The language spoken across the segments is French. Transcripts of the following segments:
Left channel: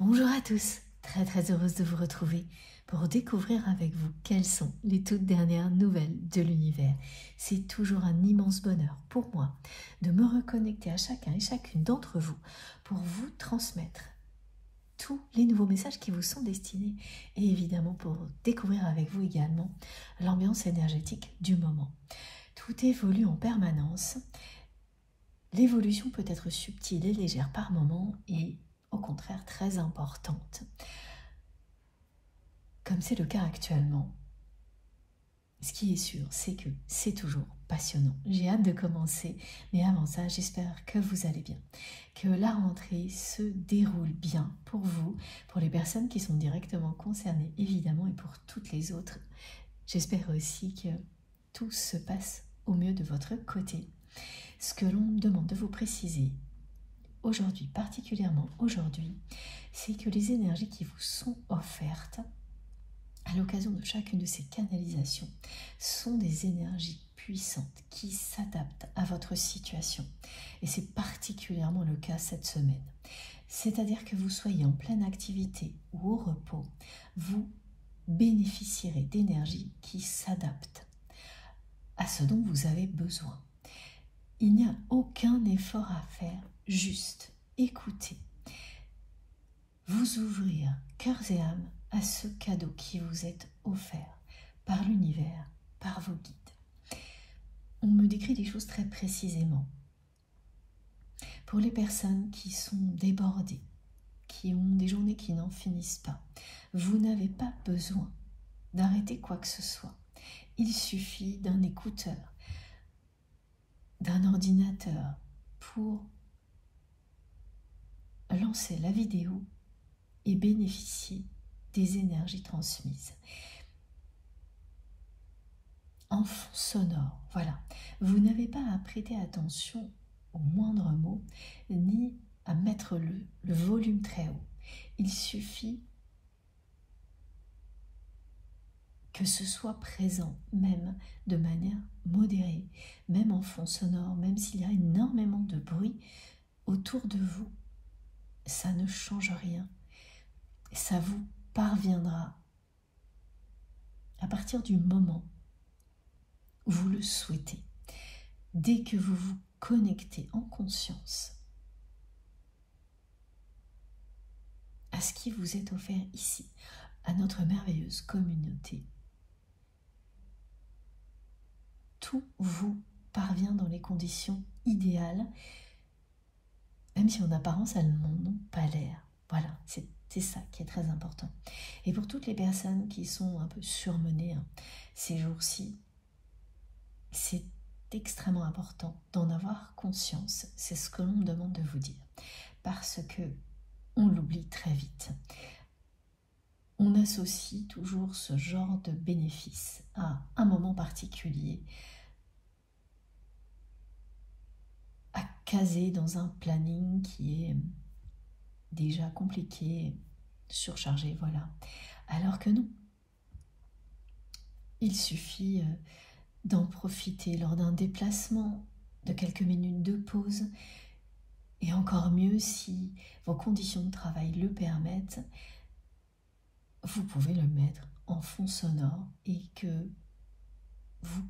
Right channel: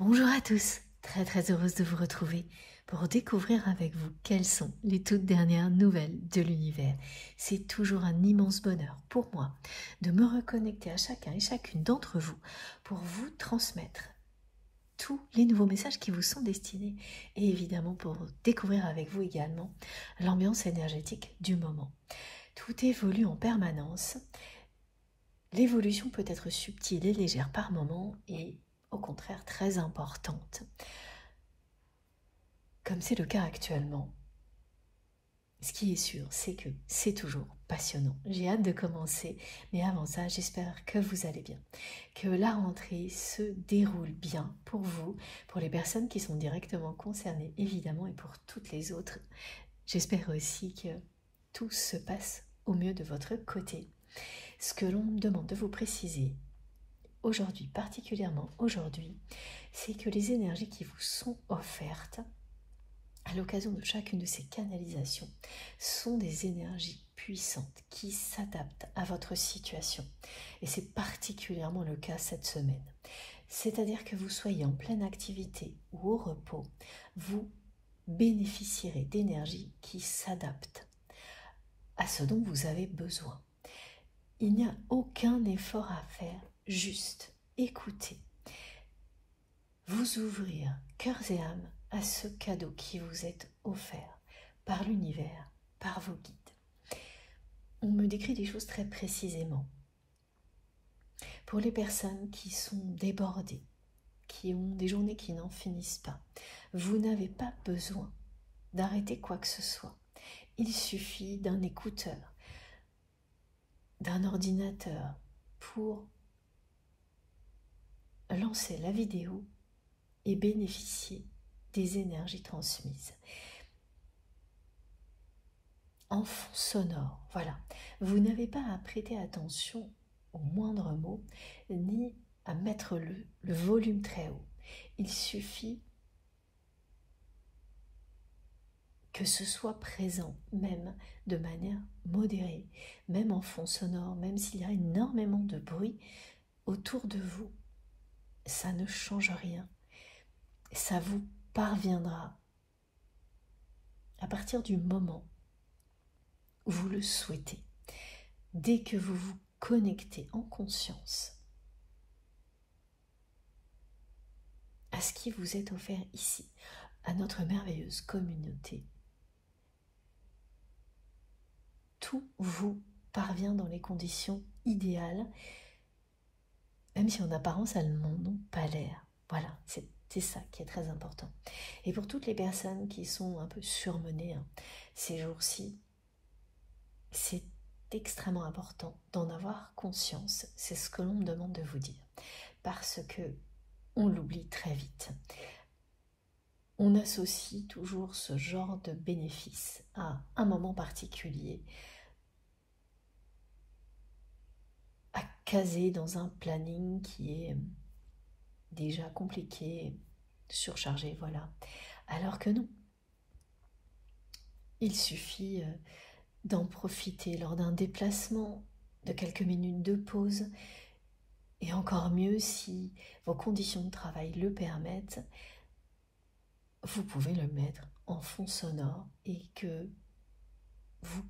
Bonjour à tous, très heureuse de vous retrouver pour découvrir avec vous quelles sont les toutes dernières nouvelles de l'univers. C'est toujours un immense bonheur pour moi de me reconnecter à chacun et chacune d'entre vous pour vous transmettre tous les nouveaux messages qui vous sont destinés et évidemment pour découvrir avec vous également l'ambiance énergétique du moment. Tout évolue en permanence. L'évolution peut être subtile et légère par moments et au contraire très importante, comme c'est le cas actuellement. Ce qui est sûr, c'est que c'est toujours passionnant. J'ai hâte de commencer, mais avant ça, j'espère que vous allez bien, que la rentrée se déroule bien pour vous, pour les personnes qui sont directement concernées, évidemment, et pour toutes les autres. J'espère aussi que tout se passe au mieux de votre côté. Ce que l'on me demande de vous préciser aujourd'hui, particulièrement aujourd'hui, c'est que les énergies qui vous sont offertes à l'occasion de chacune de ces canalisations sont des énergies puissantes qui s'adaptent à votre situation. Et c'est particulièrement le cas cette semaine. C'est-à-dire que vous soyez en pleine activité ou au repos, vous bénéficierez d'énergies qui s'adaptent à ce dont vous avez besoin. Il n'y a aucun effort à faire, juste écouter, vous ouvrir cœurs et âmes à ce cadeau qui vous est offert par l'univers, par vos guides. On me décrit des choses très précisément. Pour les personnes qui sont débordées, qui ont des journées qui n'en finissent pas, vous n'avez pas besoin d'arrêter quoi que ce soit. Il suffit d'un écouteur, d'un ordinateur pour lancer la vidéo et bénéficier des énergies transmises. En fond sonore, voilà. Vous n'avez pas à prêter attention au moindre mot, ni à mettre le volume très haut. Il suffit que ce soit présent, même de manière modérée, même en fond sonore, même s'il y a énormément de bruit autour de vous, ça ne change rien. Ça vous parviendra à partir du moment où vous le souhaitez. Dès que vous vous connectez en conscience à ce qui vous est offert ici, à notre merveilleuse communauté, tout vous parvient dans les conditions idéales, même si en apparence elles n'en ont pas l'air. Voilà, c'est ça qui est très important. Et pour toutes les personnes qui sont un peu surmenées ces jours-ci, c'est extrêmement important d'en avoir conscience. C'est ce que l'on me demande de vous dire. Parce que on l'oublie très vite. On associe toujours ce genre de bénéfice à un moment particulier, à caser dans un planning qui est déjà compliqué, surchargé, voilà. Alors que non. Il suffit d'en profiter lors d'un déplacement, de quelques minutes de pause, et encore mieux si vos conditions de travail le permettent, vous pouvez le mettre en fond sonore et que vous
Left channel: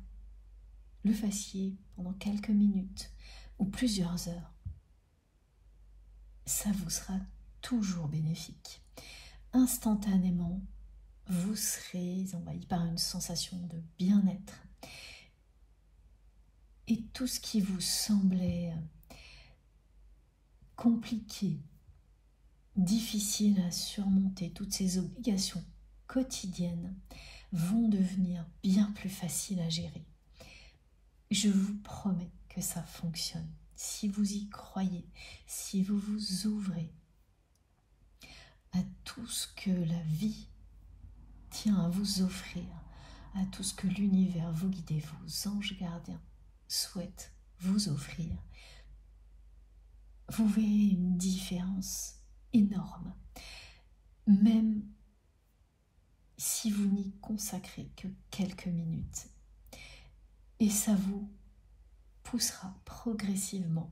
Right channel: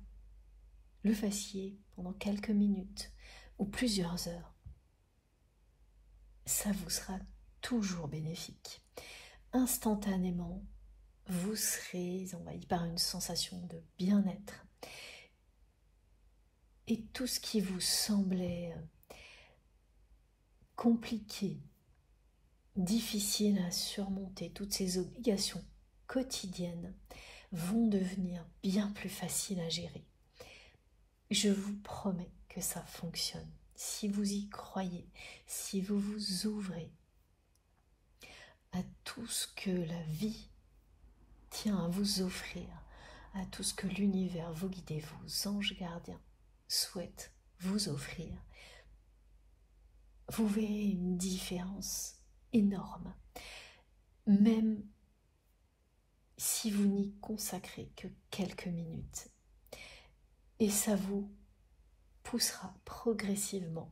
le fassiez pendant quelques minutes ou plusieurs heures. Ça vous sera toujours bénéfique. Instantanément, vous serez envahi par une sensation de bien-être. Et tout ce qui vous semblait compliqué, difficile à surmonter, toutes ces obligations quotidiennes vont devenir bien plus faciles à gérer. Je vous promets que ça fonctionne. Si vous y croyez, si vous vous ouvrez à tout ce que la vie tient à vous offrir, à tout ce que l'univers, vos guides, vos anges gardiens souhaitent vous offrir, vous verrez une différence énorme. Même si vous n'y consacrez que quelques minutes. Et ça vous poussera progressivement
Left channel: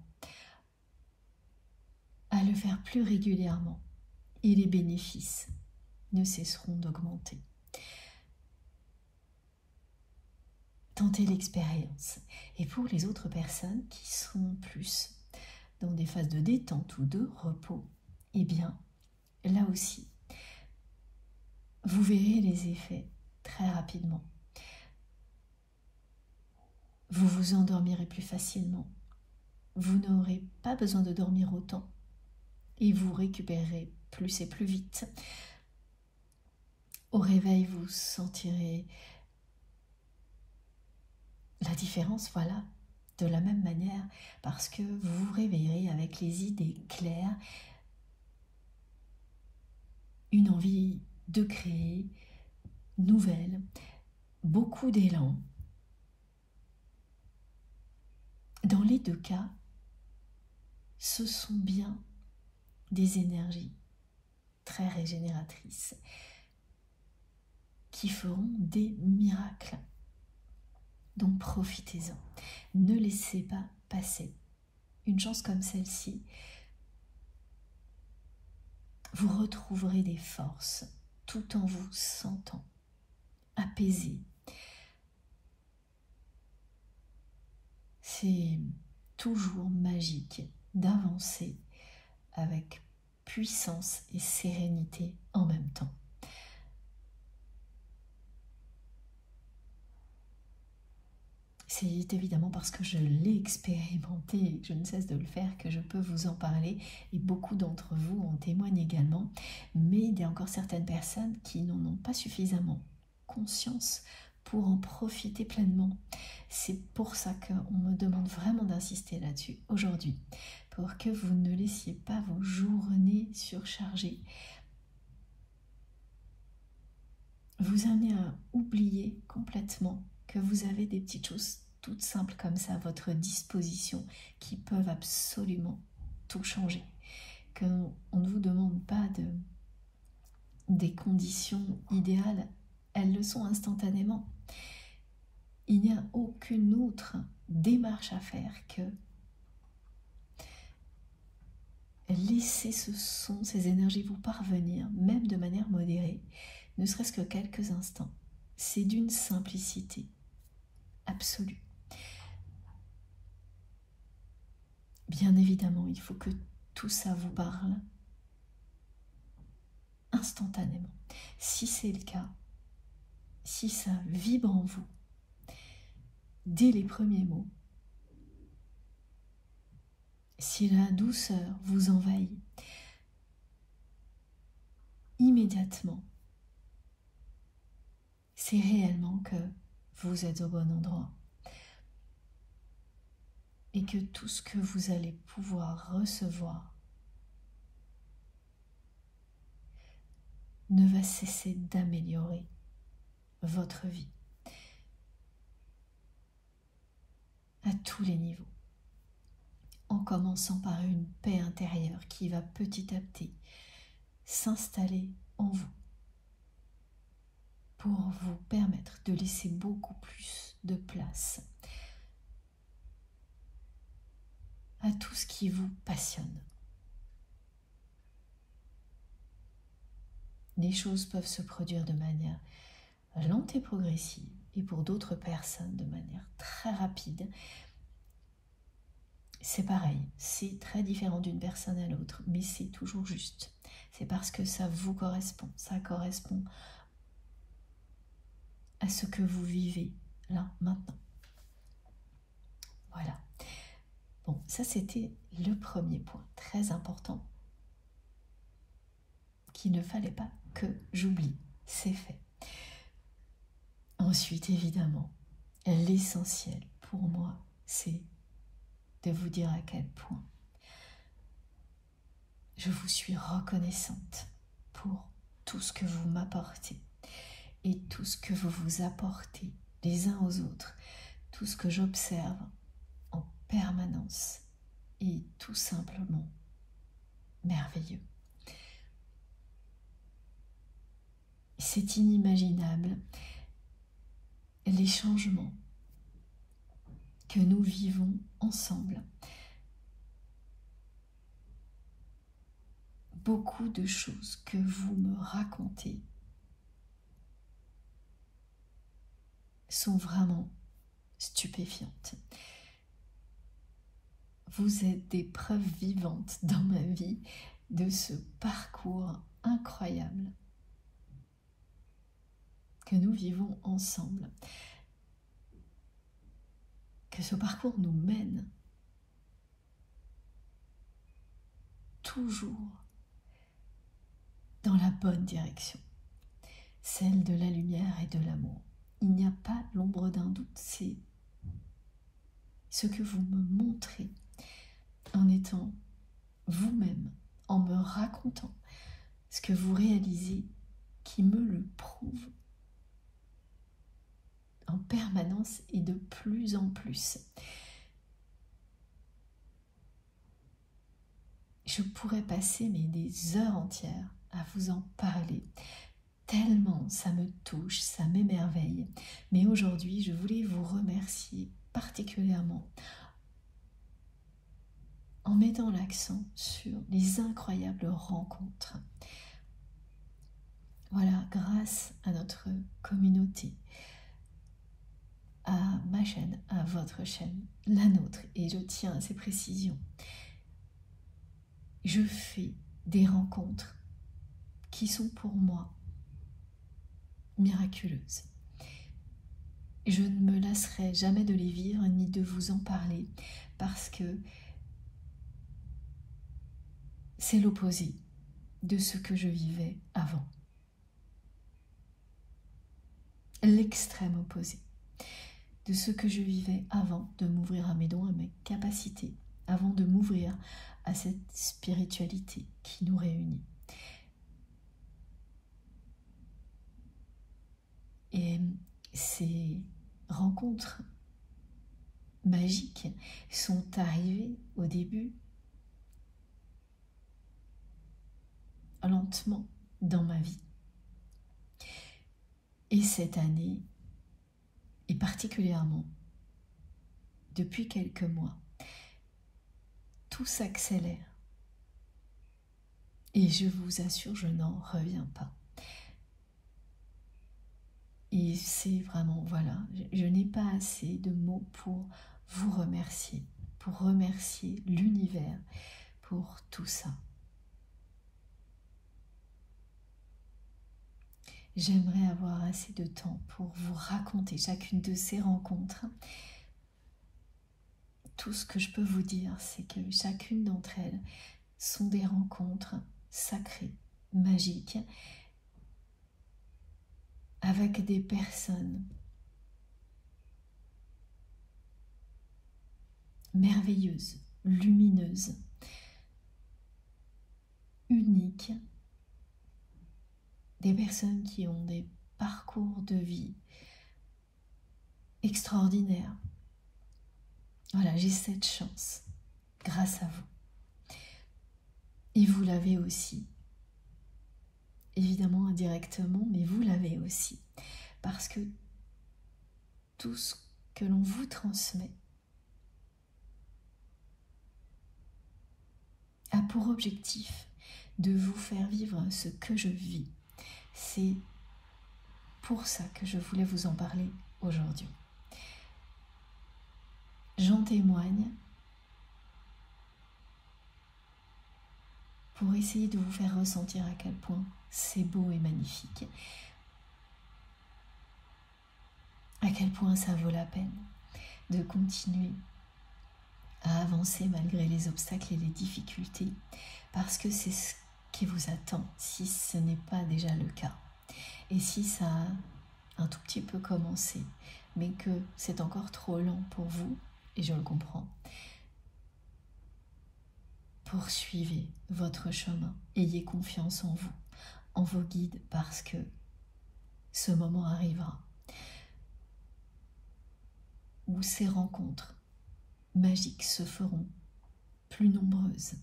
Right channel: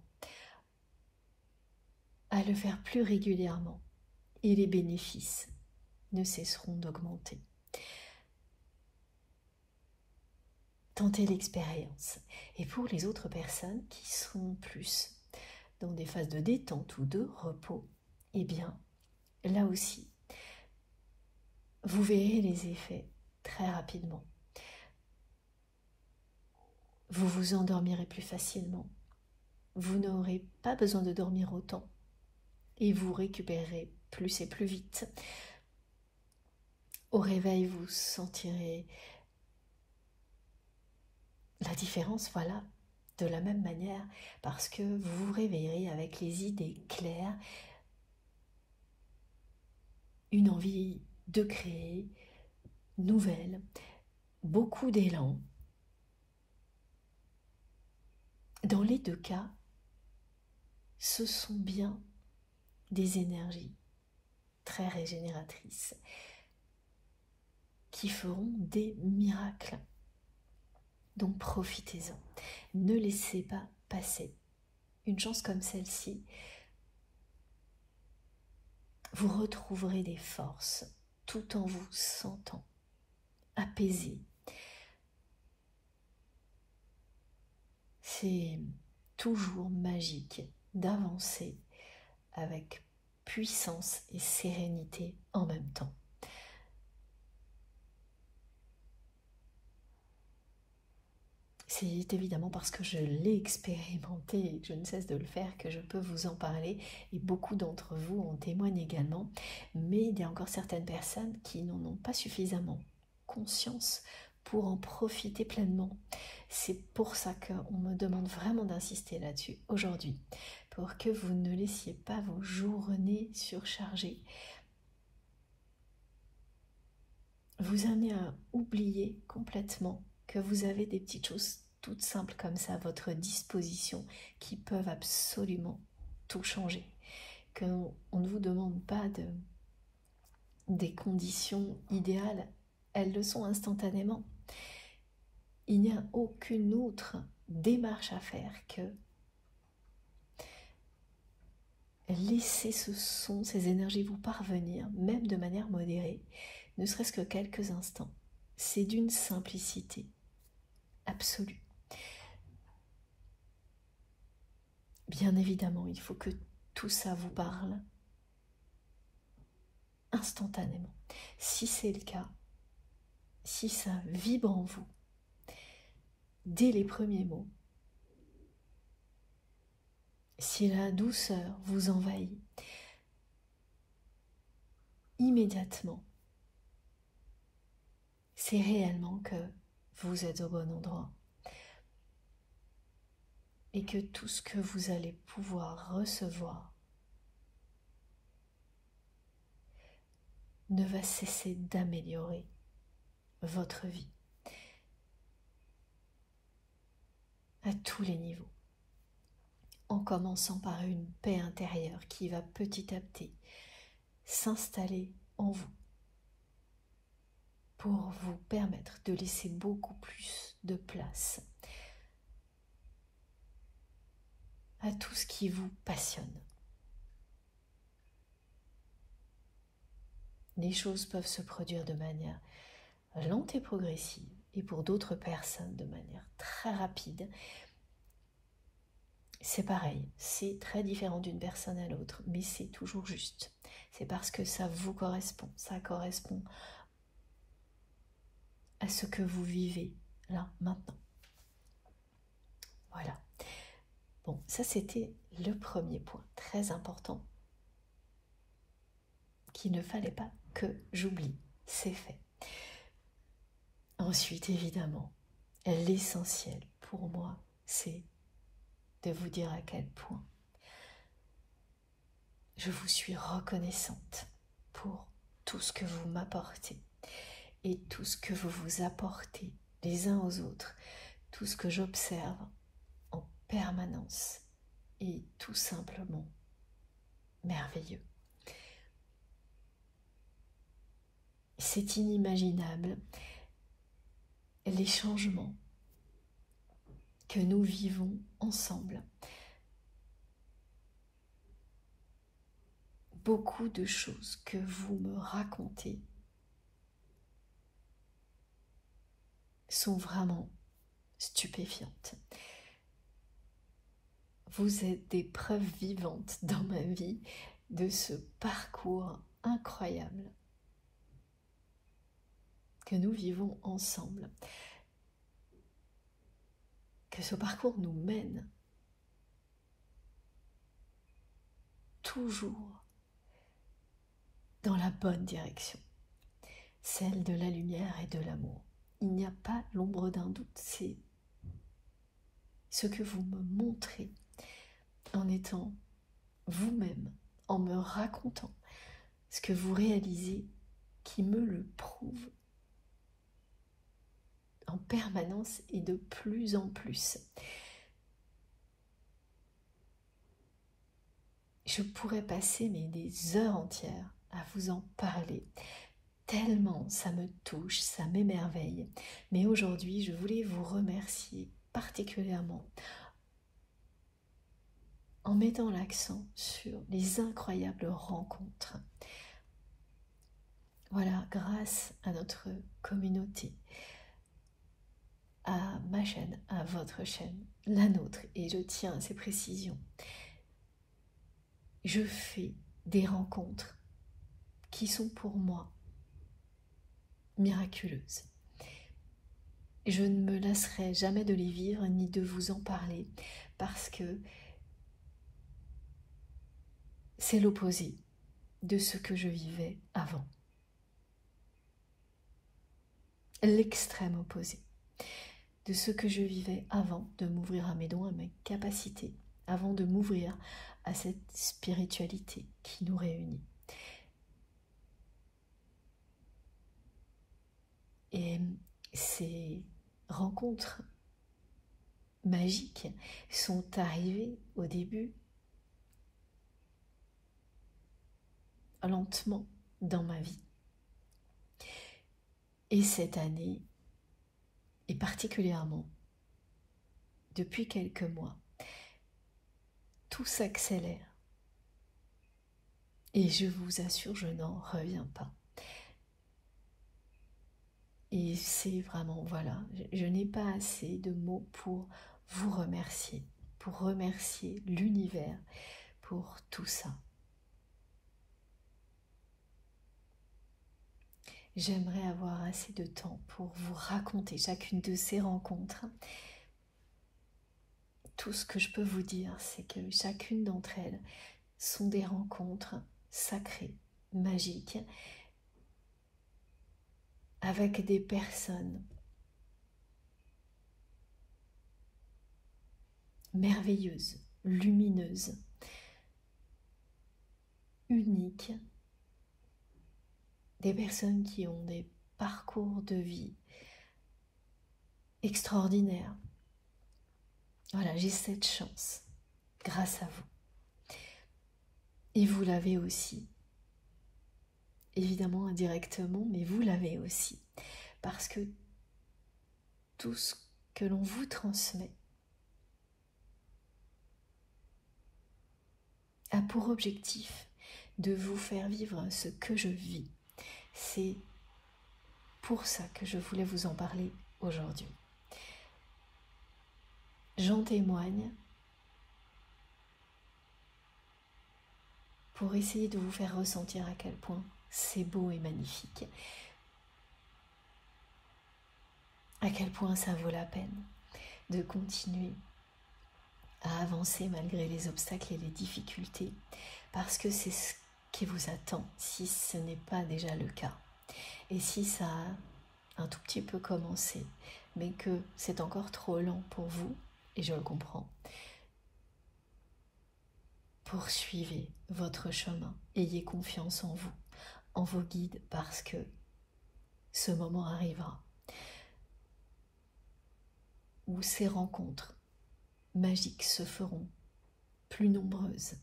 à le faire plus régulièrement et les bénéfices ne cesseront d'augmenter. Tentez l'expérience. Et pour les autres personnes qui sont plus dans des phases de détente ou de repos, eh bien, là aussi, vous verrez les effets très rapidement. Vous vous endormirez plus facilement. Vous n'aurez pas besoin de dormir autant et vous récupérerez plus et plus vite. Au réveil, vous sentirez la différence, voilà, de la même manière, parce que vous vous réveillerez avec les idées claires, une envie de créer, nouvelle, beaucoup d'élan. Dans les deux cas, ce sont bien des énergies très régénératrices qui feront des miracles. Donc profitez-en. Ne laissez pas passer une chance comme celle-ci. Vous retrouverez des forces tout en vous sentant apaisé. C'est toujours magique d'avancer avec puissance et sérénité en même temps. C'est évidemment parce que je l'ai expérimenté et que je ne cesse de le faire que je peux vous en parler, et beaucoup d'entre vous en témoignent également, mais il y a encore certaines personnes qui n'en ont pas suffisamment conscience pour en profiter pleinement. C'est pour ça qu'on me demande vraiment d'insister là-dessus aujourd'hui, pour que vous ne laissiez pas vos journées surchargées, vous amener à oublier complètement que vous avez des petites choses toutes simples comme ça à votre disposition qui peuvent absolument tout changer. Qu'on ne vous demande pas des conditions idéales, elles le sont instantanément. Il n'y a aucune autre démarche à faire que laisser ces énergies vous parvenir, même de manière modérée, ne serait-ce que quelques instants. C'est d'une simplicité absolue. Bien évidemment, il faut que tout ça vous parle instantanément. Si c'est le cas, si ça vibre en vous, dès les premiers mots, si la douceur vous envahit, immédiatement, c'est réellement que vous êtes au bon endroit et que tout ce que vous allez pouvoir recevoir ne va cesser d'améliorer votre vie à tous les niveaux, en commençant par une paix intérieure qui va petit à petit s'installer en vous pour vous permettre de laisser beaucoup plus de place à tout ce qui vous passionne. Les choses peuvent se produire de manière lente et progressive, et pour d'autres personnes de manière très rapide. C'est pareil, c'est très différent d'une personne à l'autre, mais c'est toujours juste. C'est parce que ça vous correspond, ça correspond à ce que vous vivez là, maintenant. Voilà. Bon, ça c'était le premier point, très important, qu'il ne fallait pas que j'oublie. C'est fait. Ensuite, évidemment, l'essentiel pour moi, c'est de vous dire à quel point je vous suis reconnaissante pour tout ce que vous m'apportez et tout ce que vous vous apportez les uns aux autres, tout ce que j'observe en permanence est tout simplement merveilleux. C'est inimaginable les changements que nous vivons ensemble. beaucoup de choses que vous me racontez sont vraiment stupéfiantes. Vous êtes des preuves vivantes dans ma vie de ce parcours incroyable que nous vivons ensemble. Que ce parcours nous mène toujours dans la bonne direction, celle de la lumière et de l'amour. Il n'y a pas l'ombre d'un doute, c'est ce que vous me montrez en étant vous-même, en me racontant ce que vous réalisez qui me le prouve en permanence et de plus en plus. Je pourrais passer des heures entières à vous en parler, tellement ça me touche, ça m'émerveille. Mais aujourd'hui, je voulais vous remercier particulièrement en mettant l'accent sur les incroyables rencontres. Voilà, grâce à notre communauté, à ma chaîne, à votre chaîne, la nôtre, et je tiens à ces précisions, je fais des rencontres qui sont pour moi miraculeuses. Je ne me lasserai jamais de les vivre ni de vous en parler parce que c'est l'opposé de ce que je vivais avant. L'extrême opposé de ce que je vivais avant de m'ouvrir à mes dons, à mes capacités, avant de m'ouvrir à cette spiritualité qui nous réunit. Et ces rencontres magiques sont arrivées au début lentement dans ma vie. Et cette année, et particulièrement depuis quelques mois, tout s'accélère. Et je vous assure, je n'en reviens pas. Et c'est vraiment, voilà, je n'ai pas assez de mots pour vous remercier, pour remercier l'univers pour tout ça. J'aimerais avoir assez de temps pour vous raconter chacune de ces rencontres. Tout ce que je peux vous dire, c'est que chacune d'entre elles sont des rencontres sacrées, magiques, avec des personnes merveilleuses, lumineuses, uniques, des personnes qui ont des parcours de vie extraordinaires. Voilà, j'ai cette chance, grâce à vous. Et vous l'avez aussi. Évidemment indirectement, mais vous l'avez aussi. Parce que tout ce que l'on vous transmet a pour objectif de vous faire vivre ce que je vis. C'est pour ça que je voulais vous en parler aujourd'hui. J'en témoigne pour essayer de vous faire ressentir à quel point c'est beau et magnifique, à quel point ça vaut la peine de continuer à avancer malgré les obstacles et les difficultés, parce que c'est ce qui vous attend si ce n'est pas déjà le cas. Et si ça a un tout petit peu commencé, mais que c'est encore trop lent pour vous, et je le comprends, poursuivez votre chemin, ayez confiance en vous, en vos guides, parce que ce moment arrivera où ces rencontres magiques se feront plus nombreuses,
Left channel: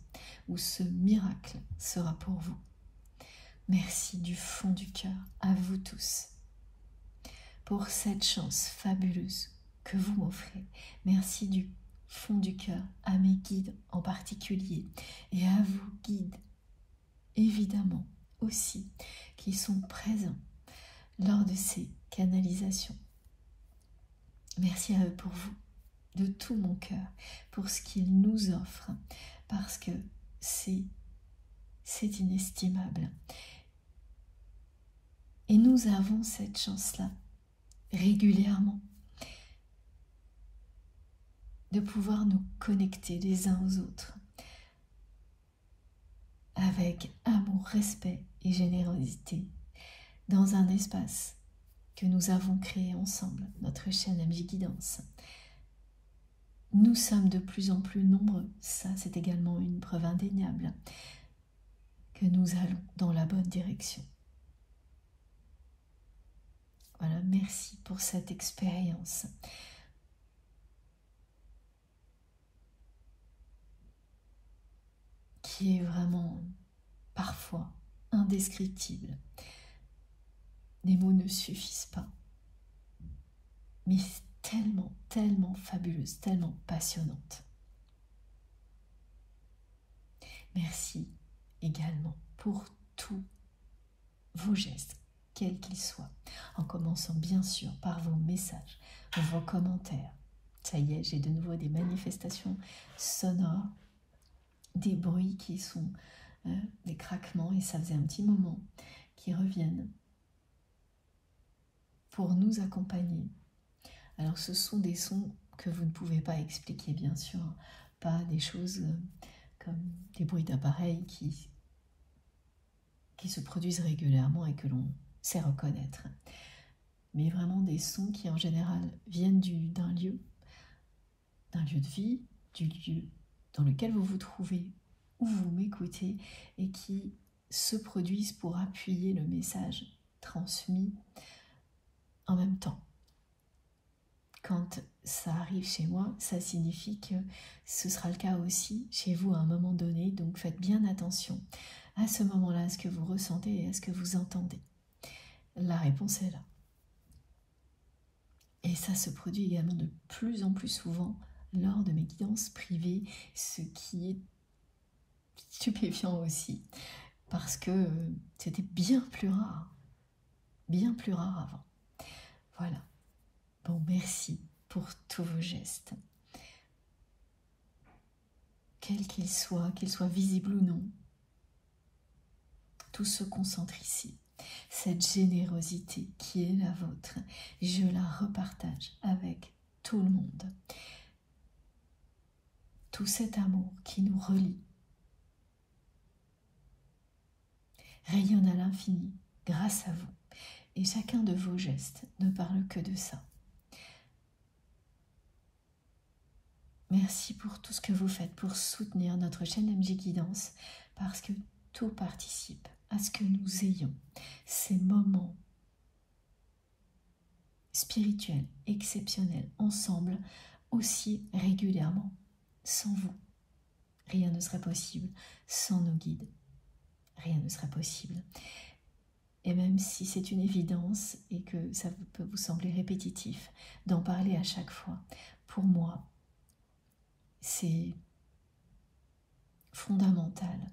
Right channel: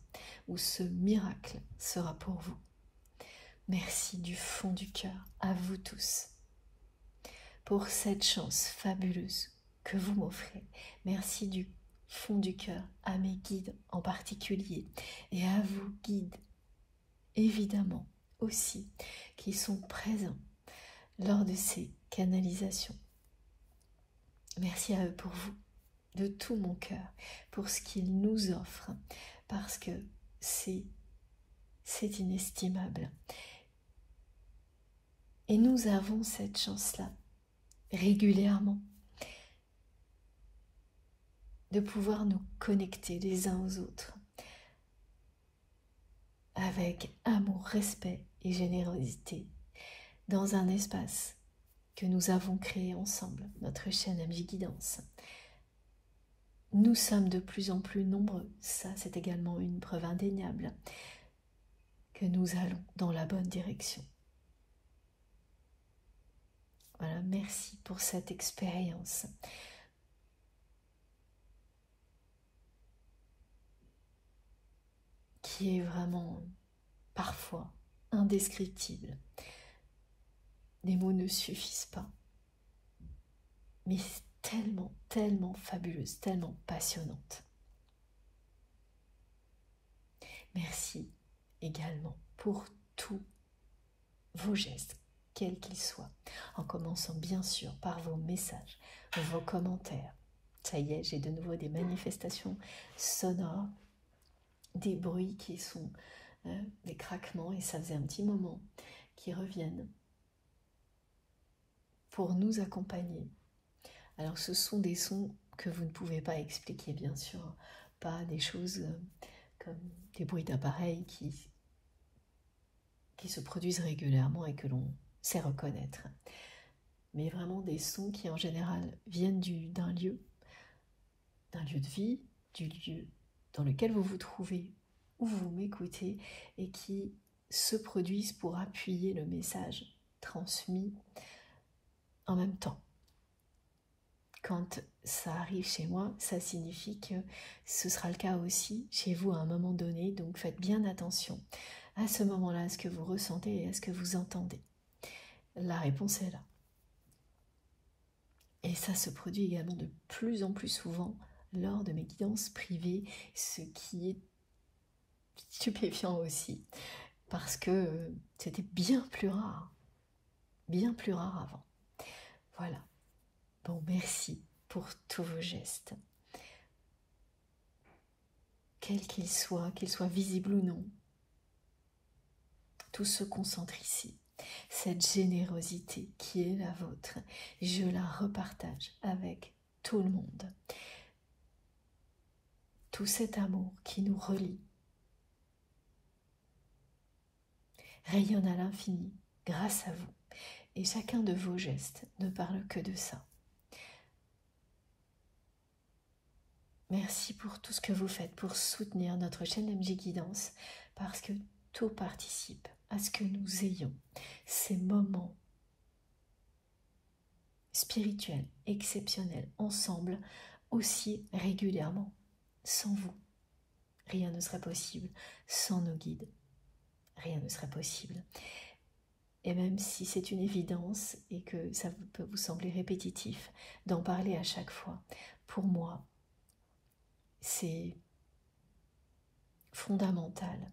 où ce miracle sera pour vous. Merci du fond du cœur à vous tous pour cette chance fabuleuse que vous m'offrez. Merci du fond du cœur à mes guides en particulier et à vous guides évidemment aussi qui sont présents lors de ces canalisations. Merci à eux pour vous, de tout mon cœur, pour ce qu'ils nous offrent, parce que c'est inestimable. Et nous avons cette chance-là, régulièrement, de pouvoir nous connecter les uns aux autres, avec amour, respect et générosité, dans un espace que nous avons créé ensemble, notre chaîne MJ Guidance. Nous sommes de plus en plus nombreux, ça c'est également une preuve indéniable, que nous allons dans la bonne direction. Voilà, merci pour cette expérience. Qui est vraiment parfois indescriptible. Les mots ne suffisent pas, mais tellement, tellement fabuleuse, tellement passionnante. Merci également pour tous vos gestes, quels qu'ils soient, en commençant bien sûr par vos messages, vos commentaires. Ça y est, j'ai de nouveau des manifestations sonores, des bruits qui sont des craquements, et ça faisait un petit moment, qui reviennent pour nous accompagner. Alors ce sont des sons que vous ne pouvez pas expliquer, bien sûr, pas des choses comme des bruits d'appareils qui se produisent régulièrement et que l'on sait reconnaître, mais vraiment des sons qui en général viennent d'un lieu de vie, du lieu dans lequel vous vous trouvez, où vous m'écoutez, et qui se produisent pour appuyer le message transmis en même temps. Quand ça arrive chez moi, ça signifie que ce sera le cas aussi chez vous à un moment donné, donc faites bien attention à ce moment-là, à ce que vous ressentez et à ce que vous entendez. La réponse est là. Et ça se produit également de plus en plus souvent lors de mes guidances privées, ce qui est stupéfiant aussi, parce que c'était bien plus rare avant. Voilà. Bon, merci pour tous vos gestes, quels qu'ils soient visibles ou non. Tout se concentre ici. Cette générosité qui est la vôtre, je la repartage avec tout le monde. Tout cet amour qui nous relie rayonne à l'infini grâce à vous. Et chacun de vos gestes ne parle que de ça. Merci pour tout ce que vous faites pour soutenir notre chaîne MJ Guidance, parce que tout participe à ce que nous ayons ces moments spirituels exceptionnels ensemble aussi régulièrement. Sans vous, rien ne serait possible. Sans nos guides, rien ne serait possible. Et même si c'est une évidence et que ça peut vous sembler répétitif d'en parler à chaque fois, pour moi, c'est fondamental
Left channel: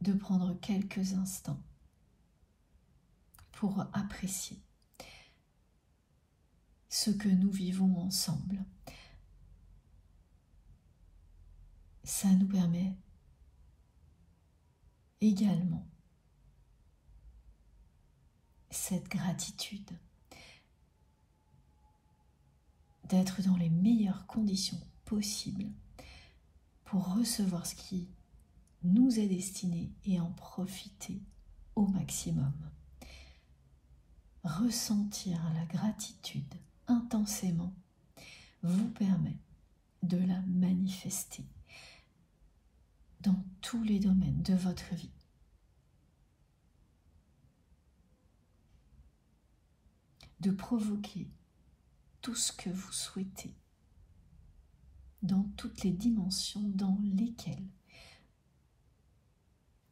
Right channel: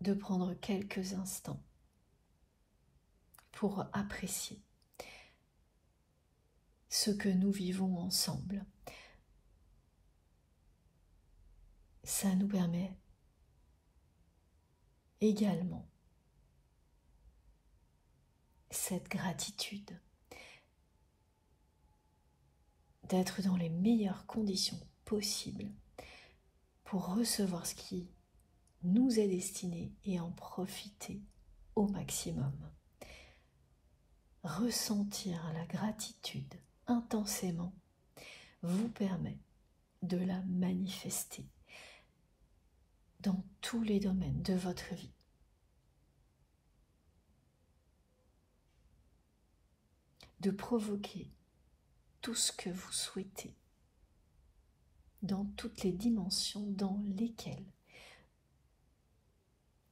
de prendre quelques instants pour apprécier ce que nous vivons ensemble. Ça nous permet également cette gratitude d'être dans les meilleures conditions possibles pour recevoir ce qui nous est destiné et en profiter au maximum. Ressentir la gratitude intensément vous permet de la manifester dans tous les domaines de votre vie. De provoquer tout ce que vous souhaitez dans toutes les dimensions dans lesquelles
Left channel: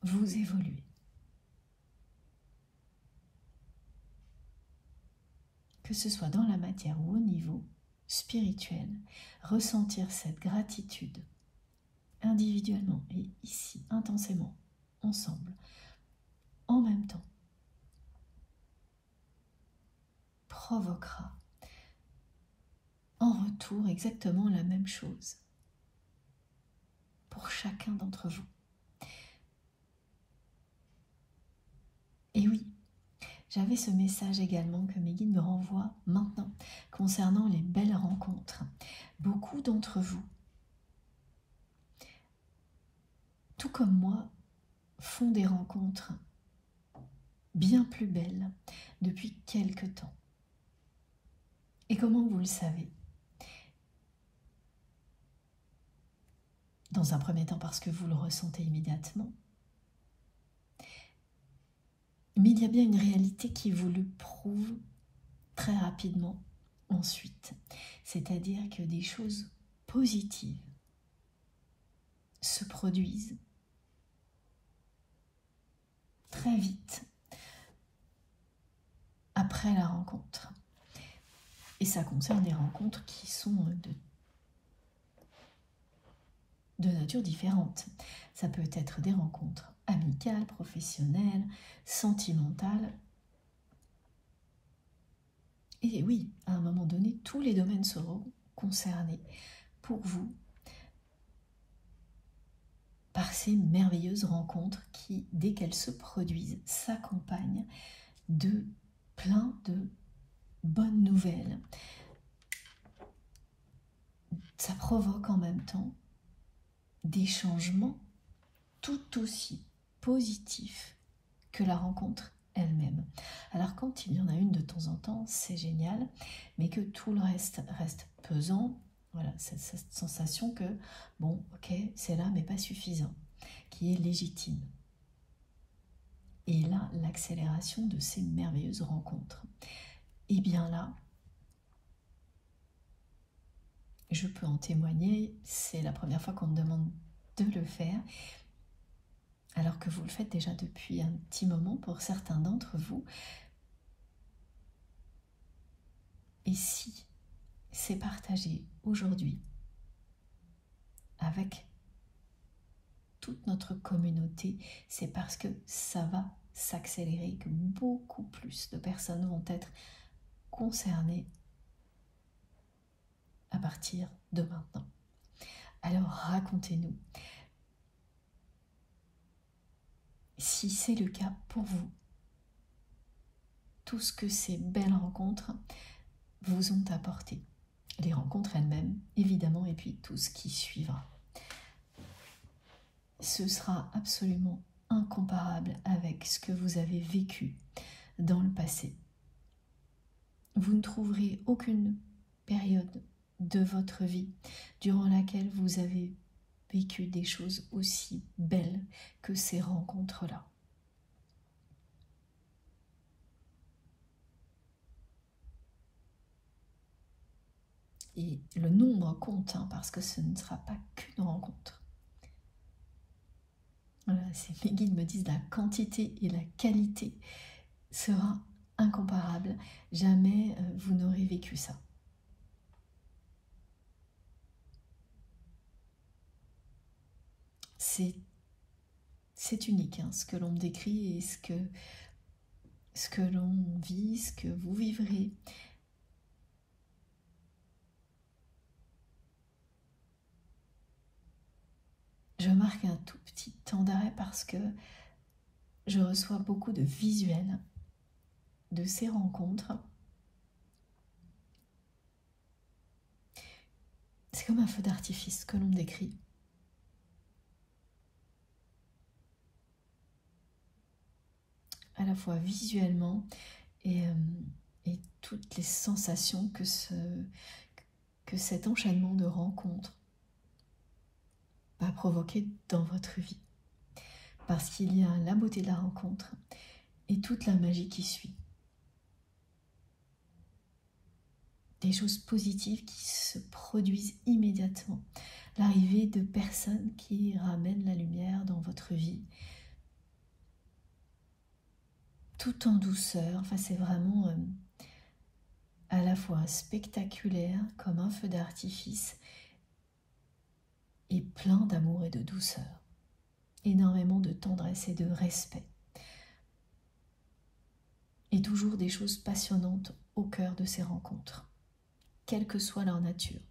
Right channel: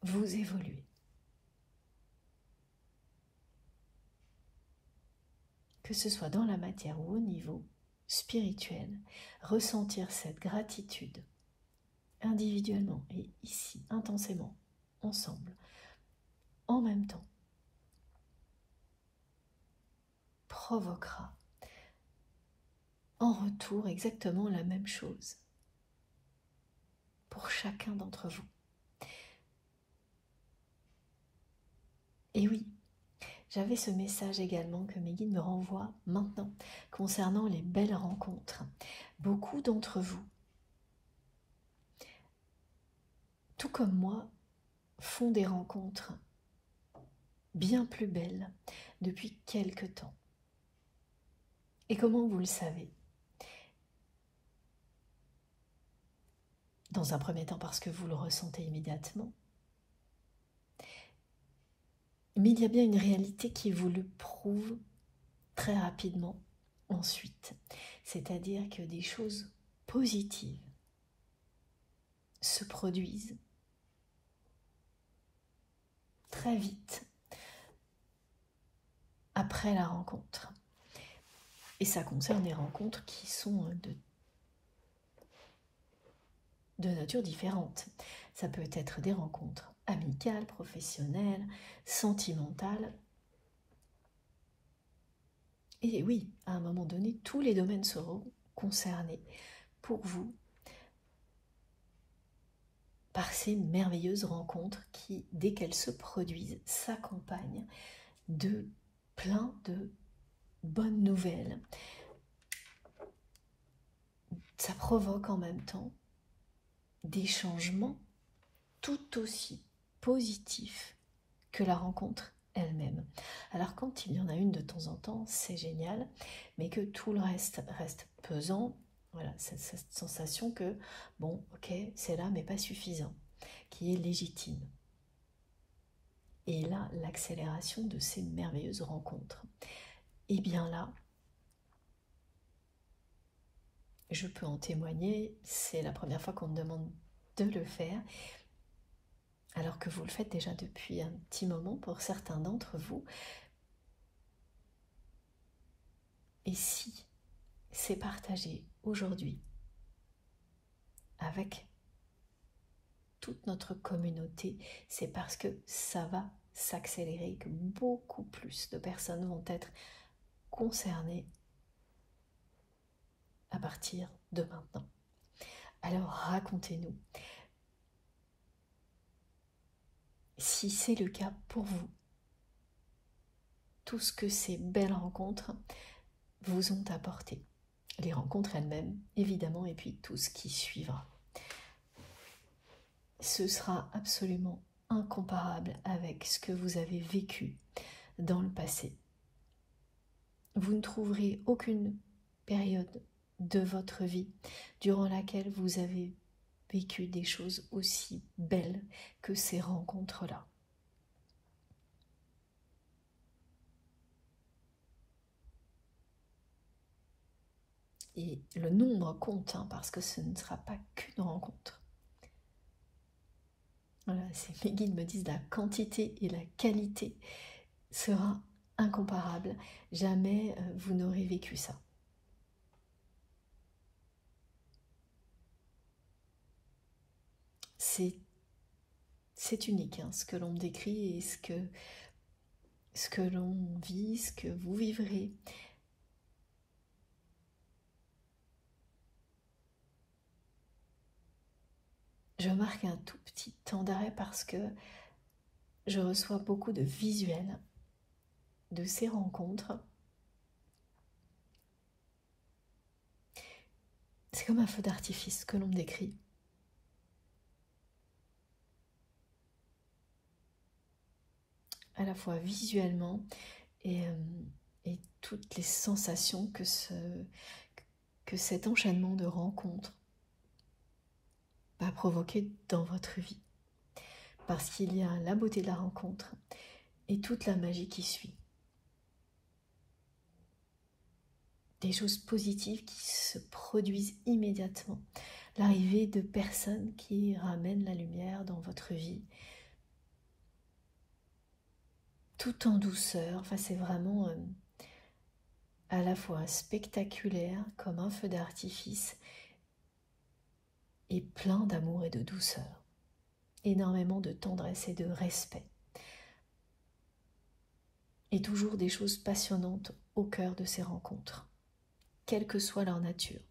vous évoluez. Que ce soit dans la matière ou au niveau spirituel, ressentir cette gratitude individuellement et ici intensément ensemble, en même temps, provoquera en retour exactement la même chose pour chacun d'entre vous. Et oui, j'avais ce message également que mes guides me renvoient maintenant concernant les belles rencontres. Beaucoup d'entre vous, tout comme moi, font des rencontres bien plus belles depuis quelque temps. Et comment vous le savez? Dans un premier temps parce que vous le ressentez immédiatement. Mais il y a bien une réalité qui vous le prouve très rapidement ensuite. C'est-à-dire que des choses positives se produisent très vite après la rencontre. Et ça concerne les rencontres qui sont de nature différente. Ça peut être des rencontres amicales, professionnelles, sentimentales. Et oui, à un moment donné, tous les domaines seront concernés pour vous par ces merveilleuses rencontres qui, dès qu'elles se produisent, s'accompagnent de plein de bonnes nouvelles. Ça provoque en même temps des changements tout aussi positifs que la rencontre elle-même. Alors quand il y en a une de temps en temps, c'est génial, mais que tout le reste pesant, voilà, cette sensation que, bon, ok, c'est là, mais pas suffisant, qui est légitime. Et là, l'accélération de ces merveilleuses rencontres. Et bien là, je peux en témoigner, c'est la première fois qu'on me demande de le faire, alors que vous le faites déjà depuis un petit moment pour certains d'entre vous. Et si c'est partagé aujourd'hui avec toute notre communauté, c'est parce que ça va s'accélérer, que beaucoup plus de personnes vont être concernées à partir de maintenant. Alors racontez-nous si c'est le cas pour vous, tout ce que ces belles rencontres vous ont apporté. Les rencontres elles-mêmes, évidemment, et puis tout ce qui suivra. Ce sera absolument incomparable avec ce que vous avez vécu dans le passé. Vous ne trouverez aucune période de votre vie durant laquelle vous avez vécu des choses aussi belles que ces rencontres-là. Et le nombre compte, hein, parce que ce ne sera pas qu'une rencontre. Voilà, mes guides me disent la quantité et la qualité sera incomparable. Jamais vous n'aurez vécu ça. C'est unique, hein, ce que l'on me décrit et ce que l'on vit, ce que vous vivrez. Je marque un tout petit temps d'arrêt parce que je reçois beaucoup de visuels de ces rencontres. C'est comme un feu d'artifice que l'on me décrit. À la fois visuellement et toutes les sensations que cet enchaînement de rencontres va provoquer dans votre vie. Parce qu'il y a la beauté de la rencontre et toute la magie qui suit. Des choses positives qui se produisent immédiatement. L'arrivée de personnes qui ramènent la lumière dans votre vie. Tout en douceur. Enfin, c'est vraiment à la fois spectaculaire comme un feu d'artifice et plein d'amour et de douceur. énormément de tendresse et de respect. Et toujours des choses passionnantes au cœur de ces rencontres, quelle que soit leur nature.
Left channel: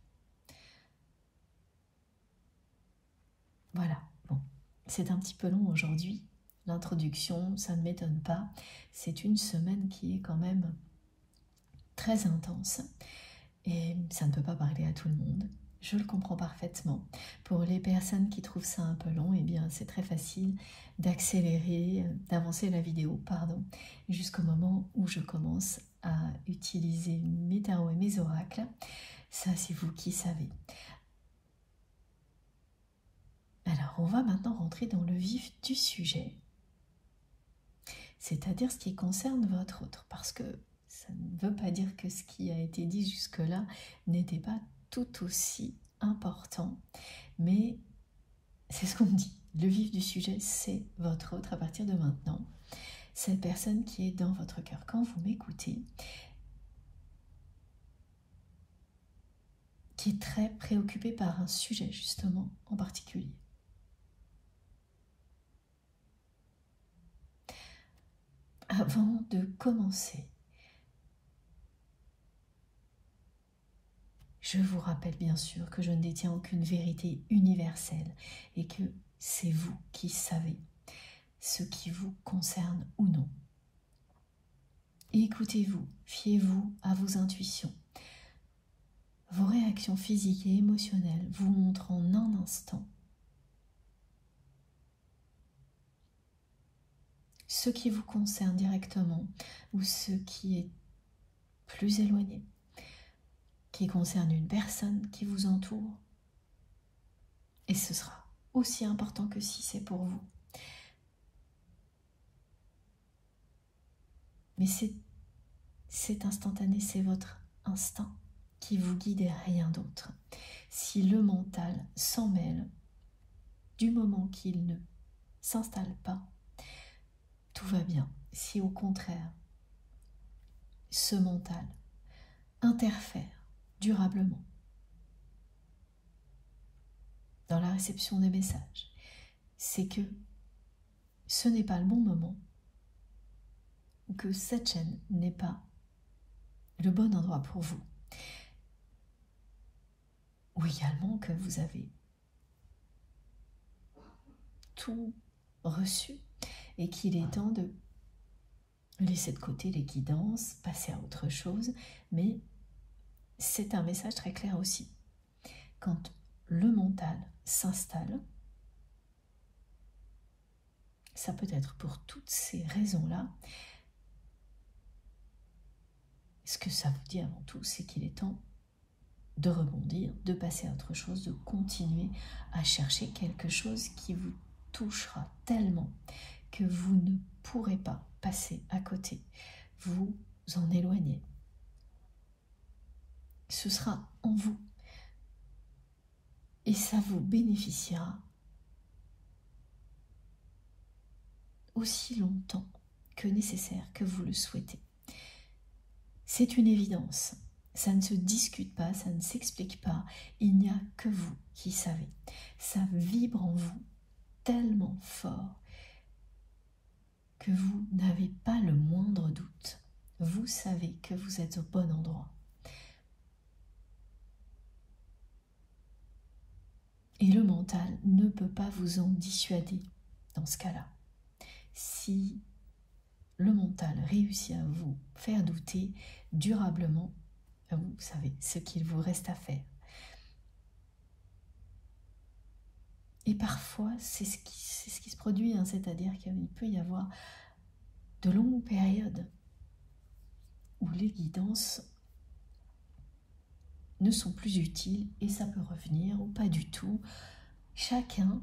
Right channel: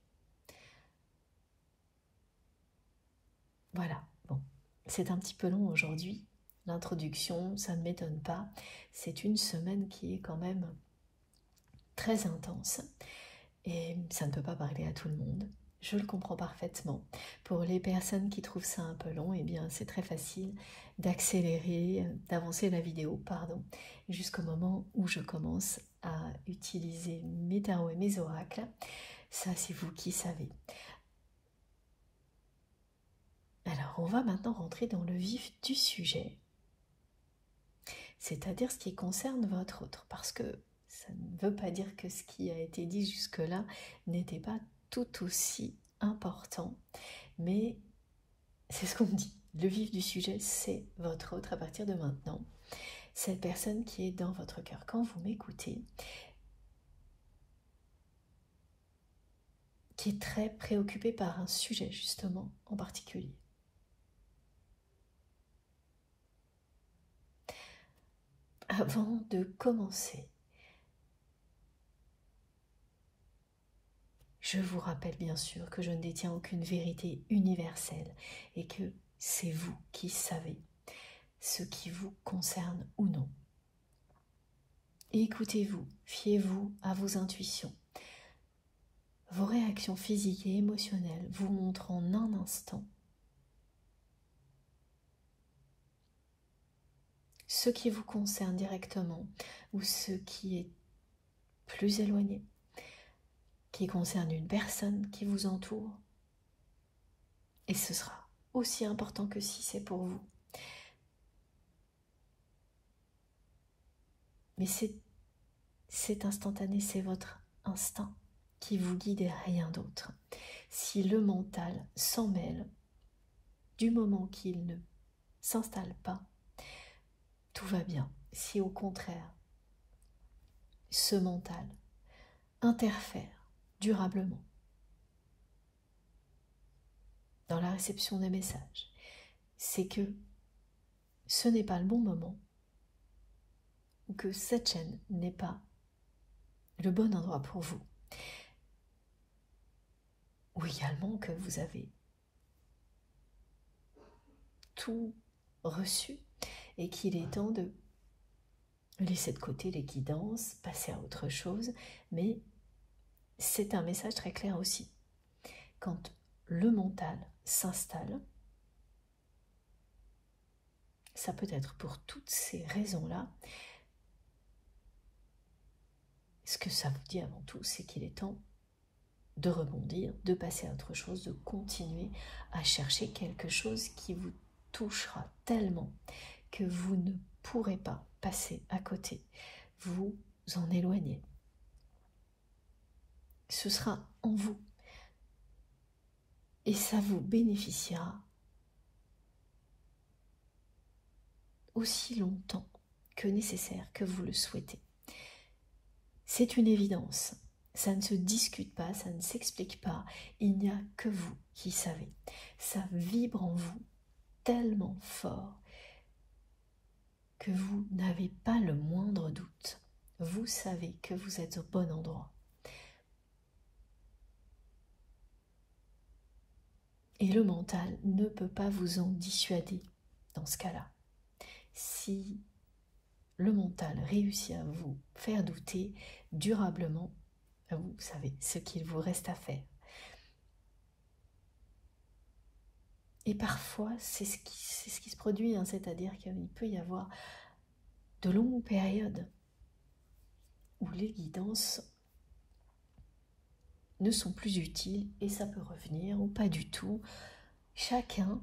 Voilà, bon, c'est un petit peu long aujourd'hui. L'introduction, ça ne m'étonne pas. C'est une semaine qui est quand même très intense. Et ça ne peut pas parler à tout le monde. Je le comprends parfaitement. Pour les personnes qui trouvent ça un peu long, eh bien c'est très facile d'accélérer, d'avancer la vidéo, pardon, jusqu'au moment où je commence à utiliser mes tarots et mes oracles. Ça, c'est vous qui savez. Alors, on va maintenant rentrer dans le vif du sujet, c'est-à-dire ce qui concerne votre autre, parce que ça ne veut pas dire que ce qui a été dit jusque-là n'était pas tout aussi important, mais c'est ce qu'on me dit. Le vif du sujet, c'est votre autre à partir de maintenant. Cette personne qui est dans votre cœur. Quand vous m'écoutez, qui est très préoccupée par un sujet justement en particulier. Avant de commencer, je vous rappelle bien sûr que je ne détiens aucune vérité universelle et que c'est vous qui savez ce qui vous concerne ou non. Écoutez-vous, fiez-vous à vos intuitions. Vos réactions physiques et émotionnelles vous montrent en un instant ce qui vous concerne directement ou ce qui est plus éloigné, qui concerne une personne qui vous entoure. Et ce sera aussi important que si c'est pour vous. Mais c'est instantané, c'est votre instinct qui vous guide et rien d'autre. Si le mental s'en mêle, du moment qu'il ne s'installe pas, tout va bien. Si au contraire, ce mental interfère durablement dans la réception des messages, c'est que ce n'est pas le bon moment, ou que cette chaîne n'est pas le bon endroit pour vous, ou également que vous avez tout reçu et qu'il est temps de laisser de côté les guidances, passer à autre chose, mais c'est un message très clair aussi. Quand le mental s'installe, ça peut être pour toutes ces raisons-là. Ce que ça vous dit avant tout, c'est qu'il est temps de rebondir, de passer à autre chose, de continuer à chercher quelque chose qui vous touchera tellement que vous ne pourrez pas passer à côté, vous en éloigner. Ce sera en vous et ça vous bénéficiera aussi longtemps que nécessaire, que vous le souhaitez. C'est une évidence, ça ne se discute pas, ça ne s'explique pas, il n'y a que vous qui savez. Ça vibre en vous tellement fort que vous n'avez pas le moindre doute. Vous savez que vous êtes au bon endroit. Et le mental ne peut pas vous en dissuader dans ce cas-là. Si le mental réussit à vous faire douter durablement, vous savez ce qu'il vous reste à faire. Et parfois, c'est ce qui se produit, hein, c'est-à-dire qu'il peut y avoir de longues périodes où les guidances ne sont plus utiles et ça peut revenir ou pas du tout. Chacun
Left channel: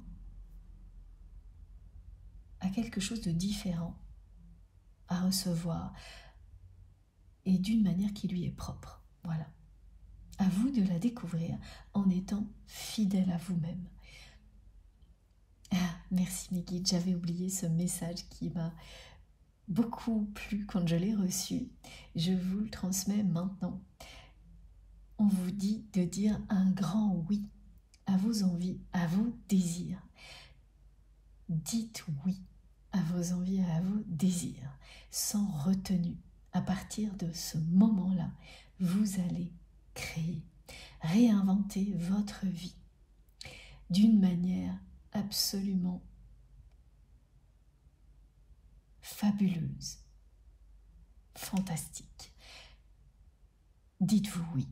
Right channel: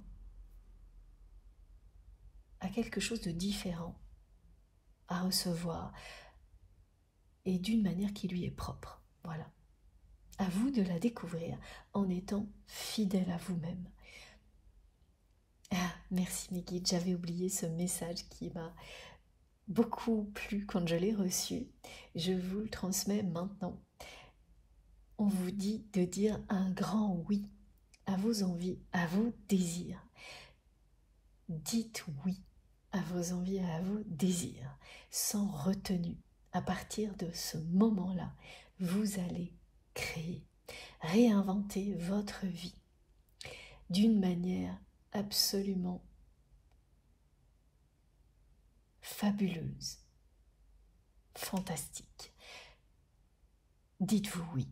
a quelque chose de différent à recevoir et d'une manière qui lui est propre. Voilà. À vous de la découvrir en étant fidèle à vous-même. Ah, merci mes guides, j'avais oublié ce message qui m'a beaucoup plu quand je l'ai reçu. Je vous le transmets maintenant. On vous dit de dire un grand oui à vos envies, à vos désirs. Dites oui à vos envies et à vos désirs, sans retenue. À partir de ce moment-là, vous allez créer, réinventer votre vie d'une manière absolument fabuleuse, fantastique. Dites-vous oui.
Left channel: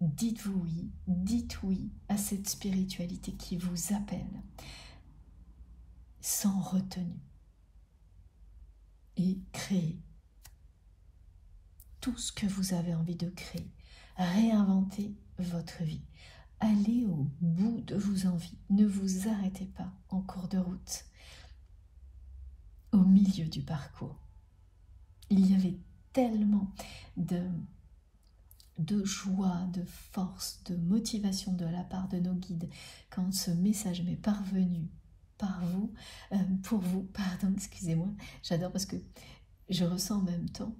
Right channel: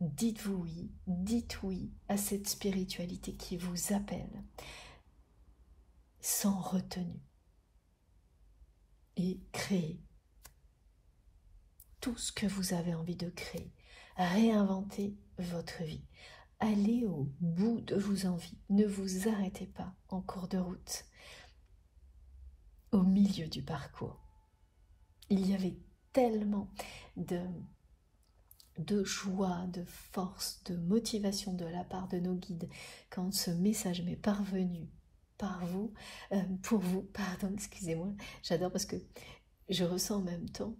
Dites-vous oui, dites oui à cette spiritualité qui vous appelle, sans retenue. Et créez tout ce que vous avez envie de créer. Réinventez votre vie. Allez au bout de vos envies. Ne vous arrêtez pas en cours de route. Au milieu du parcours, il y avait tellement de joie, de force, de motivation de la part de nos guides quand ce message m'est parvenu pour vous, pardon, excusez-moi, j'adore parce que je ressens en même temps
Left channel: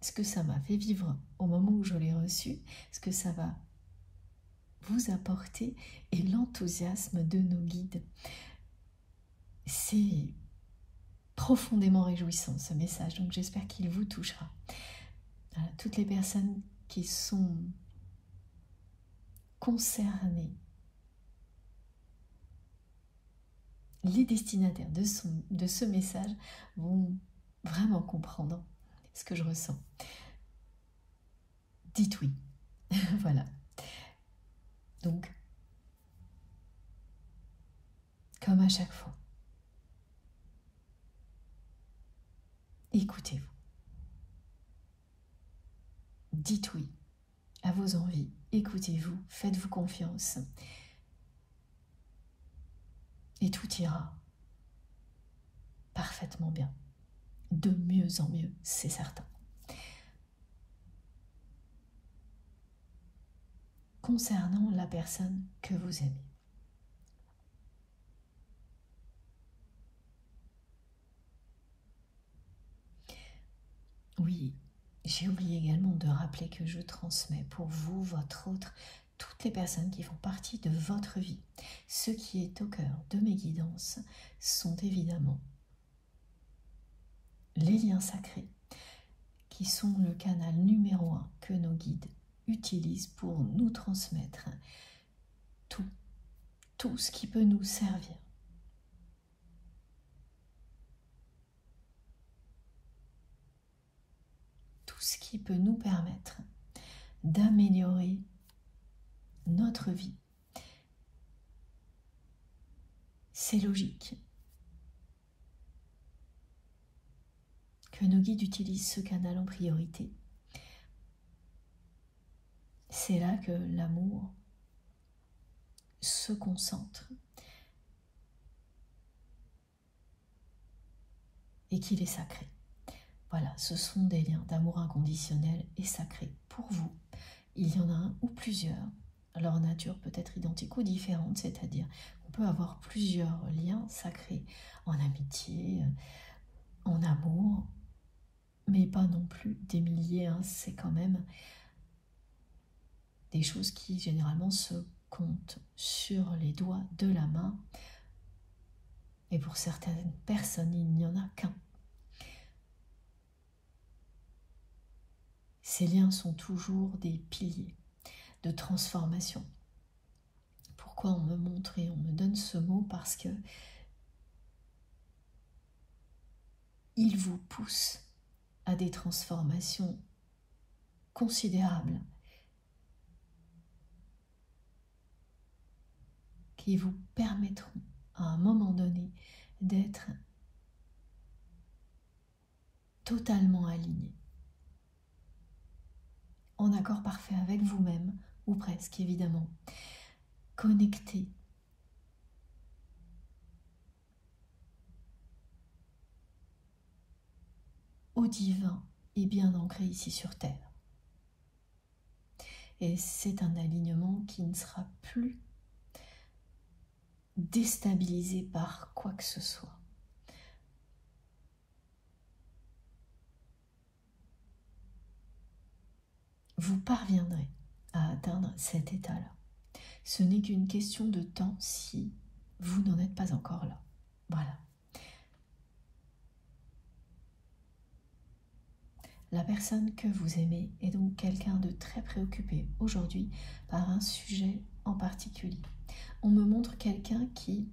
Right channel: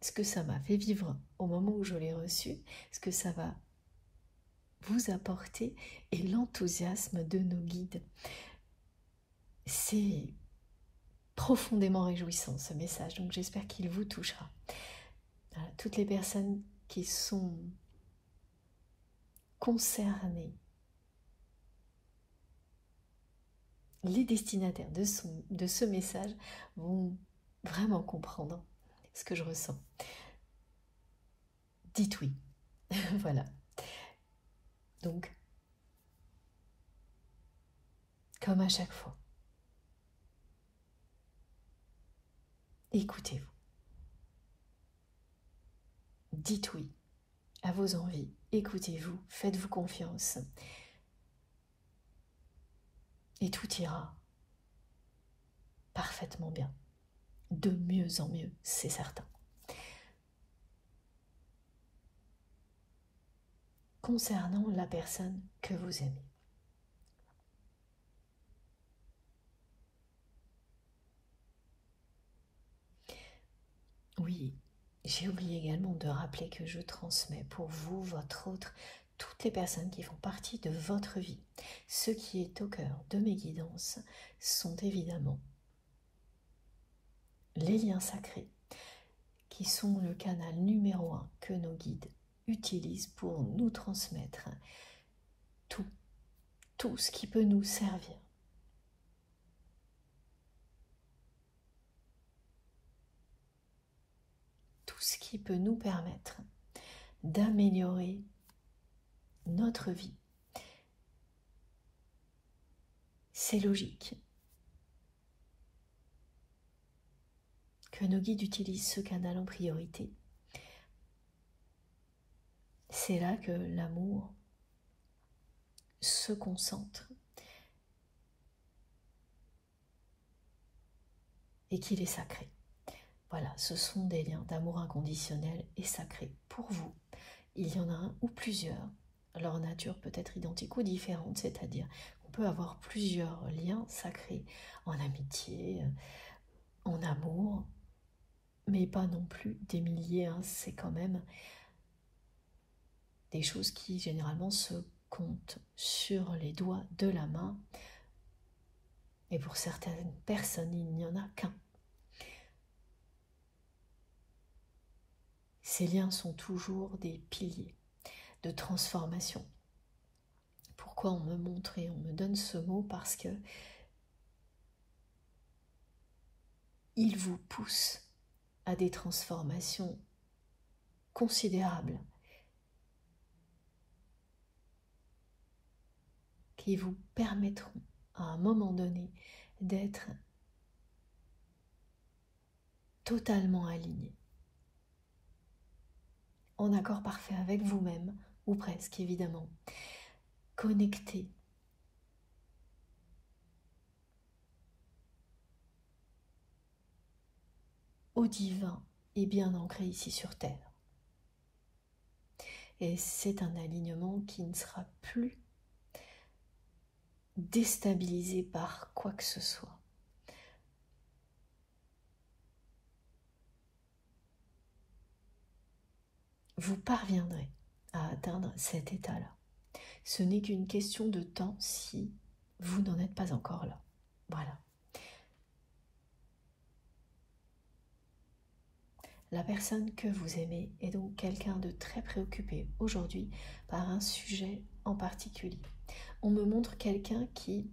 ce que ça m'a fait vivre au moment où je l'ai reçu, ce que ça va vous apporter et l'enthousiasme de nos guides. C'est profondément réjouissant ce message, donc j'espère qu'il vous touchera. Voilà, toutes les personnes qui sont concernées, les destinataires de ce message vont vraiment comprendre ce que je ressens. Dites oui. Voilà. Donc, comme à chaque fois, écoutez-vous. Dites oui à vos envies. Écoutez-vous. Faites-vous confiance. Et tout ira parfaitement bien. De mieux en mieux, c'est certain. Concernant la personne que vous aimez. Oui, j'ai oublié également de rappeler que je transmets pour vous, votre autre, toutes les personnes qui font partie de votre vie. Ce qui est au cœur de mes guidances sont évidemment les liens sacrés, qui sont le canal numéro 1 que nos guides utilisent pour nous transmettre tout ce qui peut nous servir. Tout ce qui peut nous permettre d'améliorer notre vie. C'est logique que nos guides utilisent ce canal en priorité. C'est là que l'amour se concentre et qu'il est sacré. Voilà, ce sont des liens d'amour inconditionnel et sacré pour vous. Il y en a un ou plusieurs. Leur nature peut être identique ou différente, c'est-à-dire on peut avoir plusieurs liens sacrés en amitié, en amour, mais pas non plus des milliers. C'est quand même des choses qui généralement se comptent sur les doigts de la main. Et pour certaines personnes, il n'y en a qu'un. Ces liens sont toujours des piliers de transformation. Pourquoi on me montre et on me donne ce mot? Parce que il vous pousse à des transformations considérables qui vous permettront à un moment donné d'être totalement alignés, en accord parfait avec vous-même, ou presque évidemment, connectés au divin et bien ancré ici sur Terre. Et c'est un alignement qui ne sera plus déstabilisé par quoi que ce soit. Vous parviendrez à atteindre cet état-là. Ce n'est qu'une question de temps si vous n'en êtes pas encore là. Voilà. La personne que vous aimez est donc quelqu'un de très préoccupé aujourd'hui par un sujet en particulier. On me montre quelqu'un qui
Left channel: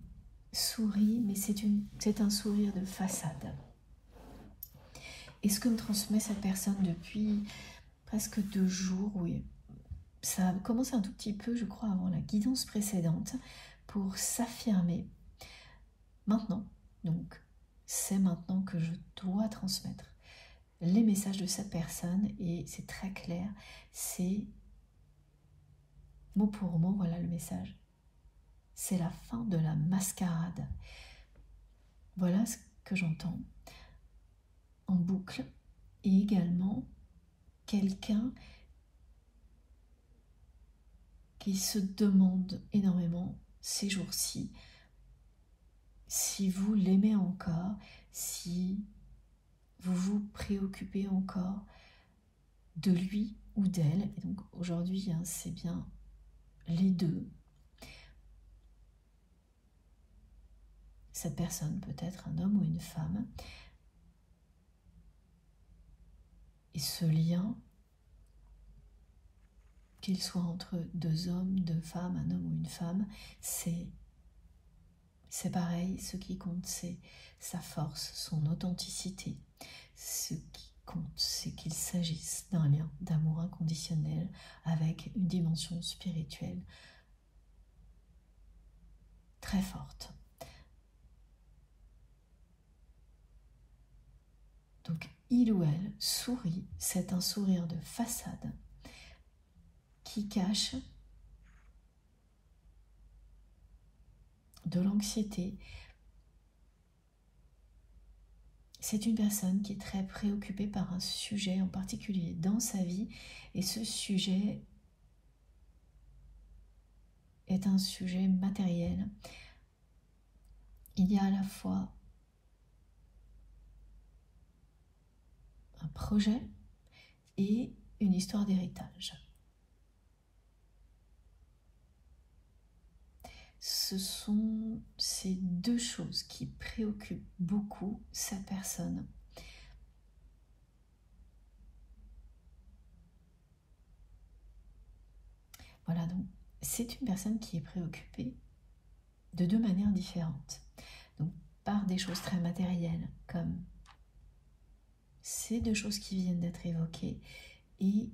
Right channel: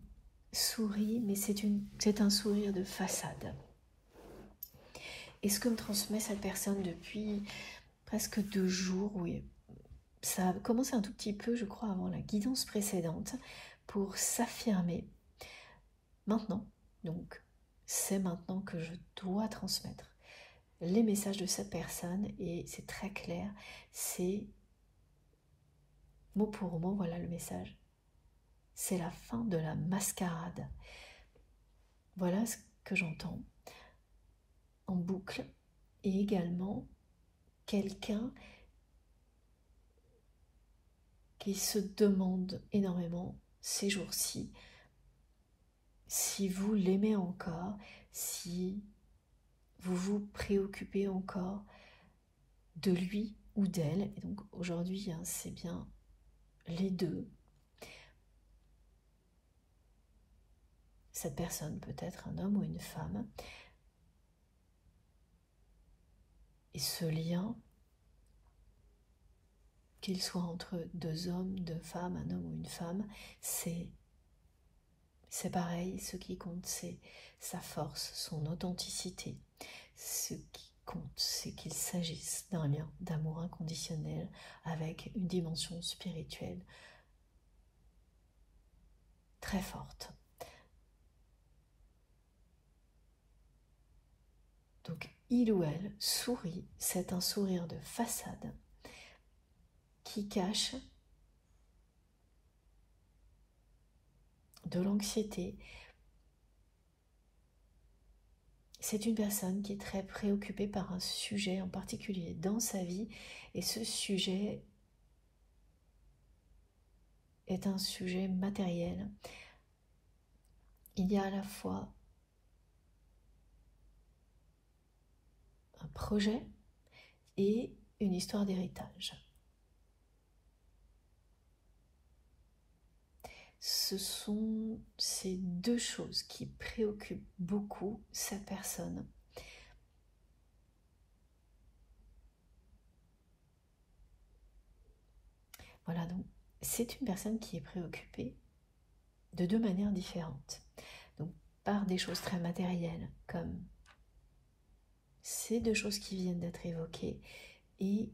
sourit, mais c'est un sourire de façade. Et ce que me transmet cette personne depuis presque 2 jours, oui, ça a commencé un tout petit peu, je crois, avant la guidance précédente, pour s'affirmer maintenant. Donc, c'est maintenant que je dois transmettre les messages de cette personne, et c'est très clair, c'est mot pour mot, voilà le message. C'est la fin de la mascarade. Voilà ce que j'entends en boucle, et également quelqu'un qui se demande énormément ces jours-ci si vous l'aimez encore, si vous vous préoccupez encore de lui ou d'elle. Et donc aujourd'hui, c'est bien les deux. Cette personne peut être un homme ou une femme. Et ce lien, qu'il soit entre 2 hommes, 2 femmes, un homme ou une femme, c'est pareil. Ce qui compte, c'est sa force, son authenticité. Ce qui compte, c'est qu'il s'agisse d'un lien d'amour inconditionnel avec une dimension spirituelle très forte. Donc, il ou elle sourit, c'est un sourire de façade qui cache de l'anxiété. C'est une personne qui est très préoccupée par un sujet en particulier dans sa vie, et ce sujet est un sujet matériel. Il y a à la fois un projet et une histoire d'héritage. Ce sont ces 2 choses qui préoccupent beaucoup cette personne. Voilà, donc c'est une personne qui est préoccupée de 2 manières différentes. Donc par des choses très matérielles, comme ces 2 choses qui viennent d'être évoquées, et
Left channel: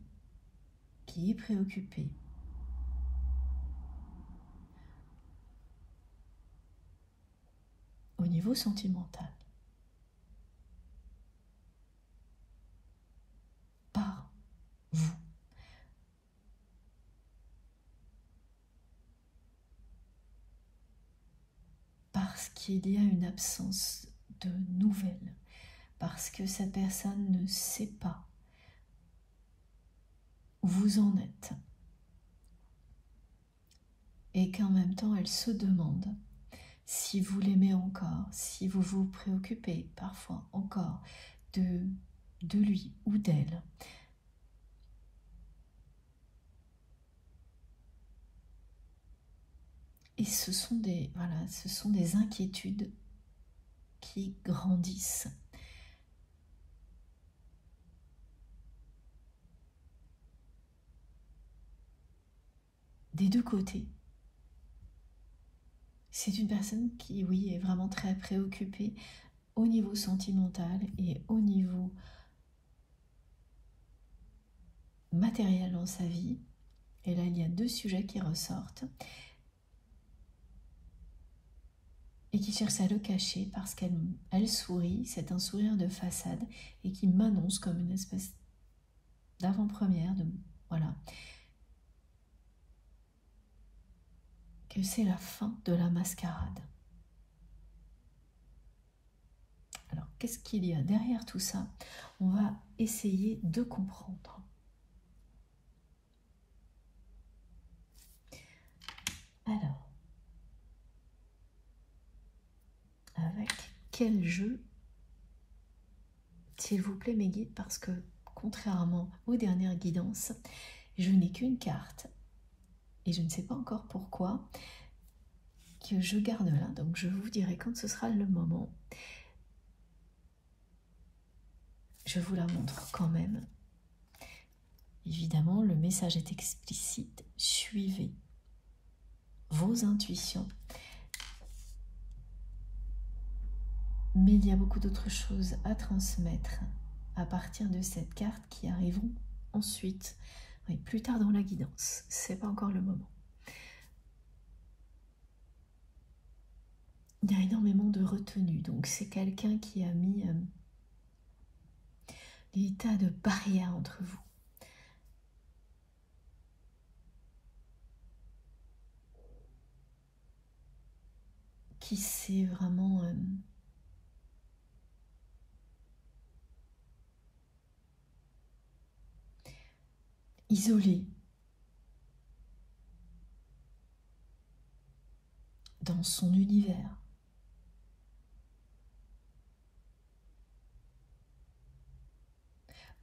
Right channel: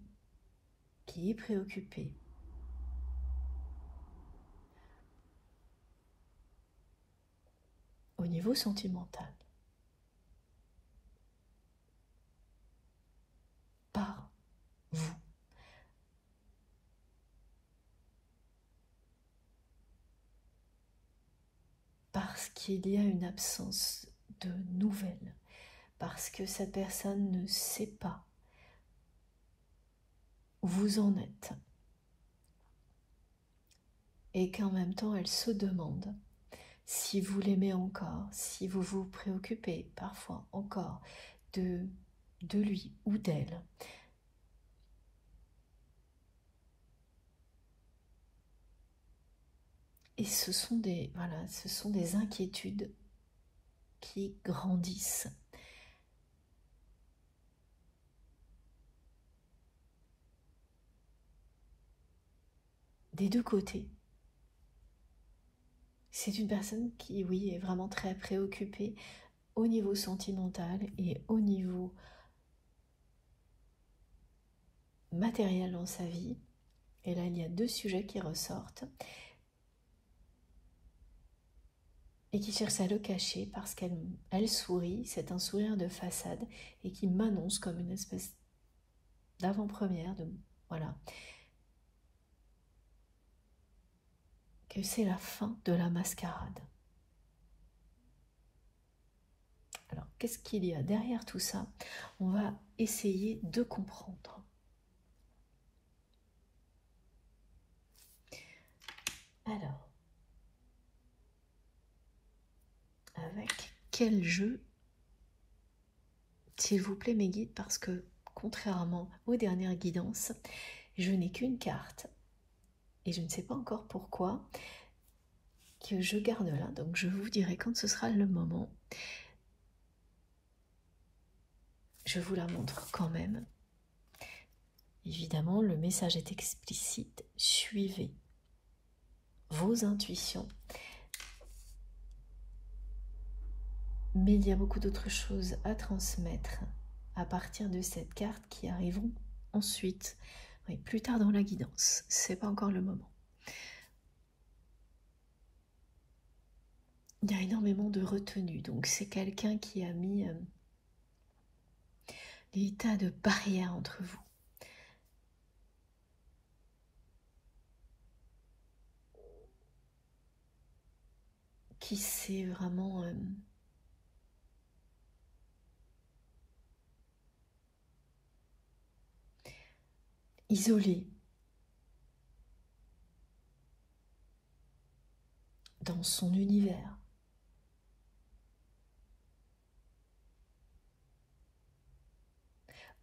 qui est préoccupée au niveau sentimental par vous. Parce qu'il y a une absence de nouvelles, parce que cette personne ne sait pas où vous en êtes, et qu'en même temps elle se demande si vous l'aimez encore, si vous vous préoccupez parfois encore de lui ou d'elle. Et ce sont des inquiétudes qui grandissent. Des 2 côtés. C'est une personne qui, oui, est vraiment très préoccupée au niveau sentimental et au niveau matériel dans sa vie. Et là, il y a 2 sujets qui ressortent et qui cherche à le cacher parce qu'elle sourit, c'est un sourire de façade, et qui m'annonce comme une espèce d'avant-première, voilà, que c'est la fin de la mascarade. Alors, qu'est-ce qu'il y a derrière tout ça? On va essayer de comprendre. Alors, avec quel jeu, s'il vous plaît mes guides, parce que contrairement aux dernières guidances, je n'ai qu'une carte, et je ne sais pas encore pourquoi, que je garde là. Donc je vous dirai quand ce sera le moment. Je vous la montre quand même. Évidemment, le message est explicite. Suivez vos intuitions. Mais il y a beaucoup d'autres choses à transmettre à partir de cette carte qui arriveront ensuite. Oui, plus tard dans la guidance. C'est pas encore le moment. Il y a énormément de retenue. Donc c'est quelqu'un qui a mis des tas de barrières entre vous. Qui s'est vraiment isolé dans son univers.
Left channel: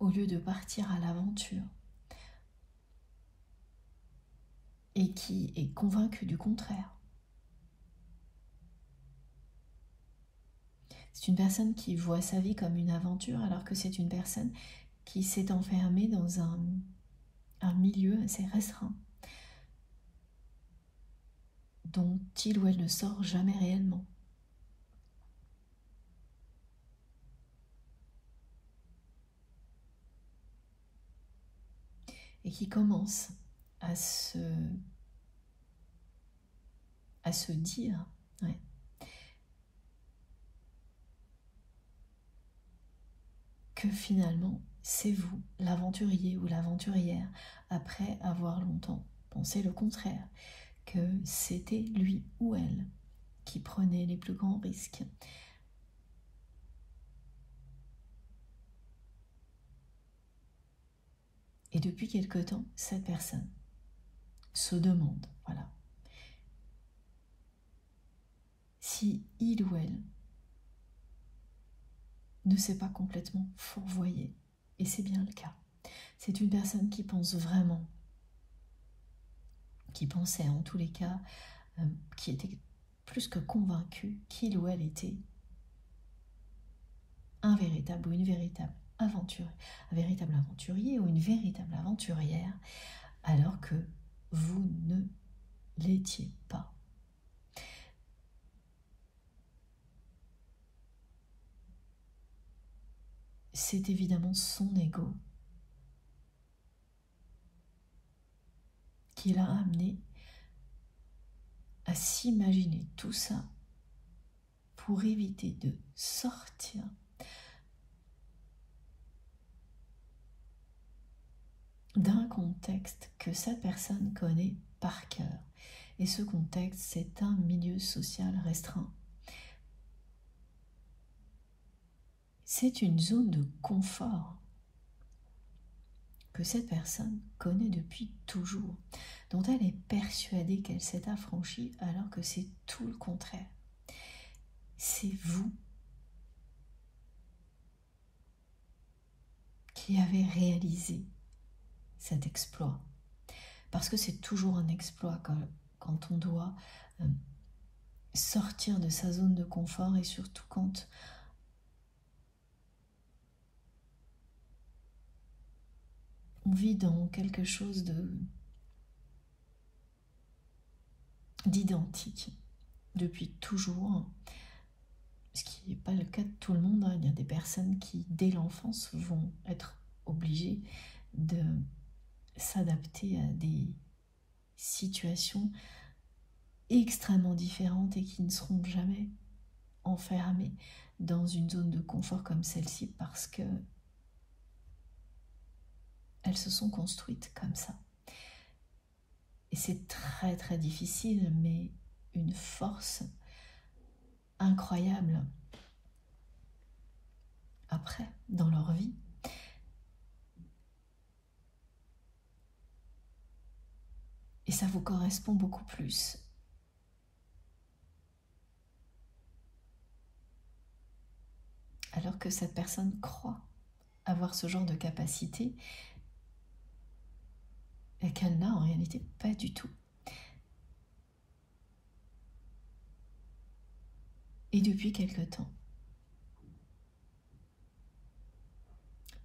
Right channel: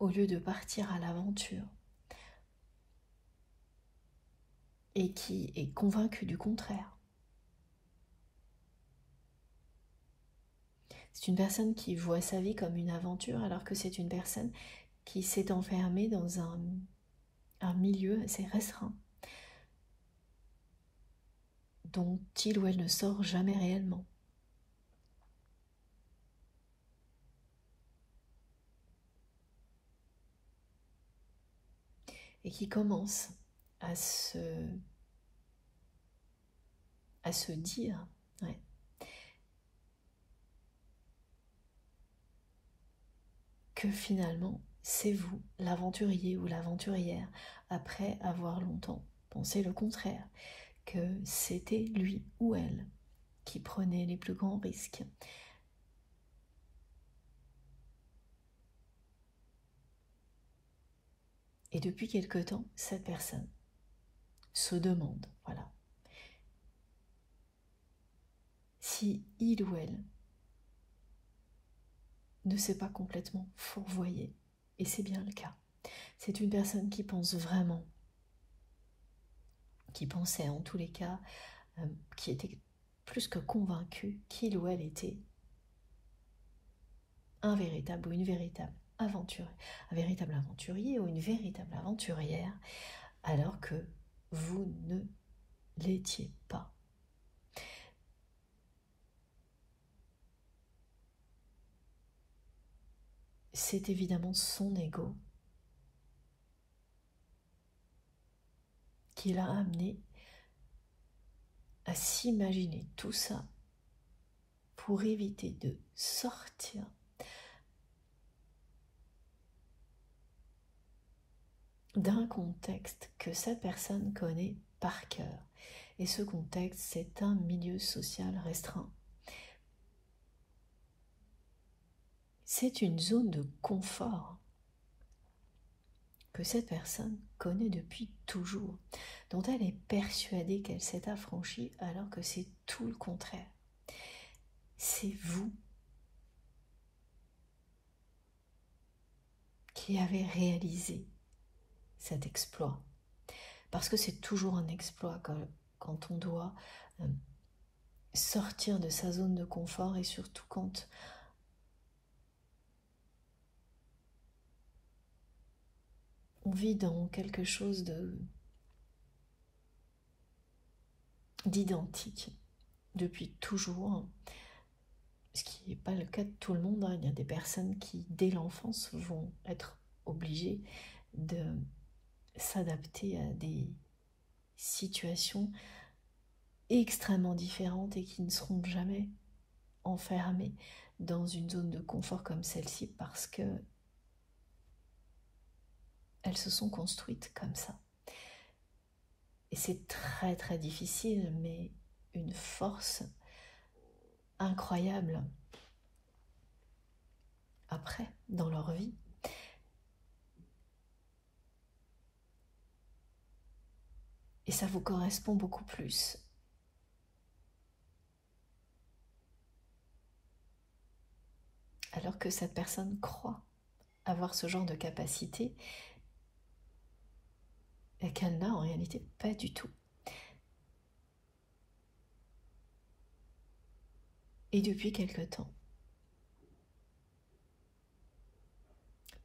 Au lieu de partir à l'aventure. Et qui est convaincu du contraire. C'est une personne qui voit sa vie comme une aventure alors que c'est une personne qui s'est enfermée dans un milieu assez restreint dont il ou elle ne sort jamais réellement. Et qui commence à se dire ouais, que finalement c'est vous, l'aventurier ou l'aventurière, après avoir longtemps pensé le contraire, que c'était lui ou elle qui prenait les plus grands risques. Et depuis quelque temps, cette personne se demande, voilà, si il ou elle ne s'est pas complètement fourvoyé. Et c'est bien le cas. C'est une personne qui pense vraiment, qui pensait en tous les cas, qui était plus que convaincue qu'il ou elle était un véritable ou une véritable aventurier, un véritable aventurier ou une véritable aventurière, alors que vous ne l'étiez pas. C'est évidemment son ego qui l'a amené à s'imaginer tout ça pour éviter de sortir d'un contexte que cette personne connaît par cœur. Et ce contexte, c'est un milieu social restreint. C'est une zone de confort que cette personne connaît depuis toujours, dont elle est persuadée qu'elle s'est affranchie alors que c'est tout le contraire. C'est vous qui avez réalisé cet exploit. Parce que c'est toujours un exploit quand on doit sortir de sa zone de confort et surtout quand on vit dans quelque chose d'identique depuis toujours, ce qui n'est pas le cas de tout le monde. Il y a des personnes qui, dès l'enfance, vont être obligées de s'adapter à des situations extrêmement différentes et qui ne seront jamais enfermées dans une zone de confort comme celle-ci parce que elles se sont construites comme ça. Et c'est très très difficile, mais une force incroyable après dans leur vie. Et ça vous correspond beaucoup plus. Alors que cette personne croit avoir ce genre de capacité et qu'elle n'a en réalité pas du tout. Et depuis quelque temps,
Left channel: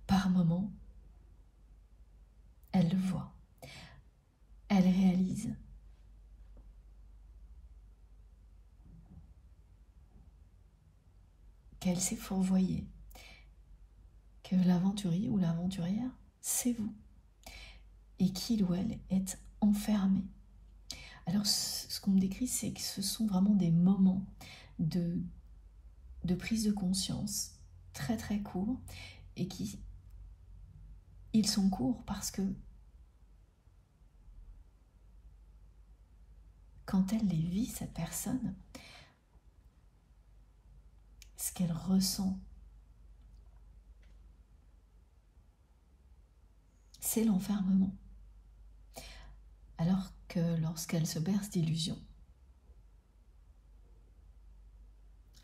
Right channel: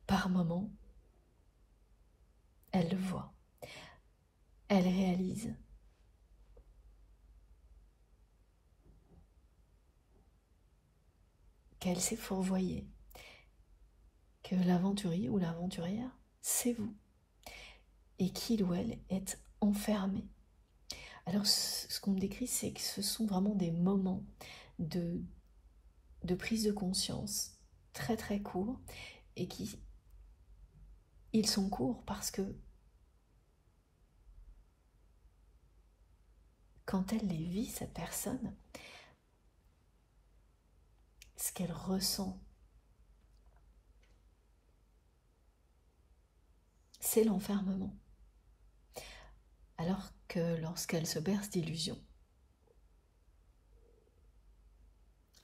par moments, elle le voit, elle réalise qu'elle s'est fourvoyée, que l'aventurier ou l'aventurière, c'est vous, et qu'il ou elle est enfermé. Alors, ce qu'on me décrit, c'est que ce sont vraiment des moments de prise de conscience très très courts, et ils sont courts parce que quand elle les vit, cette personne, ce qu'elle ressent, c'est l'enfermement. Alors que lorsqu'elle se berce d'illusions,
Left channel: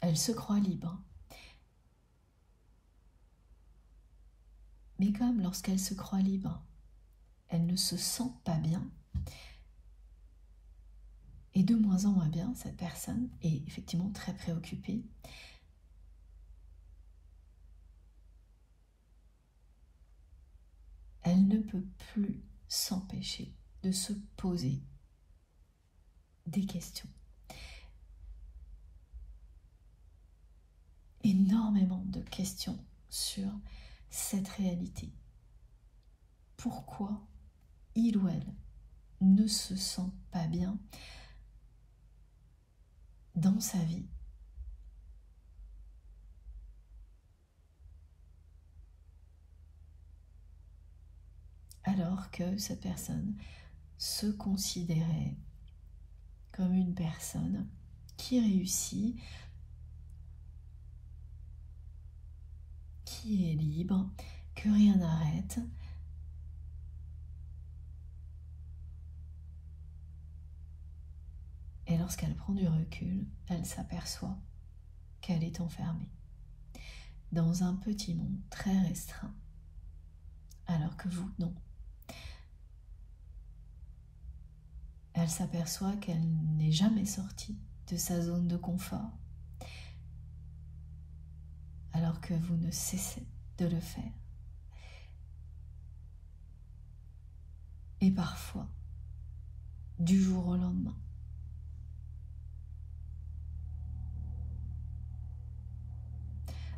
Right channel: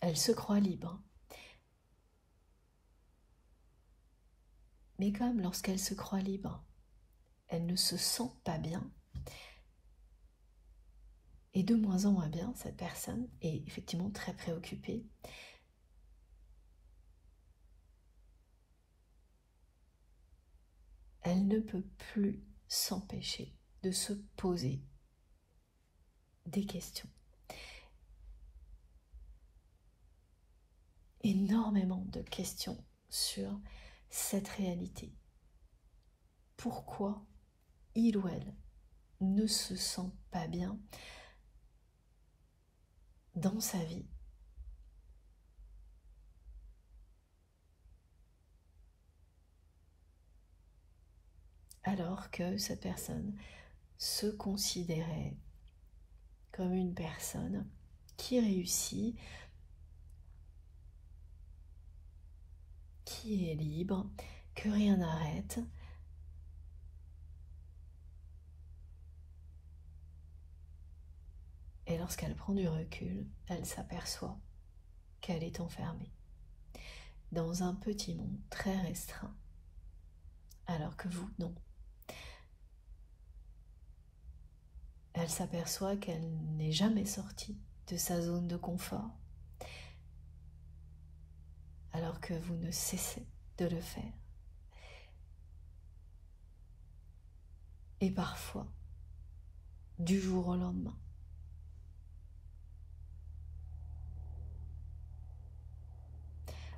elle se croit libre. Mais comme lorsqu'elle se croit libre, elle ne se sent pas bien, et de moins en moins bien, cette personne est effectivement très préoccupée. Elle ne peut plus s'empêcher de se poser des questions. Énormément de questions sur cette réalité. Pourquoi il ou elle ne se sent pas bien dans sa vie? Alors que cette personne se considérait comme une personne qui réussit, qui est libre, que rien n'arrête. Et lorsqu'elle prend du recul, elle s'aperçoit qu'elle est enfermée dans un petit monde très restreint, alors que vous, non. Elle s'aperçoit qu'elle n'est jamais sortie de sa zone de confort, alors que vous ne cessez de le faire. Et parfois, du jour au lendemain.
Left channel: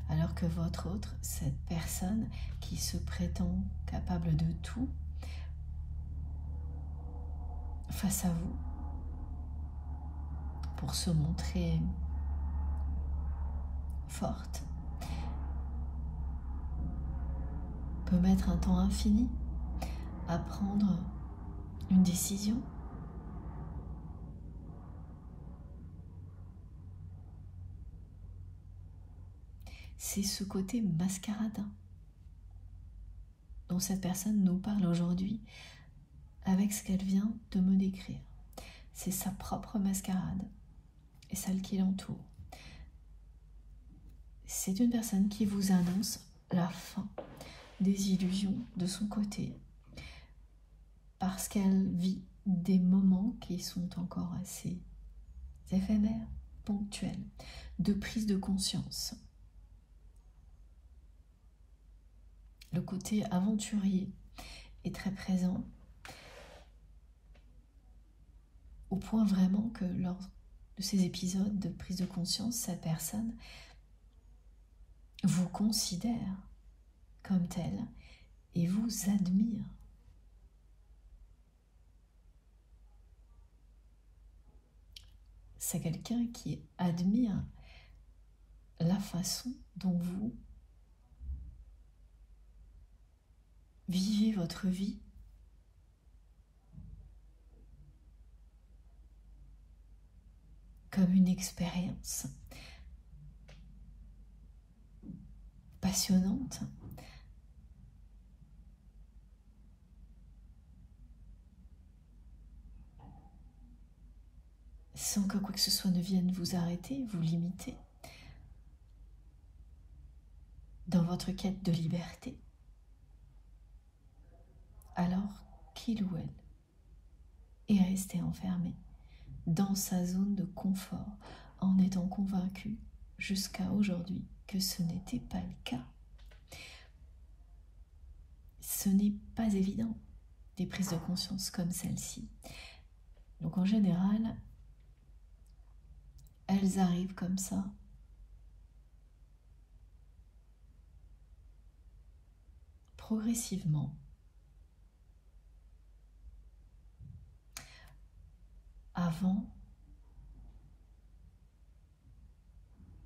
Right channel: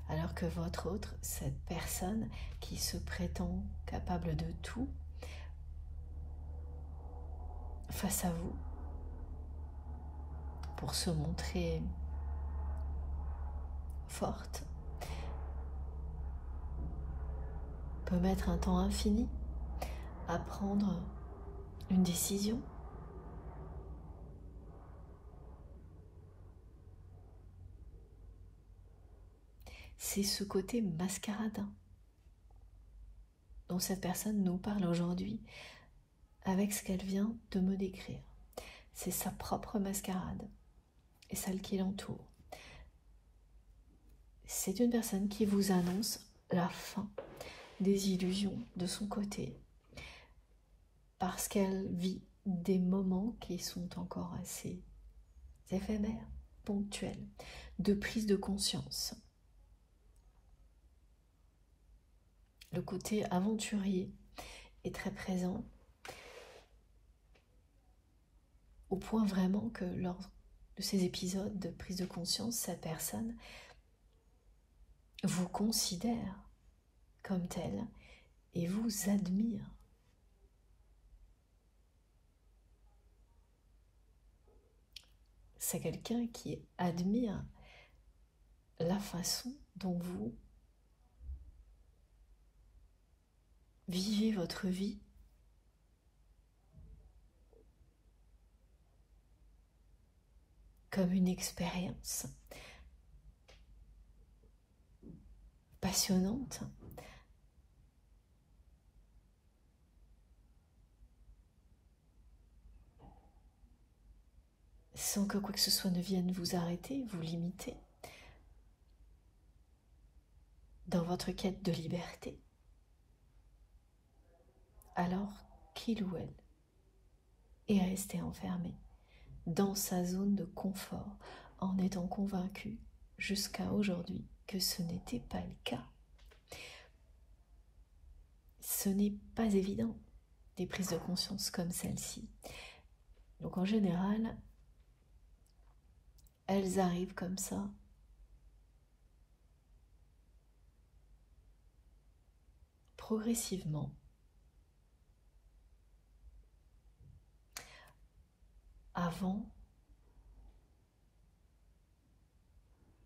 Alors que votre autre, cette personne qui se prétend capable de tout, face à vous, pour se montrer forte, peut mettre un temps infini à prendre une décision. C'est ce côté mascaradin dont cette personne nous parle aujourd'hui avec ce qu'elle vient de me décrire. C'est sa propre mascarade et celle qui l'entoure. C'est une personne qui vous annonce la fin des illusions de son côté, parce qu'elle vit des moments qui sont encore assez éphémères, ponctuels, de prise de conscience. Le côté aventurier est très présent, au point vraiment que lors de ces épisodes de prise de conscience, cette personne vous considère comme telle et vous admire. C'est quelqu'un qui admire la façon dont vous vivez votre vie. Comme une expérience passionnante. Sans que quoi que ce soit ne vienne vous arrêter, vous limiter dans votre quête de liberté. Alors qu'il ou elle est resté enfermé dans sa zone de confort en étant convaincu jusqu'à aujourd'hui que ce n'était pas le cas. Ce n'est pas évident, des prises de conscience comme celle-ci. Donc en général, elles arrivent comme ça. Progressivement. Avant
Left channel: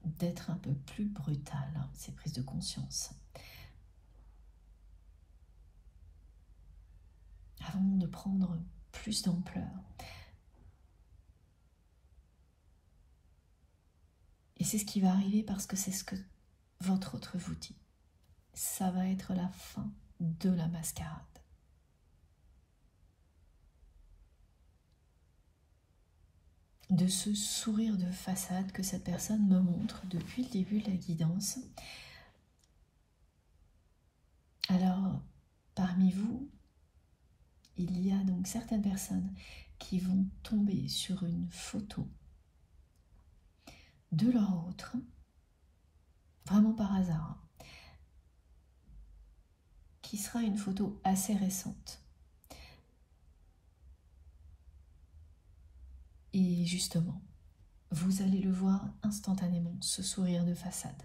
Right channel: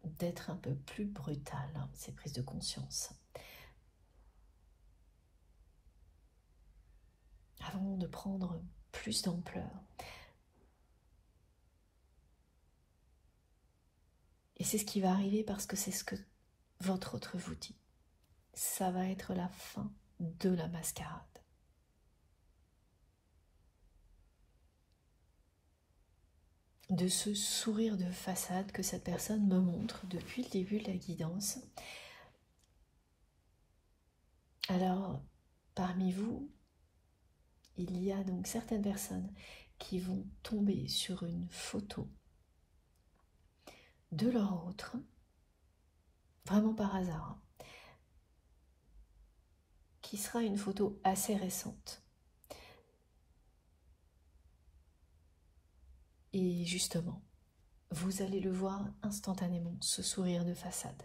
d'être un peu plus brutales, ces prises de conscience. Avant de prendre plus d'ampleur. Et c'est ce qui va arriver parce que c'est ce que votre autre vous dit. Ça va être la fin de la mascarade. De ce sourire de façade que cette personne me montre depuis le début de la guidance. Alors, parmi vous, il y a donc certaines personnes qui vont tomber sur une photo de leur autre, vraiment par hasard, qui sera une photo assez récente. Et justement, vous allez le voir instantanément, ce sourire de façade.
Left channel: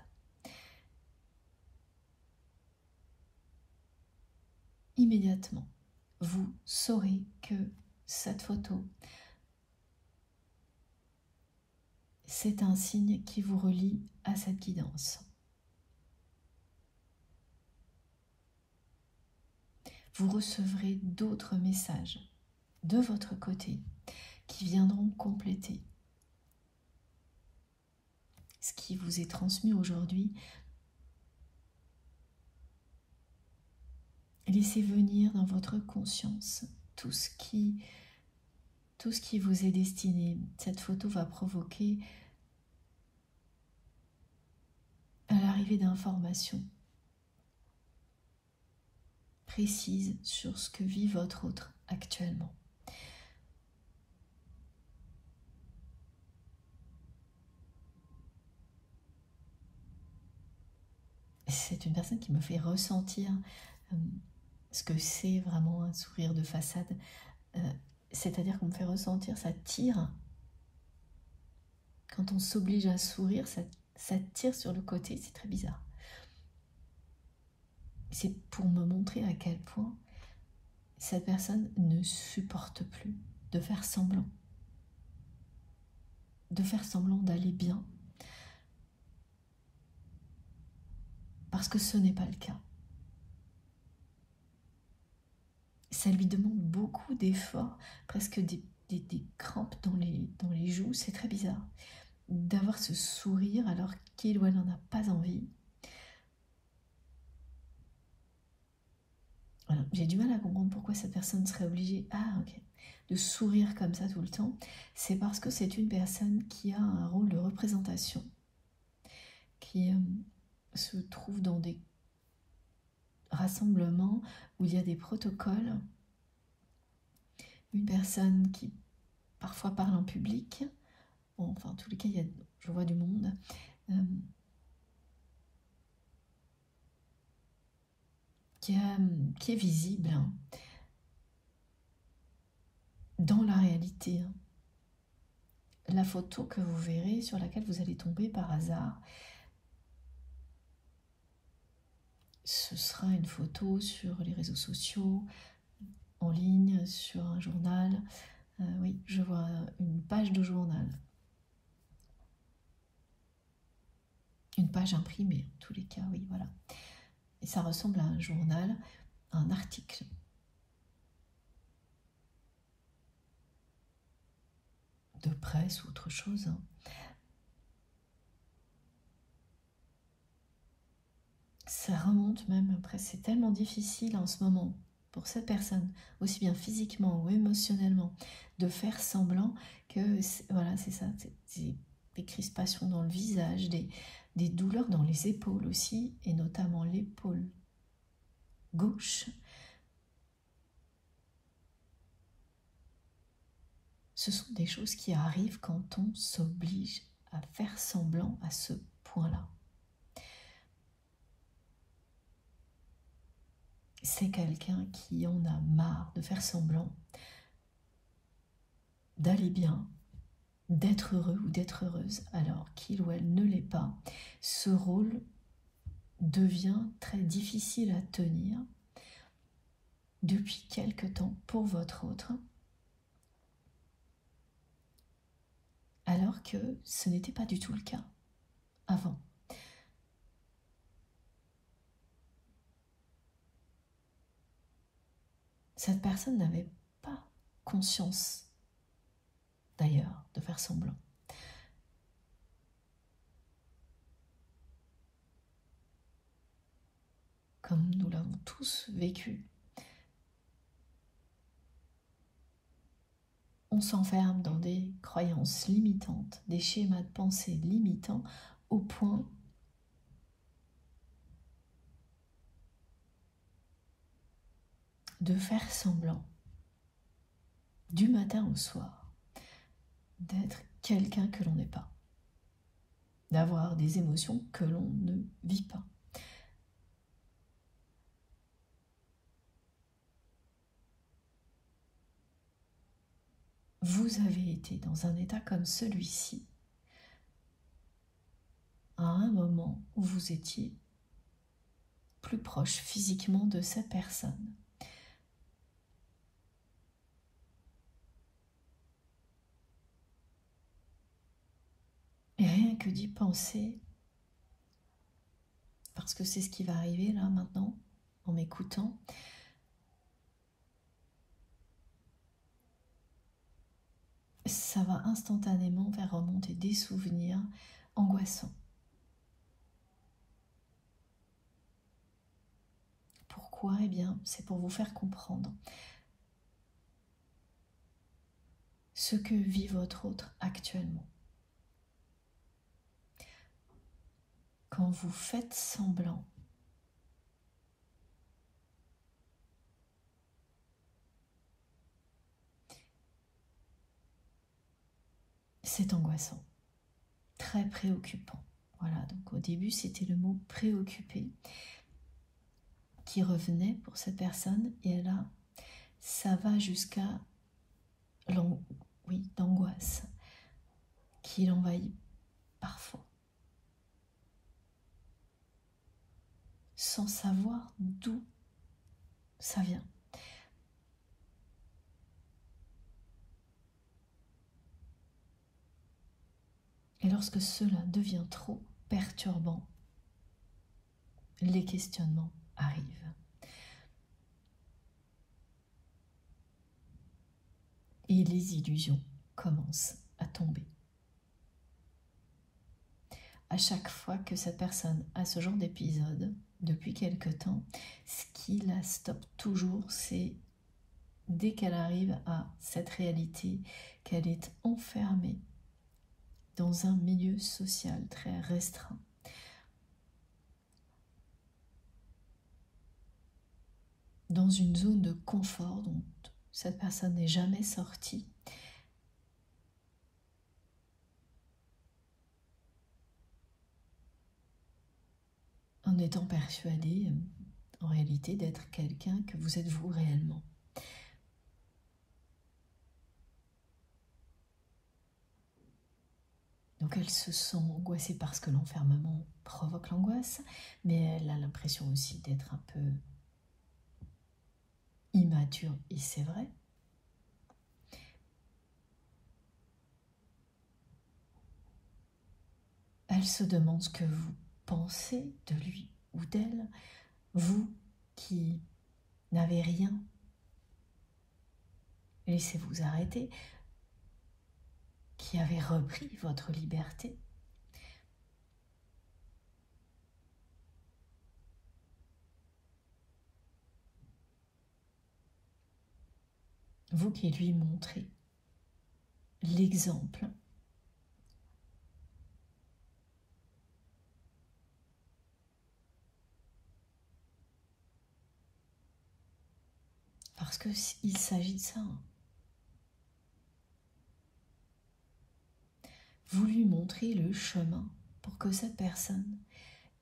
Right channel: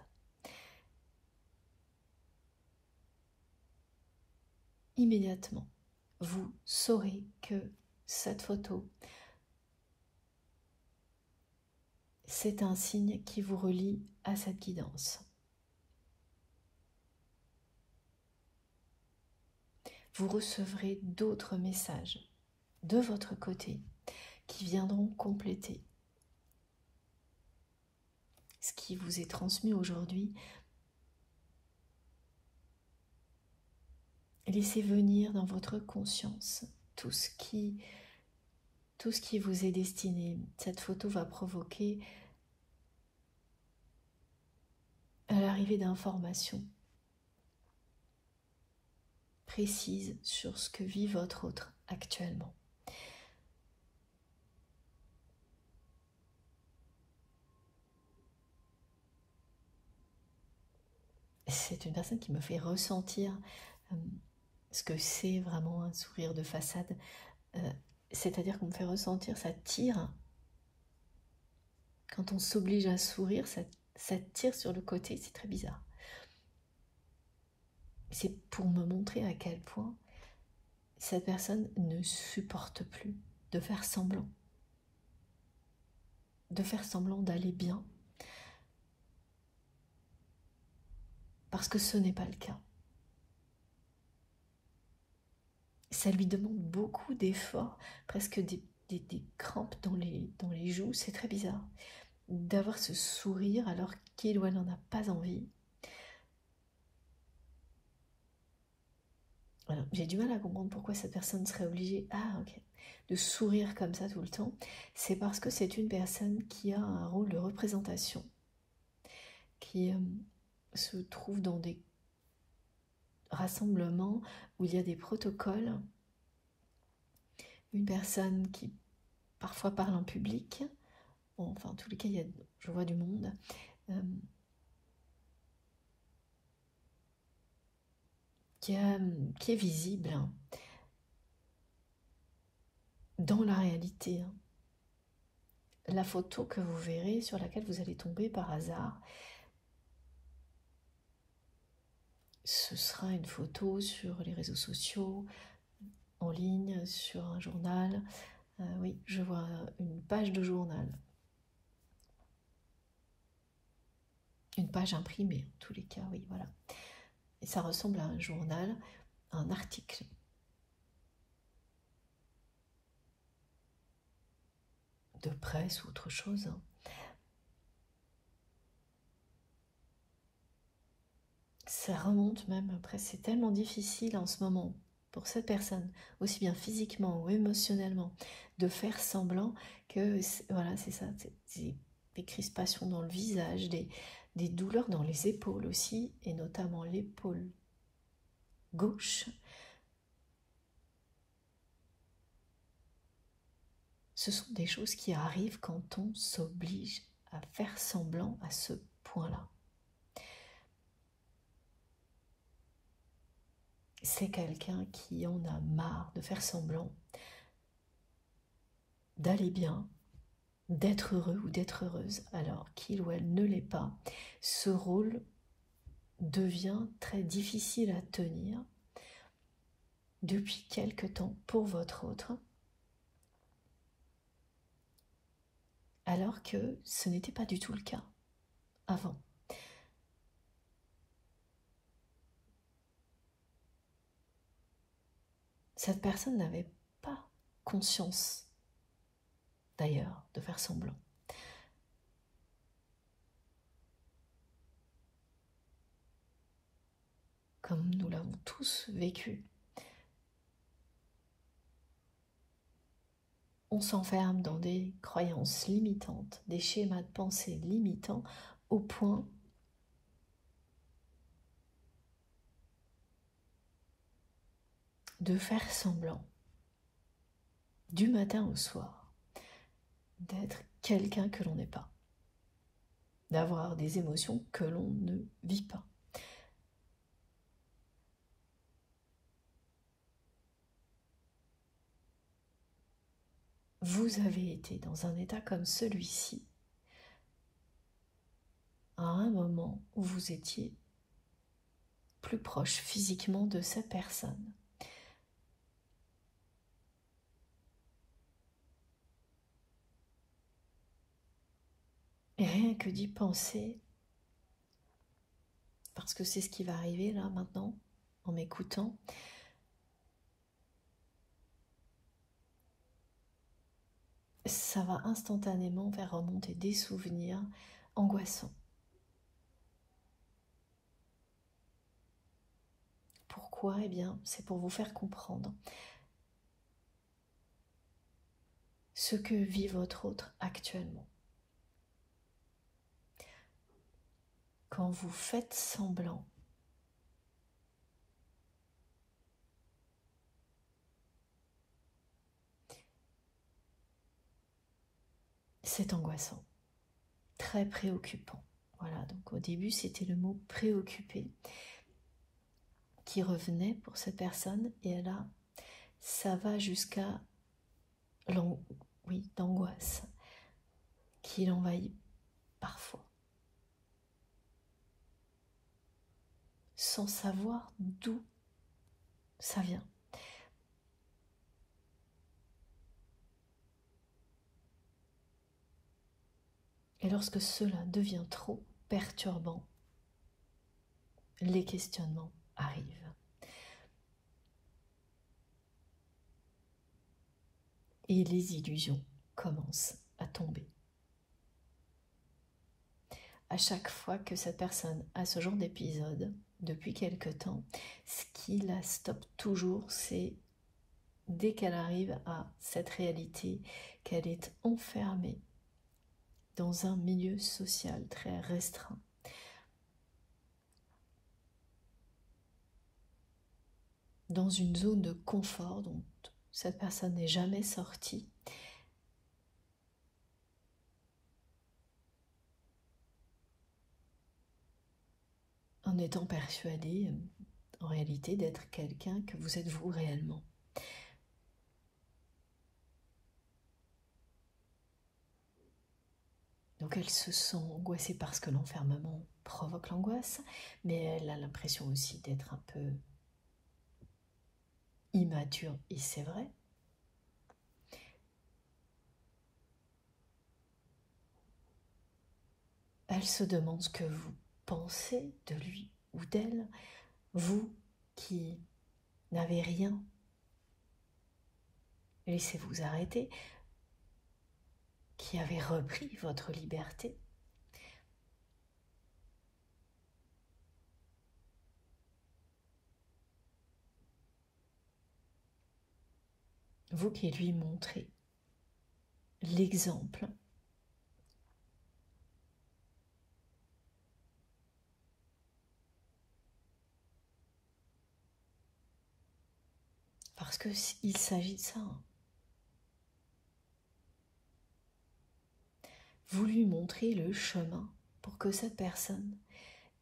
Immédiatement, vous saurez que cette photo, c'est un signe qui vous relie à cette guidance. Vous recevrez d'autres messages de votre côté qui viendront compléter ce qui vous est transmis aujourd'hui. Laissez venir dans votre conscience tout ce qui vous est destiné. Cette photo va provoquer l'arrivée d'informations précises sur ce que vit votre autre actuellement. C'est une personne qui me fait ressentir ce que c'est vraiment un sourire de façade. C'est-à-dire qu'on me fait ressentir, ça tire. Quand on s'oblige à sourire, ça tire sur le côté, c'est très bizarre. C'est pour me montrer à quel point cette personne ne supporte plus de faire semblant. De faire semblant d'aller bien. Parce que ce n'est pas le cas. Ça lui demande beaucoup d'efforts, presque des crampes dans les joues, c'est très bizarre. D'avoir ce sourire alors qu'il ou elle n'en a pas envie. Voilà. J'ai du mal à comprendre pourquoi cette personne serait obligée de sourire comme ça tout le temps. C'est parce que c'est une personne qui a un rôle de représentation, qui se trouve dans des rassemblements où il y a des protocoles. Une personne qui parfois parle en public. Bon, enfin, en tous les cas, je vois du monde. Qui est visible dans la réalité. La photo que vous verrez, sur laquelle vous allez tomber par hasard, ce sera une photo sur les réseaux sociaux, en ligne, sur un journal. Oui, je vois une page de journal. Une page imprimée, en tous les cas, oui, voilà. Et ça ressemble à un journal, un article. De presse ou autre chose. Ça remonte même après, c'est tellement difficile en ce moment pour cette personne, aussi bien physiquement ou émotionnellement, de faire semblant que, voilà, c'est ça, des crispations dans le visage, des douleurs dans les épaules aussi, et notamment l'épaule gauche. Ce sont des choses qui arrivent quand on s'oblige à faire semblant, à se point-là. C'est quelqu'un qui en a marre de faire semblant d'aller bien, d'être heureux ou d'être heureuse alors qu'il ou elle ne l'est pas. Ce rôle devient très difficile à tenir depuis quelque temps pour votre autre, alors que ce n'était pas du tout le cas avant. Cette personne n'avait pas conscience, d'ailleurs, de faire semblant. Comme nous l'avons tous vécu, on s'enferme dans des croyances limitantes, des schémas de pensée limitants, au point de faire semblant, du matin au soir, d'être quelqu'un que l'on n'est pas, d'avoir des émotions que l'on ne vit pas. Vous avez été dans un état comme celui-ci à un moment où vous étiez plus proche physiquement de cette personne. Et rien que d'y penser, parce que c'est ce qui va arriver là maintenant, en m'écoutant, ça va instantanément faire remonter des souvenirs angoissants. Pourquoi? Eh bien, c'est pour vous faire comprendre ce que vit votre autre actuellement. Quand vous faites semblant, c'est angoissant, très préoccupant. Voilà, donc au début, c'était le mot préoccupé qui revenait pour cette personne, et là, ça va jusqu'à l'angoisse qui l'envahit parfois, sans savoir d'où ça vient. Et lorsque cela devient trop perturbant, les questionnements arrivent. Et les illusions commencent à tomber. À chaque fois que cette personne a ce genre d'épisode, depuis quelque temps, ce qui la stoppe toujours, c'est dès qu'elle arrive à cette réalité, qu'elle est enfermée dans un milieu social très restreint. Dans une zone de confort dont cette personne n'est jamais sortie. En étant persuadée, en réalité, d'être quelqu'un que vous êtes vous réellement. Donc elle se sent angoissée parce que l'enfermement provoque l'angoisse, mais elle a l'impression aussi d'être un peu immature, et c'est vrai. Elle se demande ce que vous pensez de lui ou d'elle, vous qui n'avez rien. Laissez-vous arrêter, qui avez repris votre liberté. Vous qui lui montrez l'exemple parce qu'il s'agit de ça. Vous lui montrez le chemin pour que cette personne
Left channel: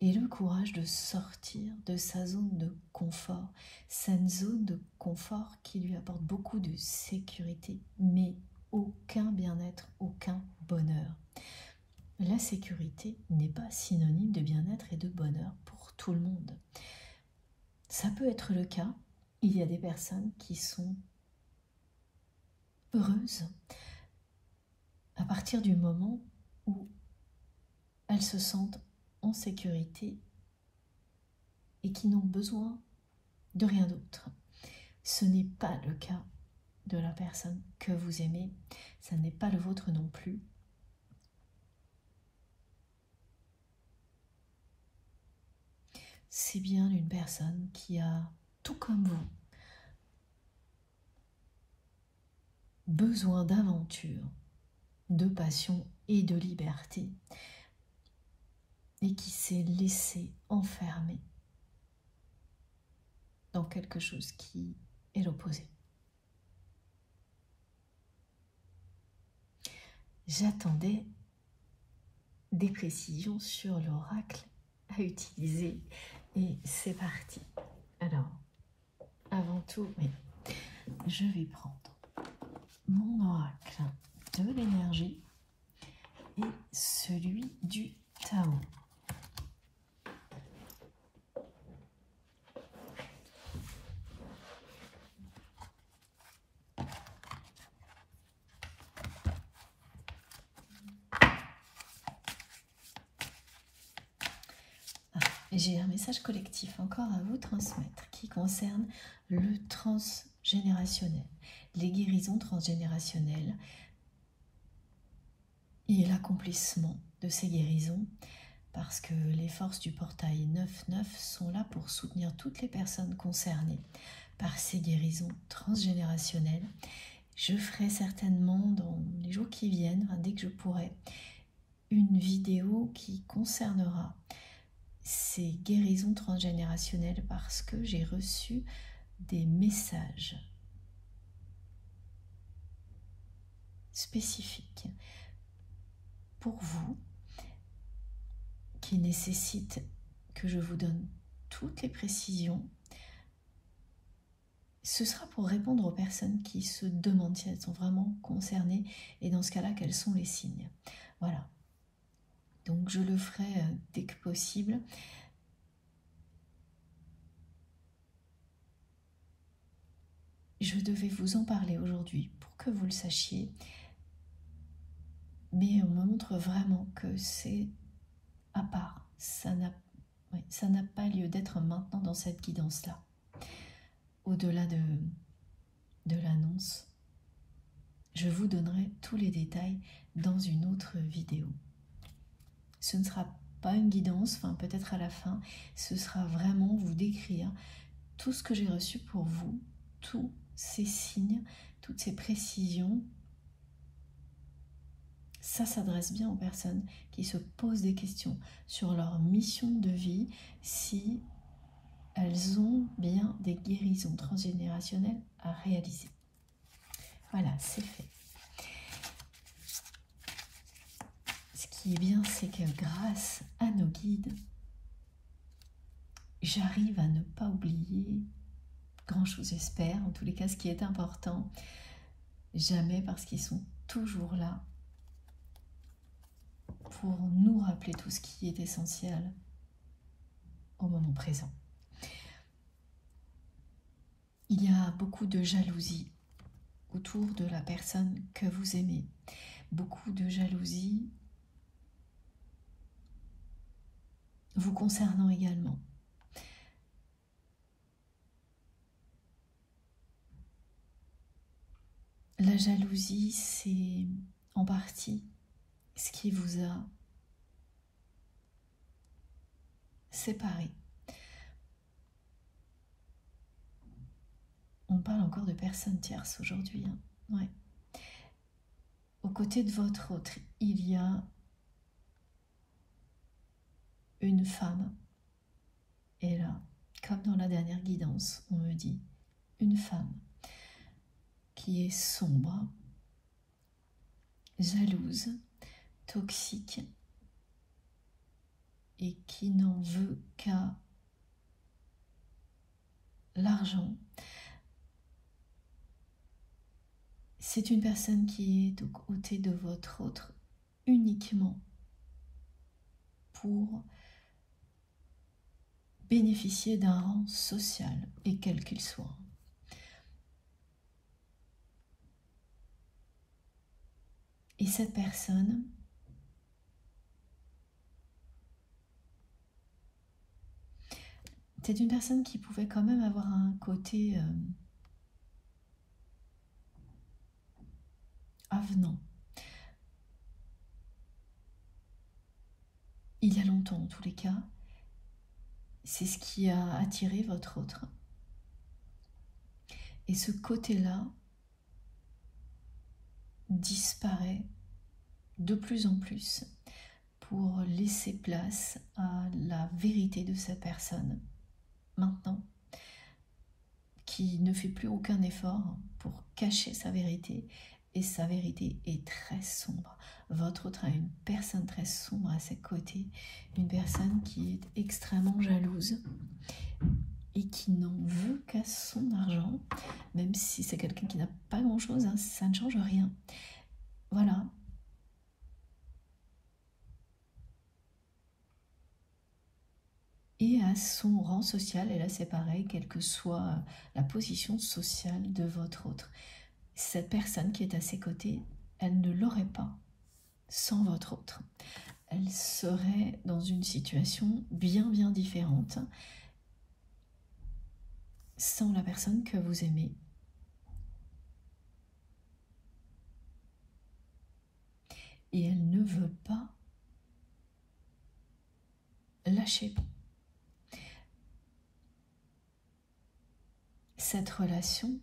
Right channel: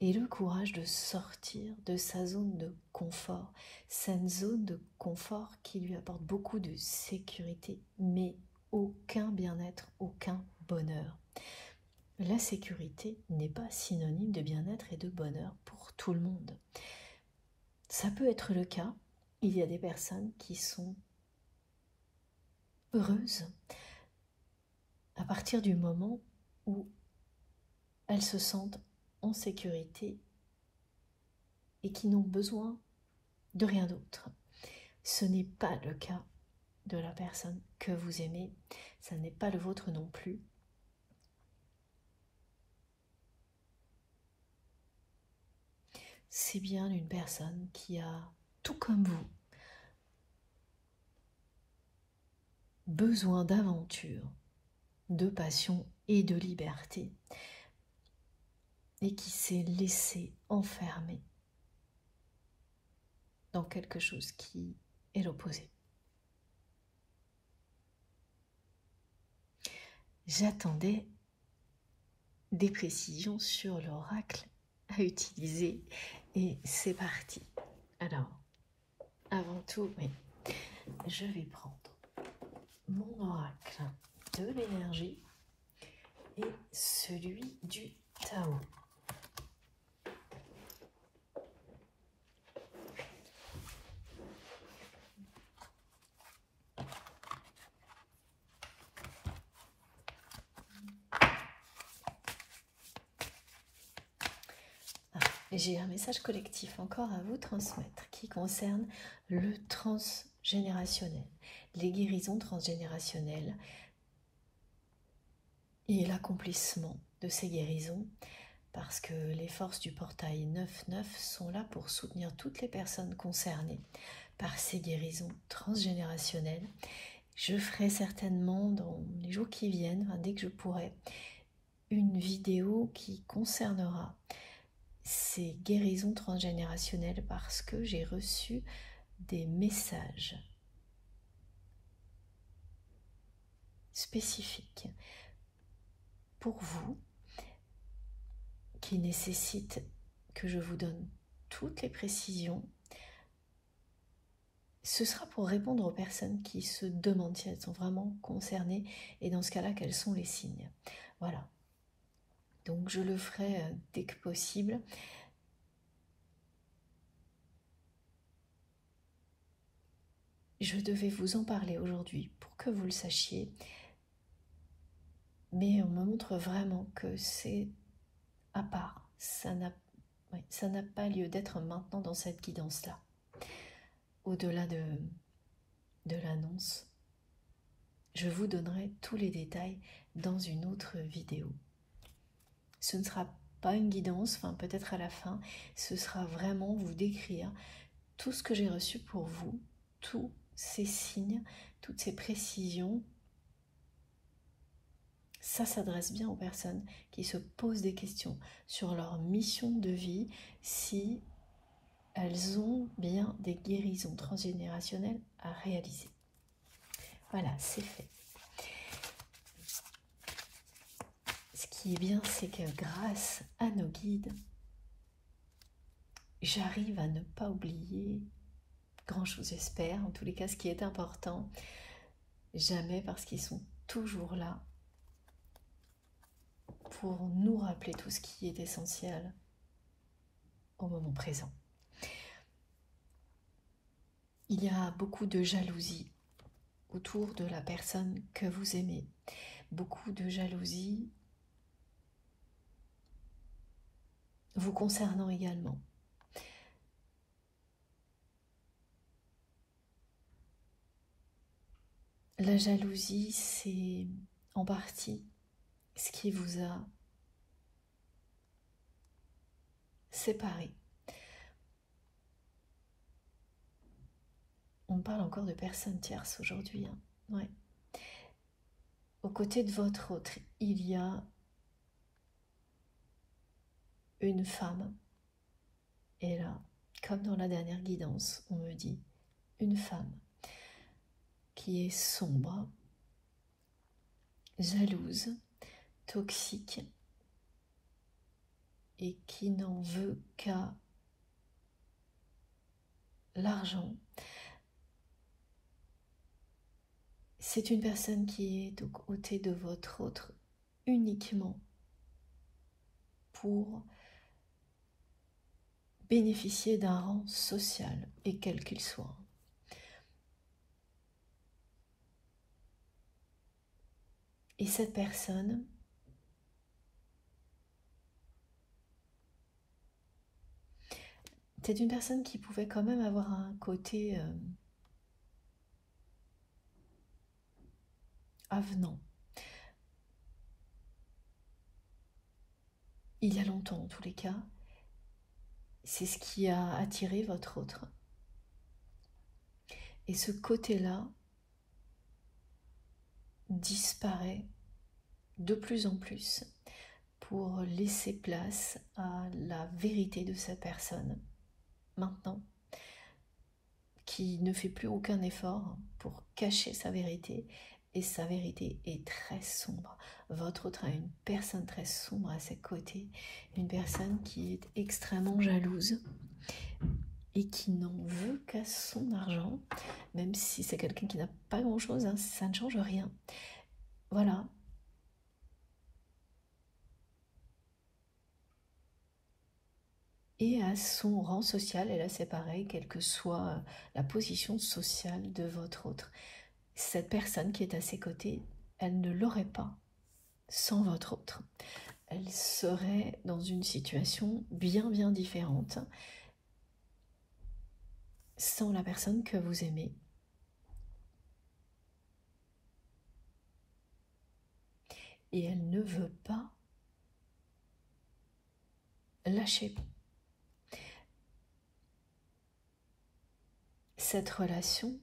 ait le courage de sortir de sa zone de confort, cette zone de confort qui lui apporte beaucoup de sécurité, mais aucun bien-être, aucun bonheur. La sécurité n'est pas synonyme de bien-être et de bonheur pour tout le monde. Ça peut être le cas, il y a des personnes qui sont heureuses à partir du moment où elles se sentent en sécurité et qui n'ont besoin de rien d'autre. Ce n'est pas le cas de la personne que vous aimez, ça n'est pas le vôtre non plus. C'est bien une personne qui a, tout comme vous, besoin d'aventure, de passion et de liberté, et qui s'est laissé enfermer dans quelque chose qui est l'opposé. J'attendais des précisions sur l'oracle à utiliser et c'est parti. Alors, avant tout, je vais prendre mon oracle de l'énergie et celui du Tao. J'ai un message collectif encore à vous transmettre qui concerne le transgénérationnel, les guérisons transgénérationnelles et l'accomplissement de ces guérisons, parce que les forces du portail 9-9 sont là pour soutenir toutes les personnes concernées par ces guérisons transgénérationnelles. Je ferai certainement dans les jours qui viennent, dès que je pourrai, une vidéo qui concernera ces guérisons transgénérationnelles parce que j'ai reçu des messages spécifiques pour vous qui nécessitent que je vous donne toutes les précisions. Ce sera pour répondre aux personnes qui se demandent si elles sont vraiment concernées et dans ce cas-là, quels sont les signes. Voilà. Donc je le ferai dès que possible. Je devais vous en parler aujourd'hui pour que vous le sachiez. Mais on me montre vraiment que c'est à part. Ça n'a pas lieu d'être maintenant dans cette guidance-là. Au-delà de l'annonce, je vous donnerai tous les détails dans une autre vidéo. Ce ne sera pas une guidance, peut-être à la fin, ce sera vraiment vous décrire tout ce que j'ai reçu pour vous, tous ces signes, toutes ces précisions. Ça s'adresse bien aux personnes qui se posent des questions sur leur mission de vie, si elles ont bien des guérisons transgénérationnelles à réaliser. Voilà, c'est fait. Ce qui est bien, c'est que grâce à nos guides, j'arrive à ne pas oublier grand-chose, j'espère. En tous les cas, ce qui est important, jamais, parce qu'ils sont toujours là pour nous rappeler tout ce qui est essentiel au moment présent. Il y a beaucoup de jalousie autour de la personne que vous aimez, beaucoup de jalousie vous concernant également. La jalousie, c'est en partie ce qui vous a séparé. On parle encore de personnes tierces aujourd'hui. Ouais. Aux côtés de votre autre, il y a une femme. Et là, comme dans la dernière guidance, on me dit une femme qui est sombre, jalouse, toxique, et qui n'en veut qu'à l'argent. C'est une personne qui est aux côtés de votre autre uniquement pour bénéficier d'un rang social, et quel qu'il soit. Et cette personne c'est une personne qui pouvait quand même avoir un côté avenant. Il y a longtemps, en tous les cas, c'est ce qui a attiré votre autre. Et ce côté-là disparaît de plus en plus pour laisser place à la vérité de cette personne, maintenant, qui ne fait plus aucun effort pour cacher sa vérité, et sa vérité est très sombre. Votre autre a une personne très sombre à ses côtés, une personne qui est extrêmement jalouse et qui n'en veut qu'à son argent, même si c'est quelqu'un qui n'a pas grand-chose, hein, ça ne change rien. Voilà. Et à son rang social, et là c'est pareil, quelle que soit la position sociale de votre autre. Cette personne qui est à ses côtés, elle ne l'aurait pas sans votre autre. Elle serait dans une situation bien différente sans la personne que vous aimez. Et elle ne veut pas lâcher. Cette relation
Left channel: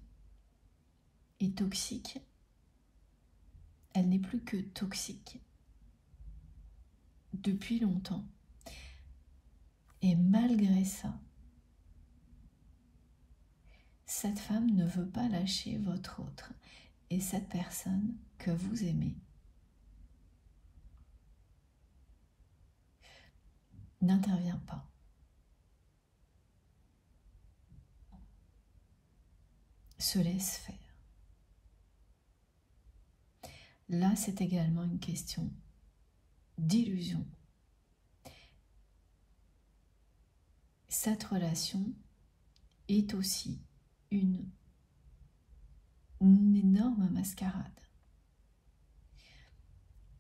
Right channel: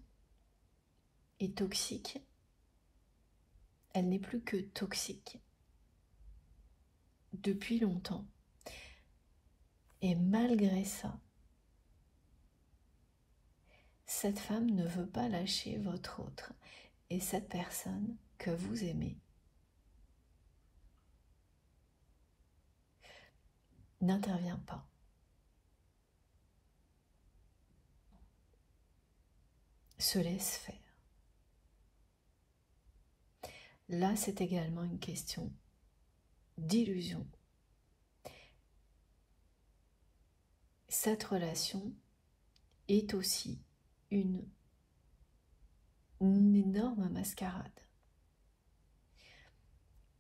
est toxique. Elle n'est plus que toxique depuis longtemps. Et malgré ça, cette femme ne veut pas lâcher votre autre et cette personne que vous aimez n'intervient pas. Se laisse faire. Là, c'est également une question d'illusion. Cette relation est aussi une énorme mascarade.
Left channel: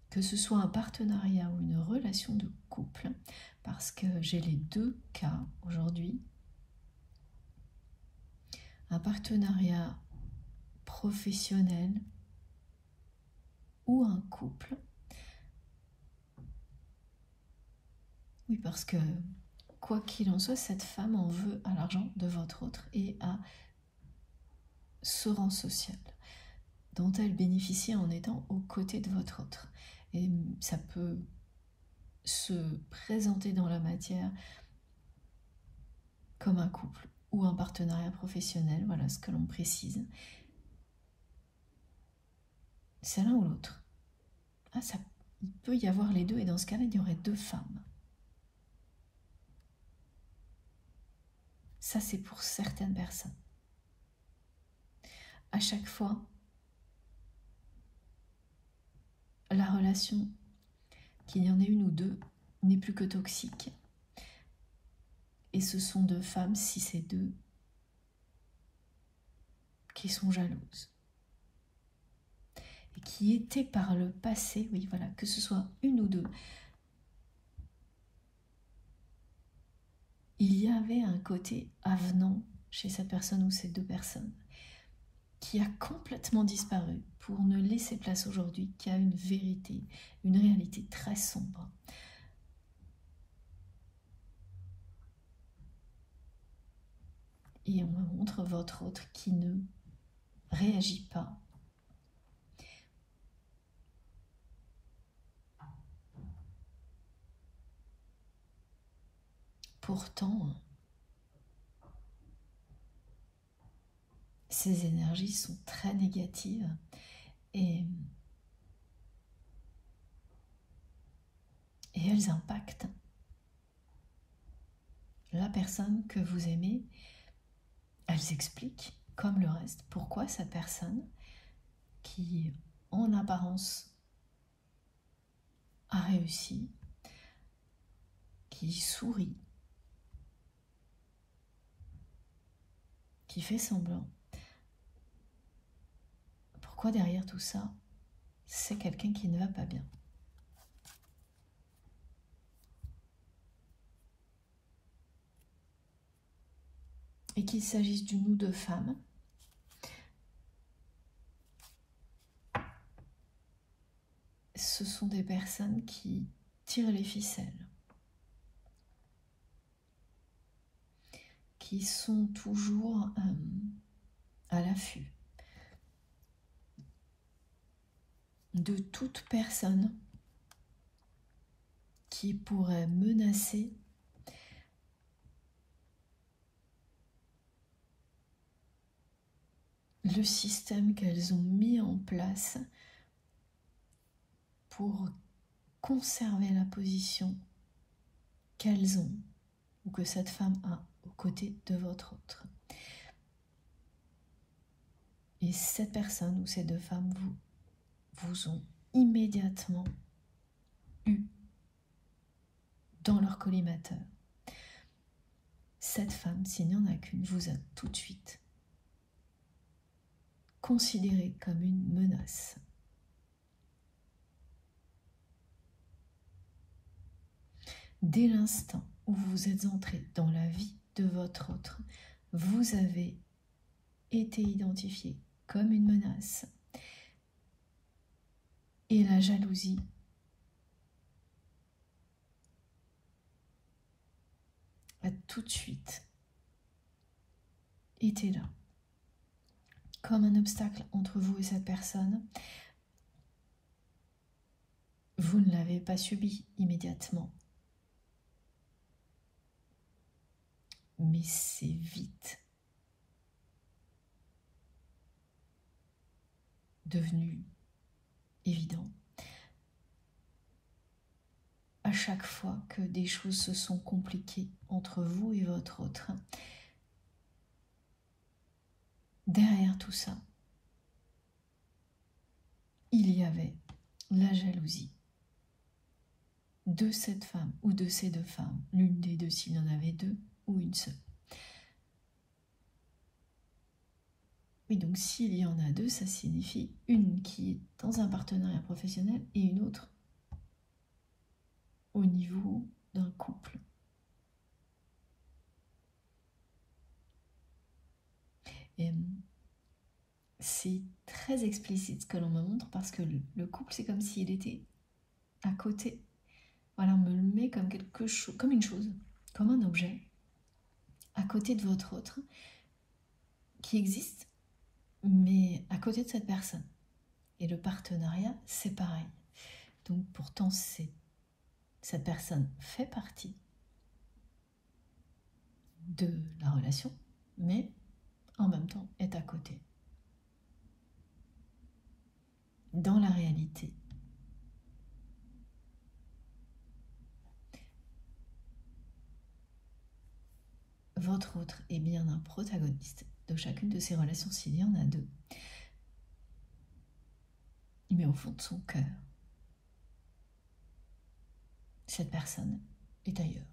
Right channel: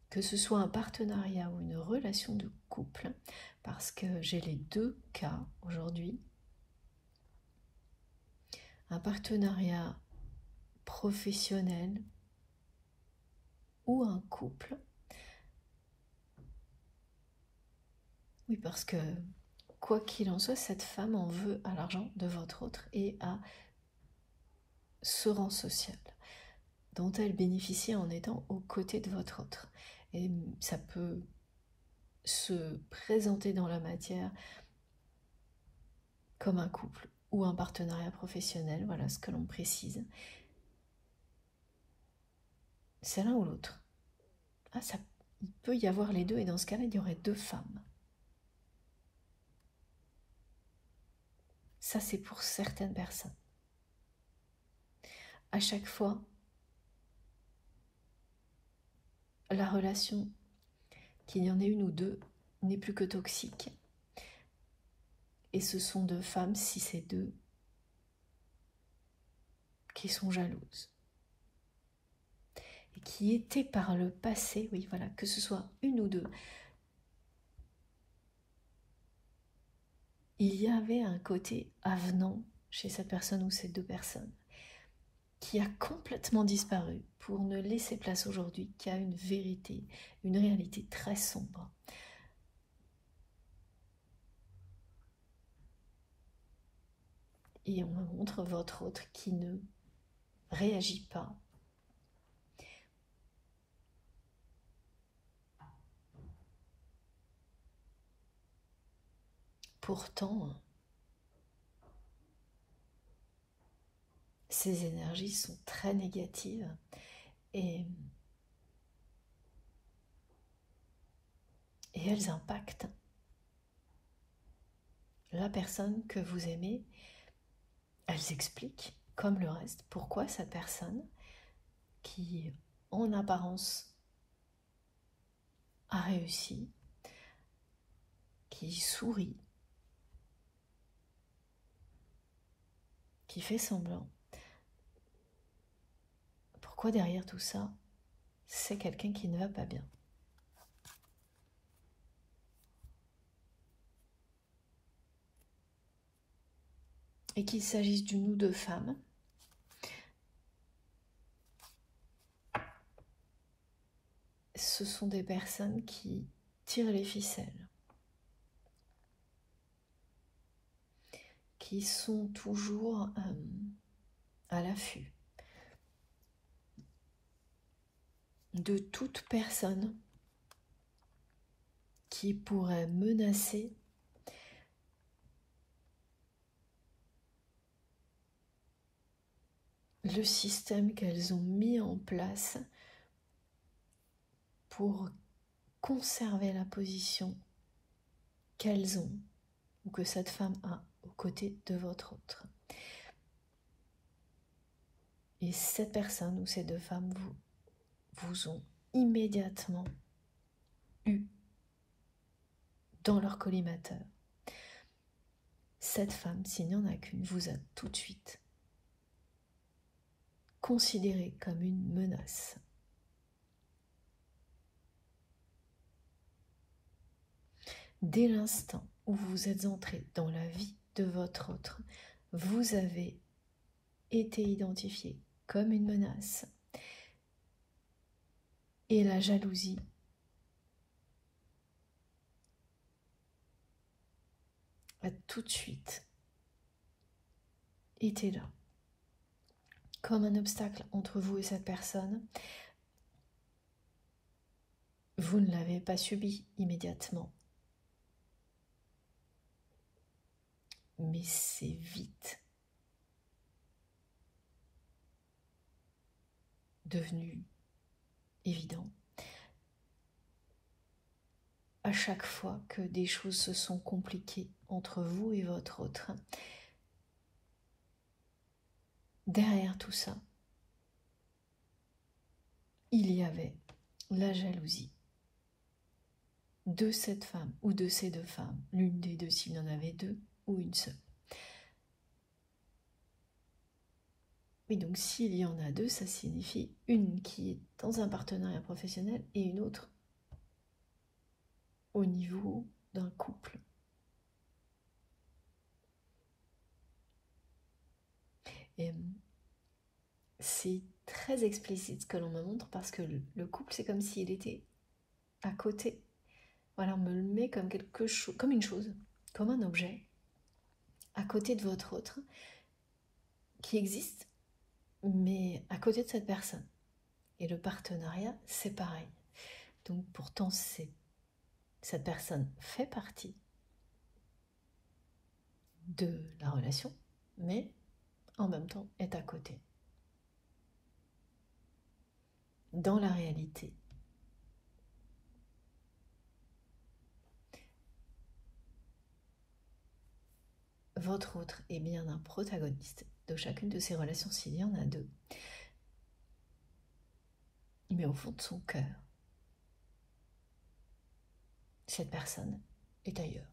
Que ce soit un partenariat ou une relation de couple, parce que j'ai les deux cas aujourd'hui. Un partenariat professionnel ou un couple. Oui, parce que quoi qu'il en soit, cette femme en veut à l'argent de votre autre et à ce rang social dont elle bénéficie en étant aux côtés de votre autre. Et ça peut se présenter dans la matière comme un couple ou un partenariat professionnel, voilà ce que l'on précise. C'est l'un ou l'autre. Ah, il peut y avoir les deux, et dans ce cas-là, il y aurait deux femmes. Ça, c'est pour certaines personnes. À chaque fois, la relation, qu'il y en ait une ou deux, n'est plus que toxique. Et ce sont deux femmes, si c'est deux, qui sont jalouses. Et qui étaient par le passé, oui, voilà, que ce soit une ou deux, il y avait un côté avenant chez cette personne ou ces deux personnes qui a complètement disparu pour ne laisser place aujourd'hui qu'à une vérité, une réalité très sombre. Et on me montre votre autre qui ne réagit pas. Pourtant, ces énergies sont très négatives et elles impactent la personne que vous aimez, elles expliquent, comme le reste, pourquoi cette personne, qui en apparence a réussi, qui sourit, qui fait semblant, pourquoi derrière tout ça, c'est quelqu'un qui ne va pas bien. Et qu'il s'agisse d'une ou deux femmes, ce sont des personnes qui tirent les ficelles, qui sont toujours à l'affût de toute personne qui pourrait menacer le système qu'elles ont mis en place pour conserver la position qu'elles ont ou que cette femme a aux côtés de votre autre. Et cette personne ou ces deux femmes vous ont immédiatement eu dans leur collimateur. Cette femme, s'il n'y en a qu'une, vous a tout de suite considéré comme une menace. Dès l'instant où vous êtes entré dans la vie de votre autre, vous avez été identifié comme une menace. Et la jalousie a tout de suite été là, comme un obstacle entre vous et cette personne. Vous ne l'avez pas subi immédiatement, mais c'est vite devenu évident. À chaque fois que des choses se sont compliquées entre vous et votre autre, derrière tout ça, il y avait la jalousie de cette femme ou de ces deux femmes, l'une des deux s'il y en avait deux ou une seule. Et donc s'il y en a deux, ça signifie une qui est dans un partenariat professionnel et une autre au niveau d'un couple. Et c'est très explicite ce que l'on me montre parce que le couple, c'est comme s'il était à côté. Voilà, on me le met comme quelque chose, comme une chose, comme un objet, à côté de votre autre, qui existe, mais à côté de cette personne. Et le partenariat, c'est pareil. Donc pourtant, cette personne fait partie de la relation, mais en même temps est à côté. Dans la réalité, votre autre est bien un protagoniste de chacune de ces relations s'il y en a deux. Mais au fond de son cœur, cette personne est ailleurs.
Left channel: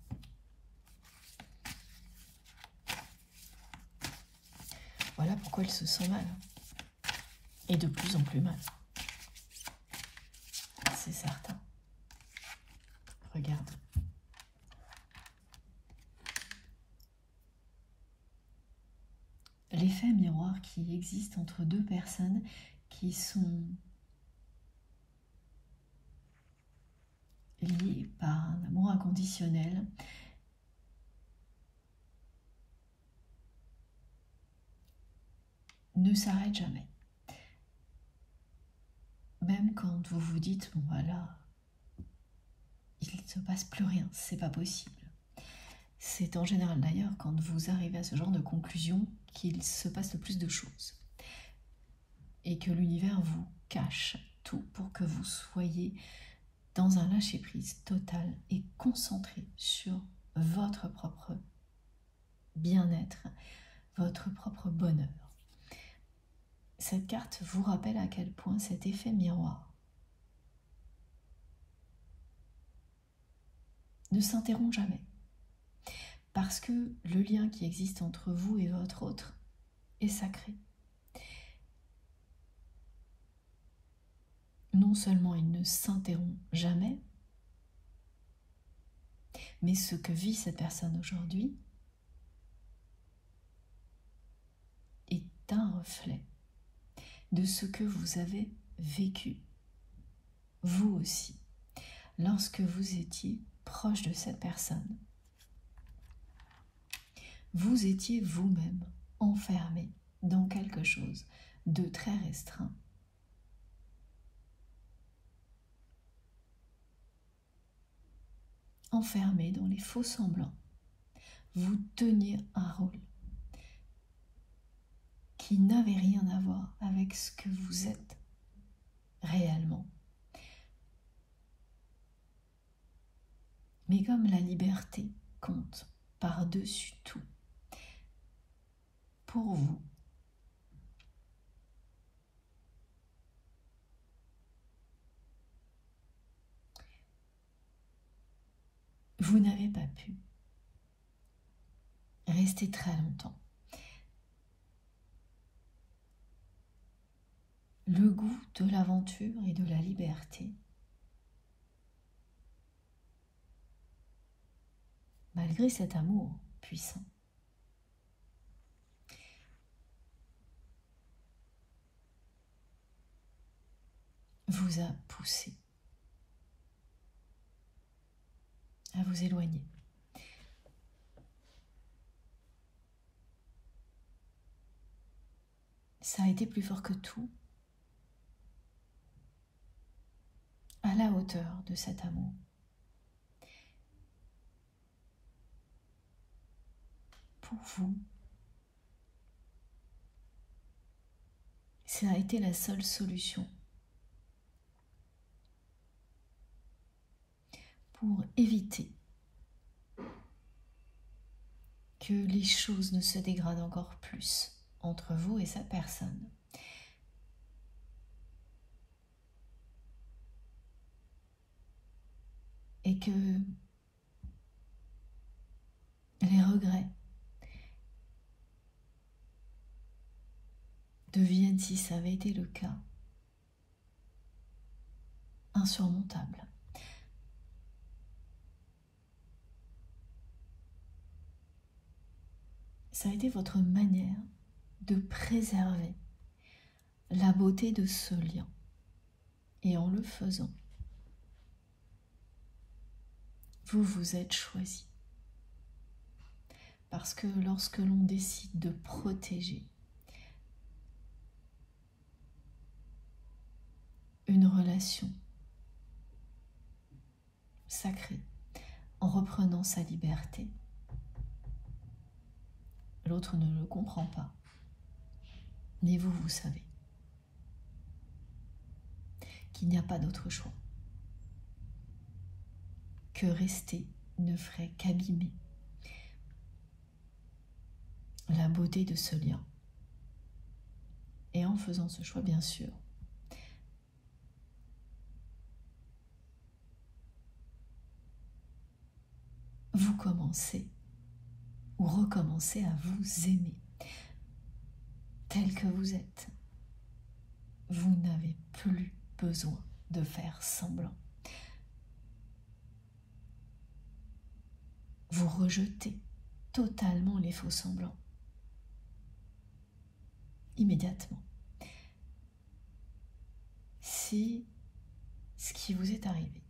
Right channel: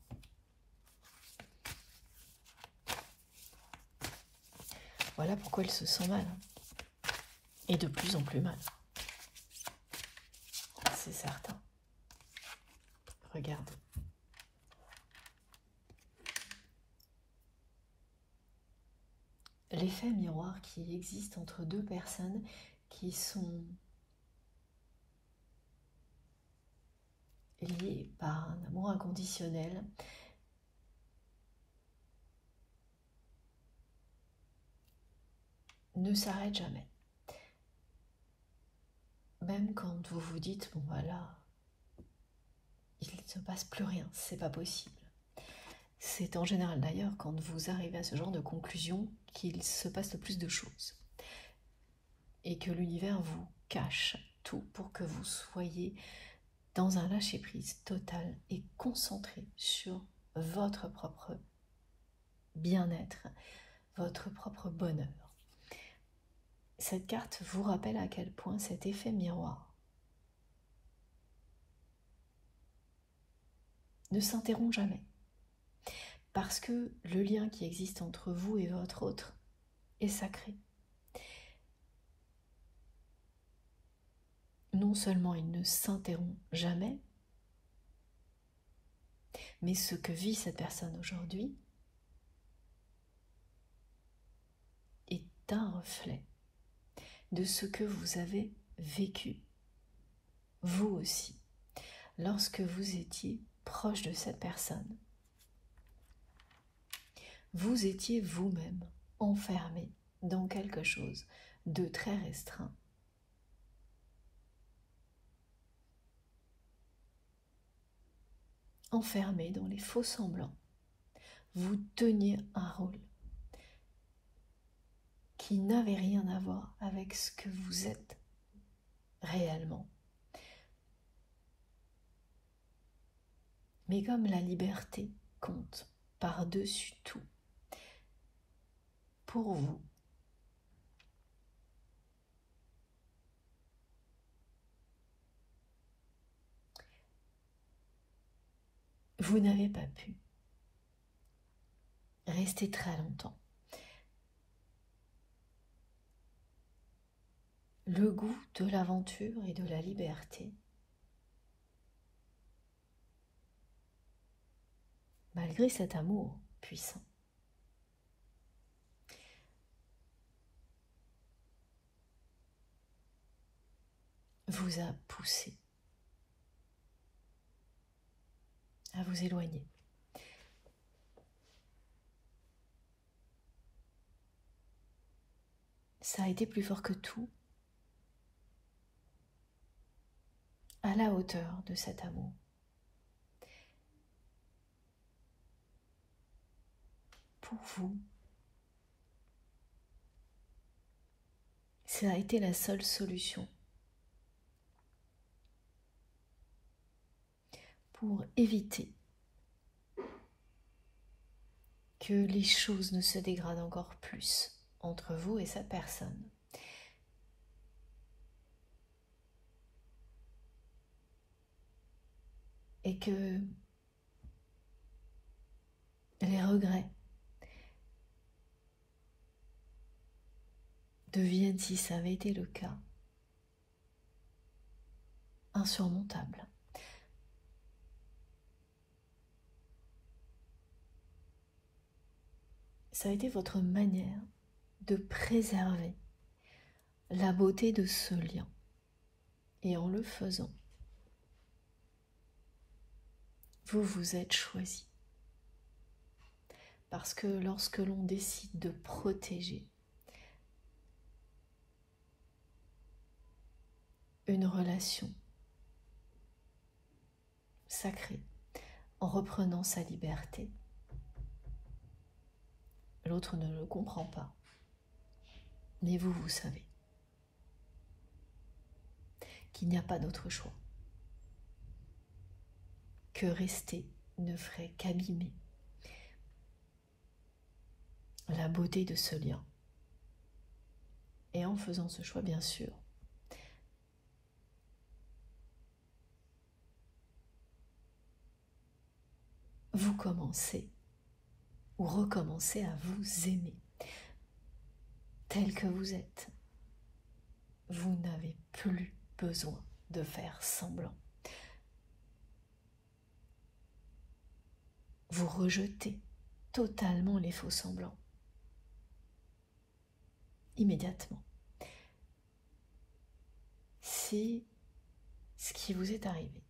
Voilà pourquoi elle se sent mal. Et de plus en plus mal. C'est certain. Regarde. L'effet miroir qui existe entre deux personnes qui sont liées par un amour inconditionnel, ne s'arrête jamais. Même quand vous vous dites, bon voilà, il ne se passe plus rien, c'est pas possible. C'est en général d'ailleurs quand vous arrivez à ce genre de conclusion qu'il se passe le plus de choses. Et que l'univers vous cache tout pour que vous soyez dans un lâcher-prise total et concentré sur votre propre bien-être, votre propre bonheur. Cette carte vous rappelle à quel point cet effet miroir ne s'interrompt jamais. Parce que le lien qui existe entre vous et votre autre est sacré. Non seulement il ne s'interrompt jamais, mais ce que vit cette personne aujourd'hui est un reflet de ce que vous avez vécu, vous aussi, lorsque vous étiez proche de cette personne. Vous étiez vous-même enfermé dans quelque chose de très restreint. Enfermé dans les faux semblants. Vous teniez un rôle qui n'avait rien à voir avec ce que vous êtes réellement. Mais comme la liberté compte par-dessus tout, pour vous, vous n'avez pas pu rester très longtemps. Le goût de l'aventure et de la liberté, malgré cet amour puissant, vous a poussé à vous éloigner. Ça a été plus fort que tout, à la hauteur de cet amour. Pour vous, ça a été la seule solution pour éviter que les choses ne se dégradent encore plus entre vous et cette personne. Et que les regrets deviennent, si ça avait été le cas, insurmontables. Ça a été votre manière de préserver la beauté de ce lien. Et en le faisant, vous vous êtes choisi. Parce que lorsque l'on décide de protéger une relation sacrée en reprenant sa liberté, l'autre ne le comprend pas, mais vous, vous savez qu'il n'y a pas d'autre choix, que rester ne ferait qu'abîmer la beauté de ce lien. Et en faisant ce choix, bien sûr, vous commencez ou recommencez à vous aimer tel que vous êtes. Vous n'avez plus besoin de faire semblant. Vous rejetez totalement les faux semblants. Immédiatement. C'est ce qui vous est arrivé.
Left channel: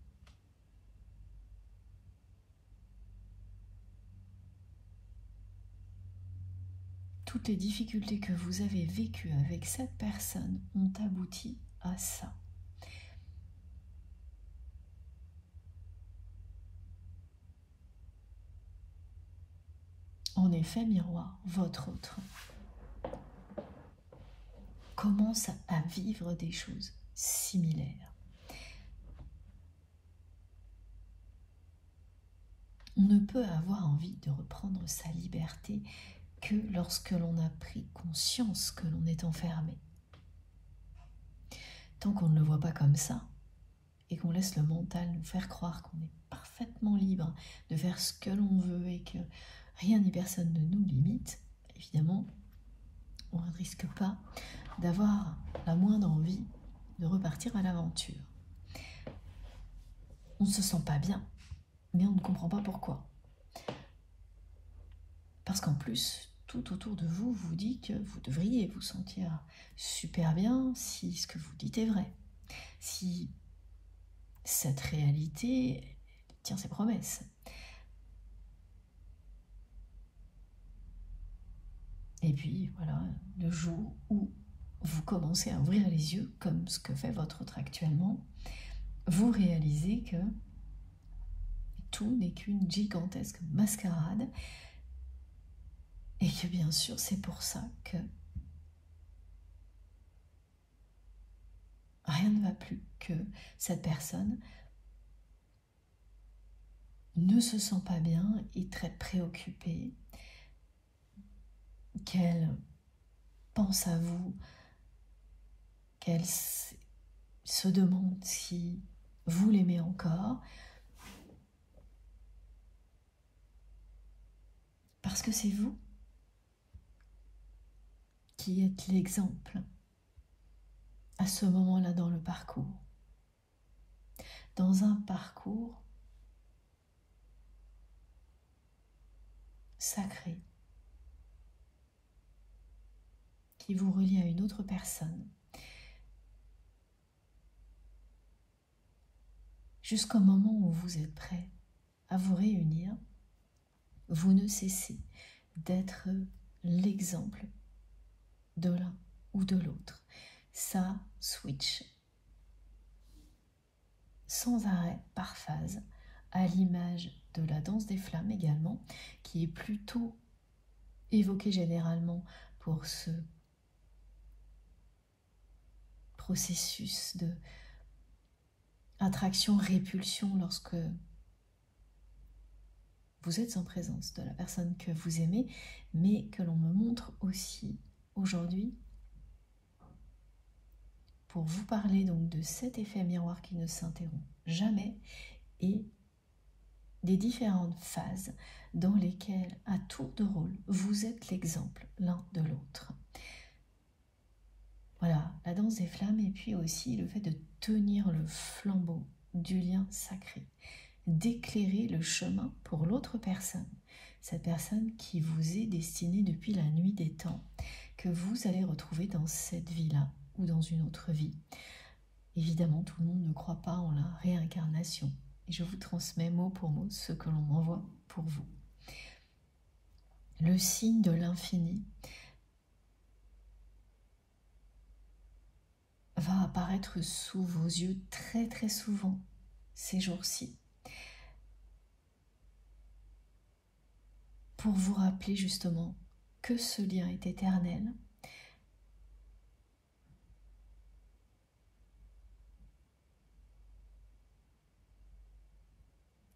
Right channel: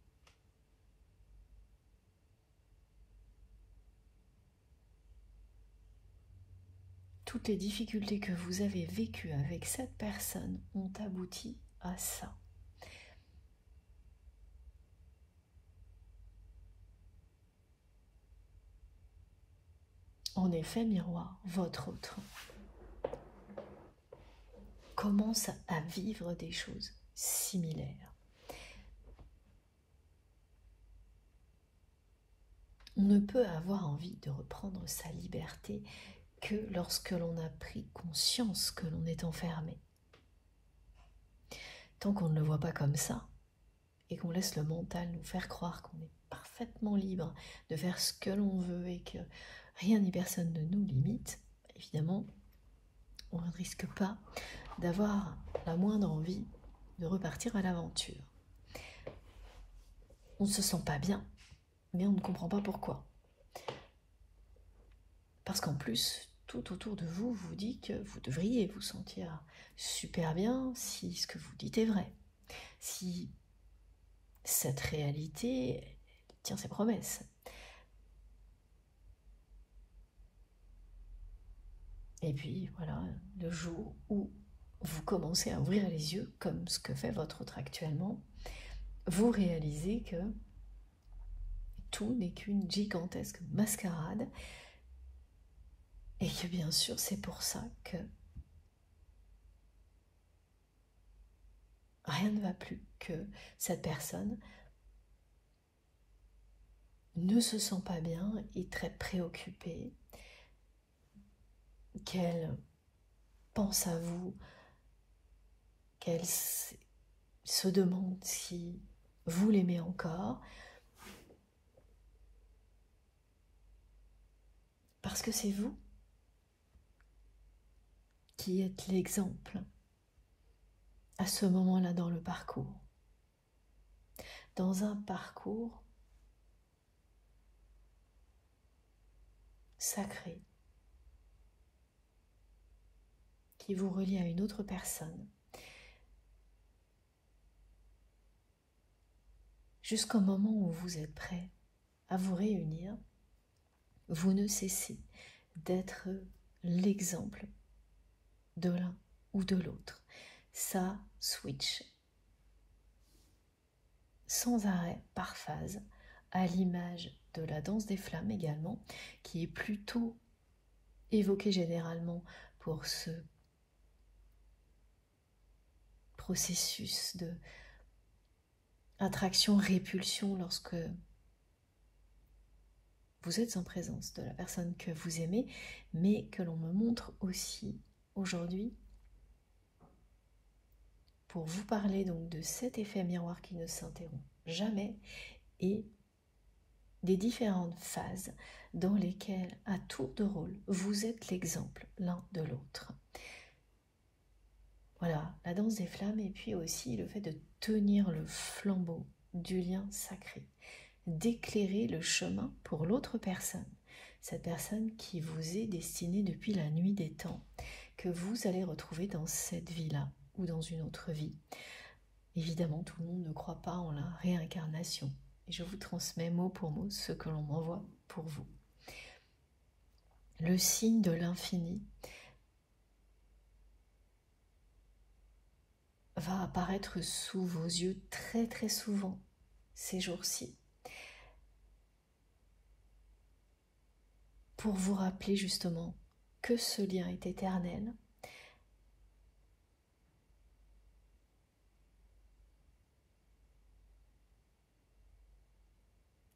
Toutes les difficultés que vous avez vécues avec cette personne ont abouti à ça. En effet, miroir, votre autre commence à vivre des choses similaires. On ne peut avoir envie de reprendre sa liberté que lorsque l'on a pris conscience que l'on est enfermé. Tant qu'on ne le voit pas comme ça, et qu'on laisse le mental nous faire croire qu'on est parfaitement libre de faire ce que l'on veut et que rien ni personne ne nous limite, évidemment, on ne risque pas d'avoir la moindre envie de repartir à l'aventure. On ne se sent pas bien, mais on ne comprend pas pourquoi. Parce qu'en plus, tout autour de vous vous dit que vous devriez vous sentir super bien si ce que vous dites est vrai. Si cette réalité tient ses promesses. Et puis voilà, le jour où vous commencez à ouvrir les yeux, comme ce que fait votre autre actuellement, vous réalisez que tout n'est qu'une gigantesque mascarade et que bien sûr c'est pour ça que rien ne va plus, que cette personne ne se sent pas bien, est très préoccupée, qu'elle pense à vous, qu'elle se demande si vous l'aimez encore, parce que c'est vous qui êtes l'exemple à ce moment-là dans le parcours. Dans un parcours sacré qui vous relie à une autre personne jusqu'au moment où vous êtes prêt à vous réunir, vous ne cessez d'être l'exemple de l'un ou de l'autre. Ça switch sans arrêt, par phase, à l'image de la danse des flammes également, qui est plutôt évoquée généralement pour ce processus de attraction-répulsion lorsque vous êtes en présence de la personne que vous aimez, mais que l'on me montre aussi aujourd'hui pour vous parler donc de cet effet miroir qui ne s'interrompt jamais et des différentes phases dans lesquelles, à tour de rôle, vous êtes l'exemple l'un de l'autre. Voilà, la danse des flammes et puis aussi le fait de tenir le flambeau du lien sacré, d'éclairer le chemin pour l'autre personne, cette personne qui vous est destinée depuis la nuit des temps, que vous allez retrouver dans cette vie-là ou dans une autre vie. Évidemment, tout le monde ne croit pas en la réincarnation et je vous transmets mot pour mot ce que l'on m'envoie pour vous. Le signe de l'infini va apparaître sous vos yeux très très souvent ces jours-ci pour vous rappeler justement que ce lien est éternel,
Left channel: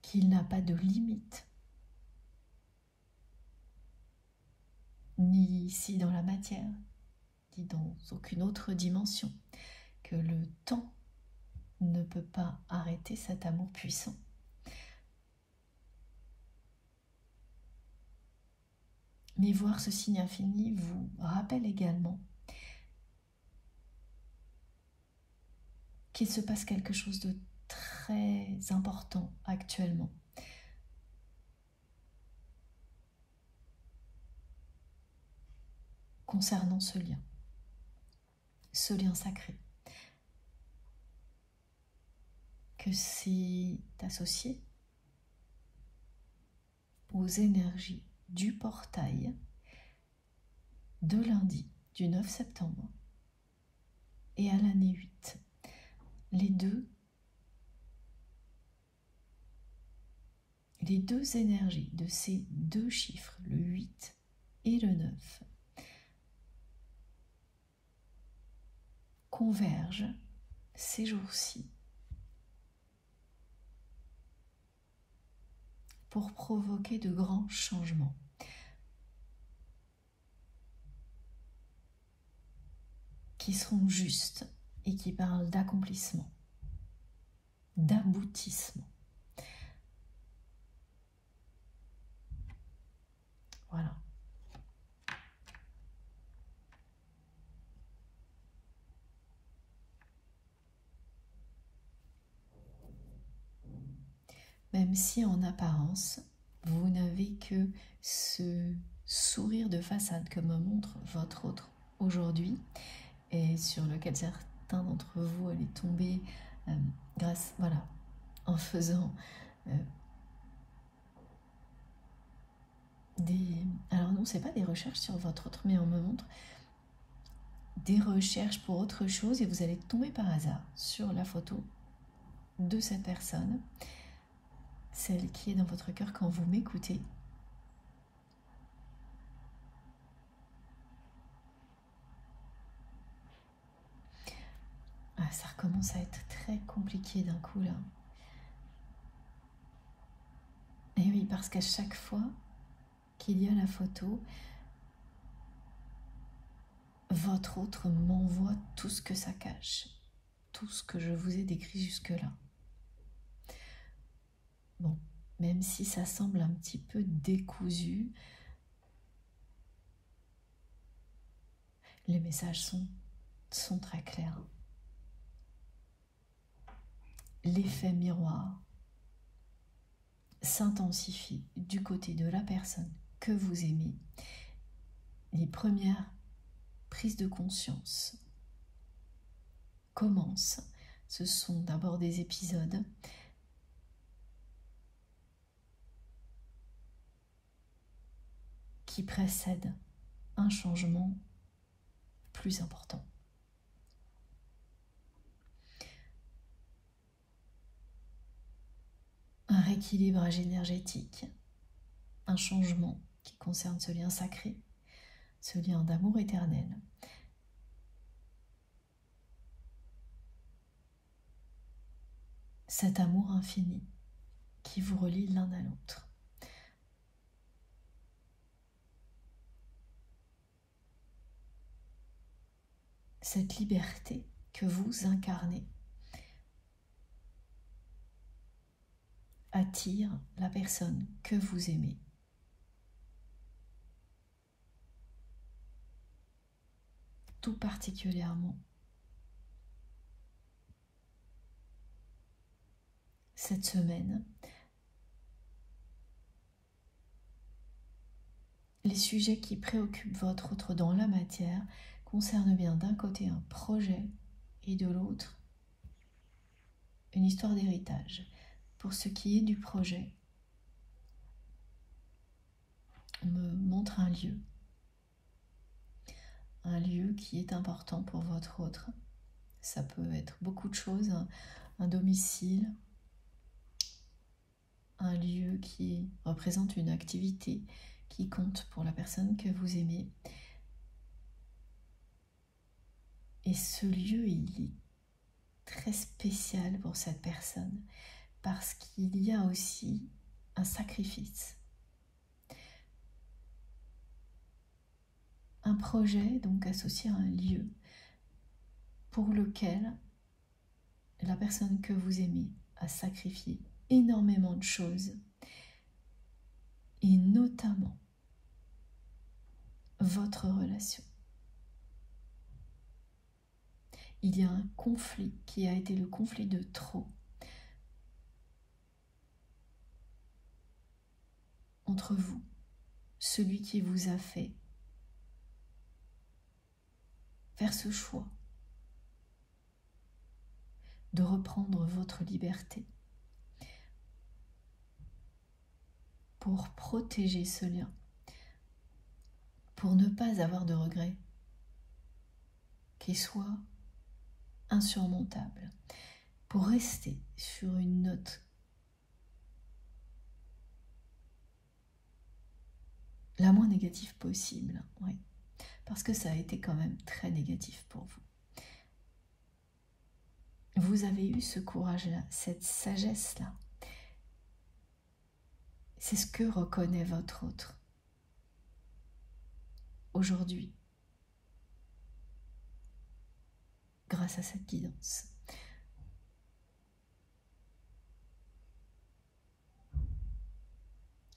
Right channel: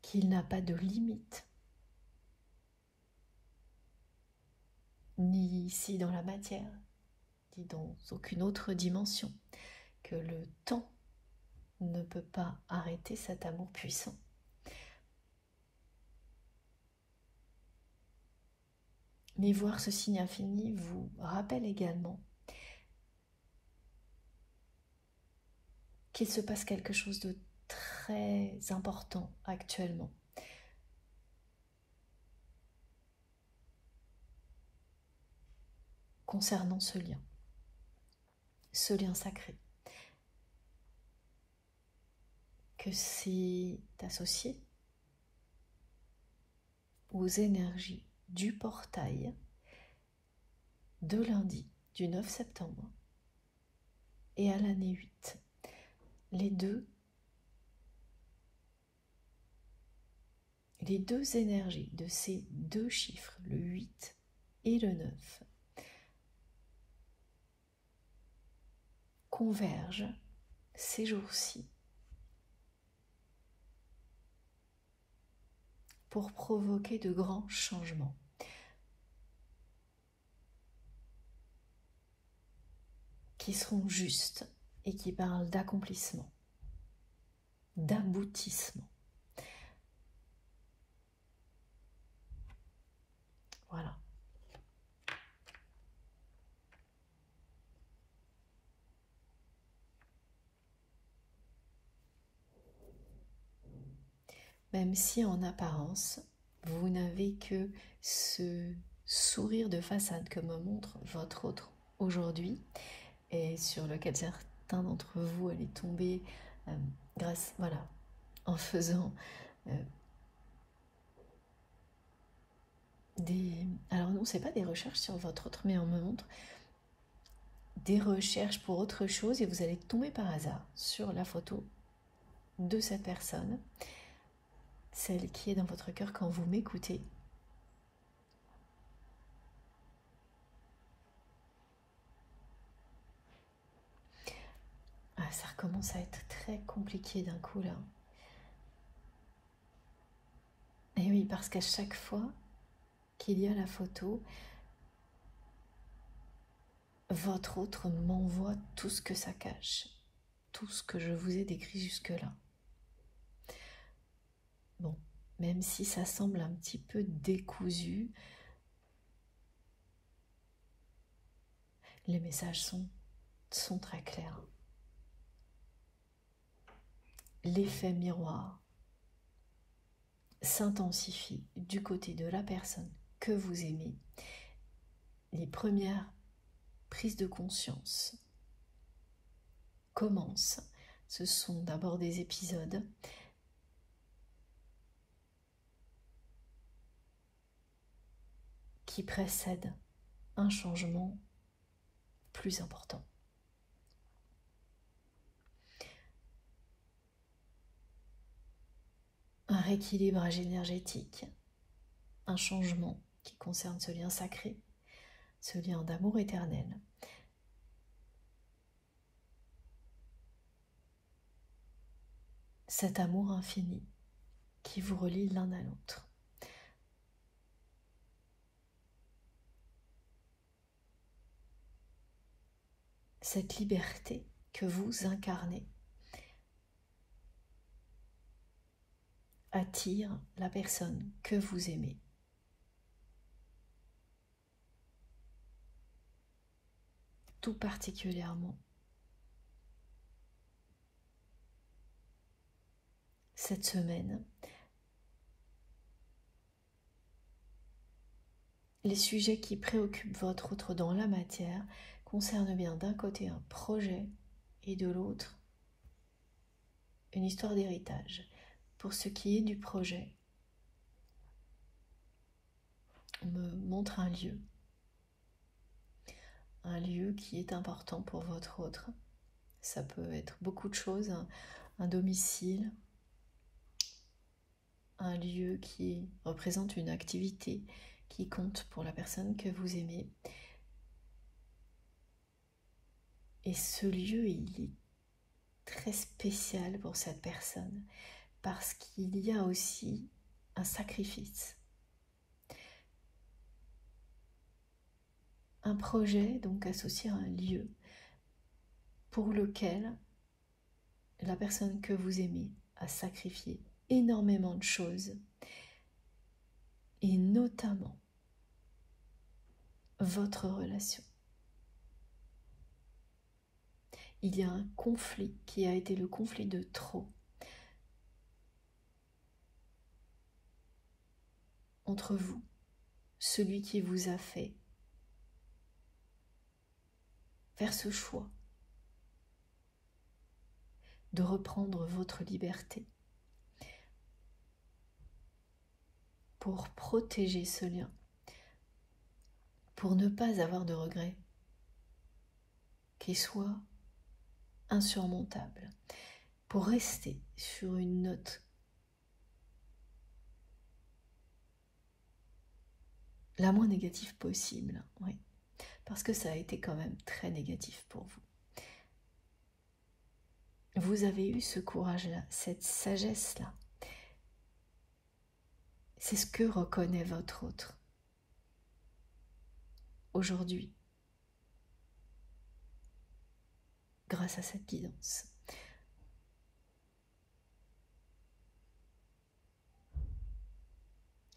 qu'il n'a pas de limite, ni ici dans la matière, ni dans aucune autre dimension, que le temps ne peut pas arrêter cet amour puissant. Mais voir ce signe infini vous rappelle également qu'il se passe quelque chose de très important actuellement. Concernant ce lien sacré, que c'est associé aux énergies du portail de lundi du 9 septembre et à l'année 8. Les deux énergies de ces deux chiffres, le 8 et le 9, convergent ces jours-ci pour provoquer de grands changements. Qui seront justes et qui parlent d'accomplissement, d'aboutissement. Voilà. Même si en apparence, vous n'avez que ce sourire de façade que me montre votre autre aujourd'hui et sur lequel certains d'entre vous allaient tomber grâce, voilà, en faisant alors non, c'est pas des recherches sur votre autre, mais on me montre des recherches pour autre chose et vous allez tomber par hasard sur la photo de cette personne, celle qui est dans votre cœur quand vous m'écoutez. Ah, ça recommence à être très compliqué d'un coup là. Et oui, parce qu'à chaque fois qu'il y a la photo, votre autre m'envoie tout ce que ça cache, tout ce que je vous ai décrit jusque-là. Bon, même si ça semble un petit peu décousu, les messages sont très clairs. L'effet miroir s'intensifie du côté de la personne que vous aimez. Les premières prises de conscience commencent. Ce sont d'abord des épisodes qui précèdent un changement plus important. Un rééquilibrage énergétique, un changement qui concerne ce lien sacré, ce lien d'amour éternel. Cet amour infini qui vous relie l'un à l'autre. Cette liberté que vous incarnez attire la personne que vous aimez. Tout particulièrement cette semaine, les sujets qui préoccupent votre autre dans la matière concernent bien d'un côté un projet et de l'autre une histoire d'héritage. Pour ce qui est du projet, on me montre un lieu qui est important pour votre autre. Ça peut être beaucoup de choses, un domicile, un lieu qui représente une activité qui compte pour la personne que vous aimez. Et ce lieu, il est très spécial pour cette personne parce qu'il y a aussi un sacrifice. Un projet donc associé à un lieu pour lequel la personne que vous aimez a sacrifié énormément de choses et notamment votre relation. Il y a un conflit qui a été le conflit de trop entre vous, celui qui vous a fait faire ce choix de reprendre votre liberté pour protéger ce lien, pour ne pas avoir de regrets qui soient insurmontables, pour rester sur une note la moins négative possible, oui, parce que ça a été quand même très négatif pour vous. Vous avez eu ce courage-là, cette sagesse-là, C'est ce que reconnaît votre autre aujourd'hui, grâce à cette guidance.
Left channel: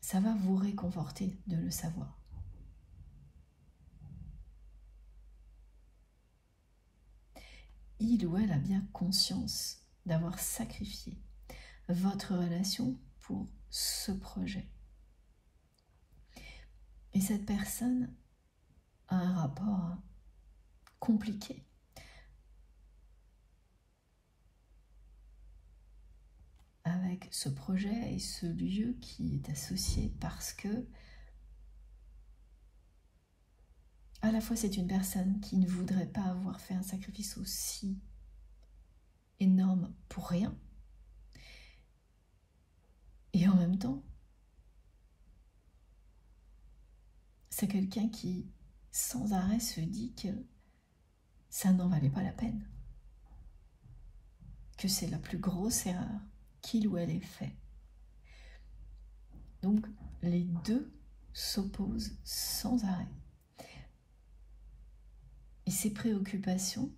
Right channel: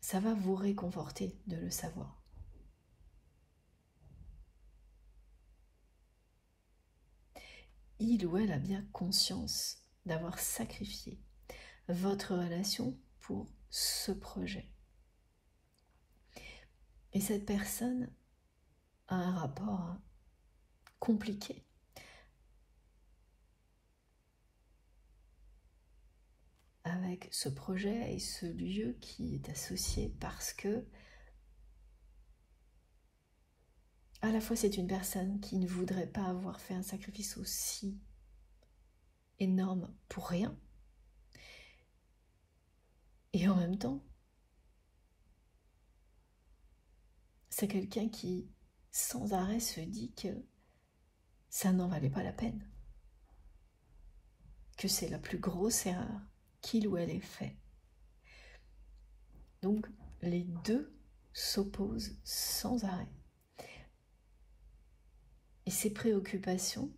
Ça va vous réconforter de le savoir. Il ou elle a bien conscience d'avoir sacrifié votre relation pour ce projet. Et cette personne a un rapport compliqué avec ce projet et ce lieu qui est associé parce que à la fois c'est une personne qui ne voudrait pas avoir fait un sacrifice aussi énorme pour rien, et en même temps c'est quelqu'un qui sans arrêt se dit que ça n'en valait pas la peine, que c'est la plus grosse erreur qu'il ou elle ait fait. Donc les deux s'opposent sans arrêt. Et ces préoccupations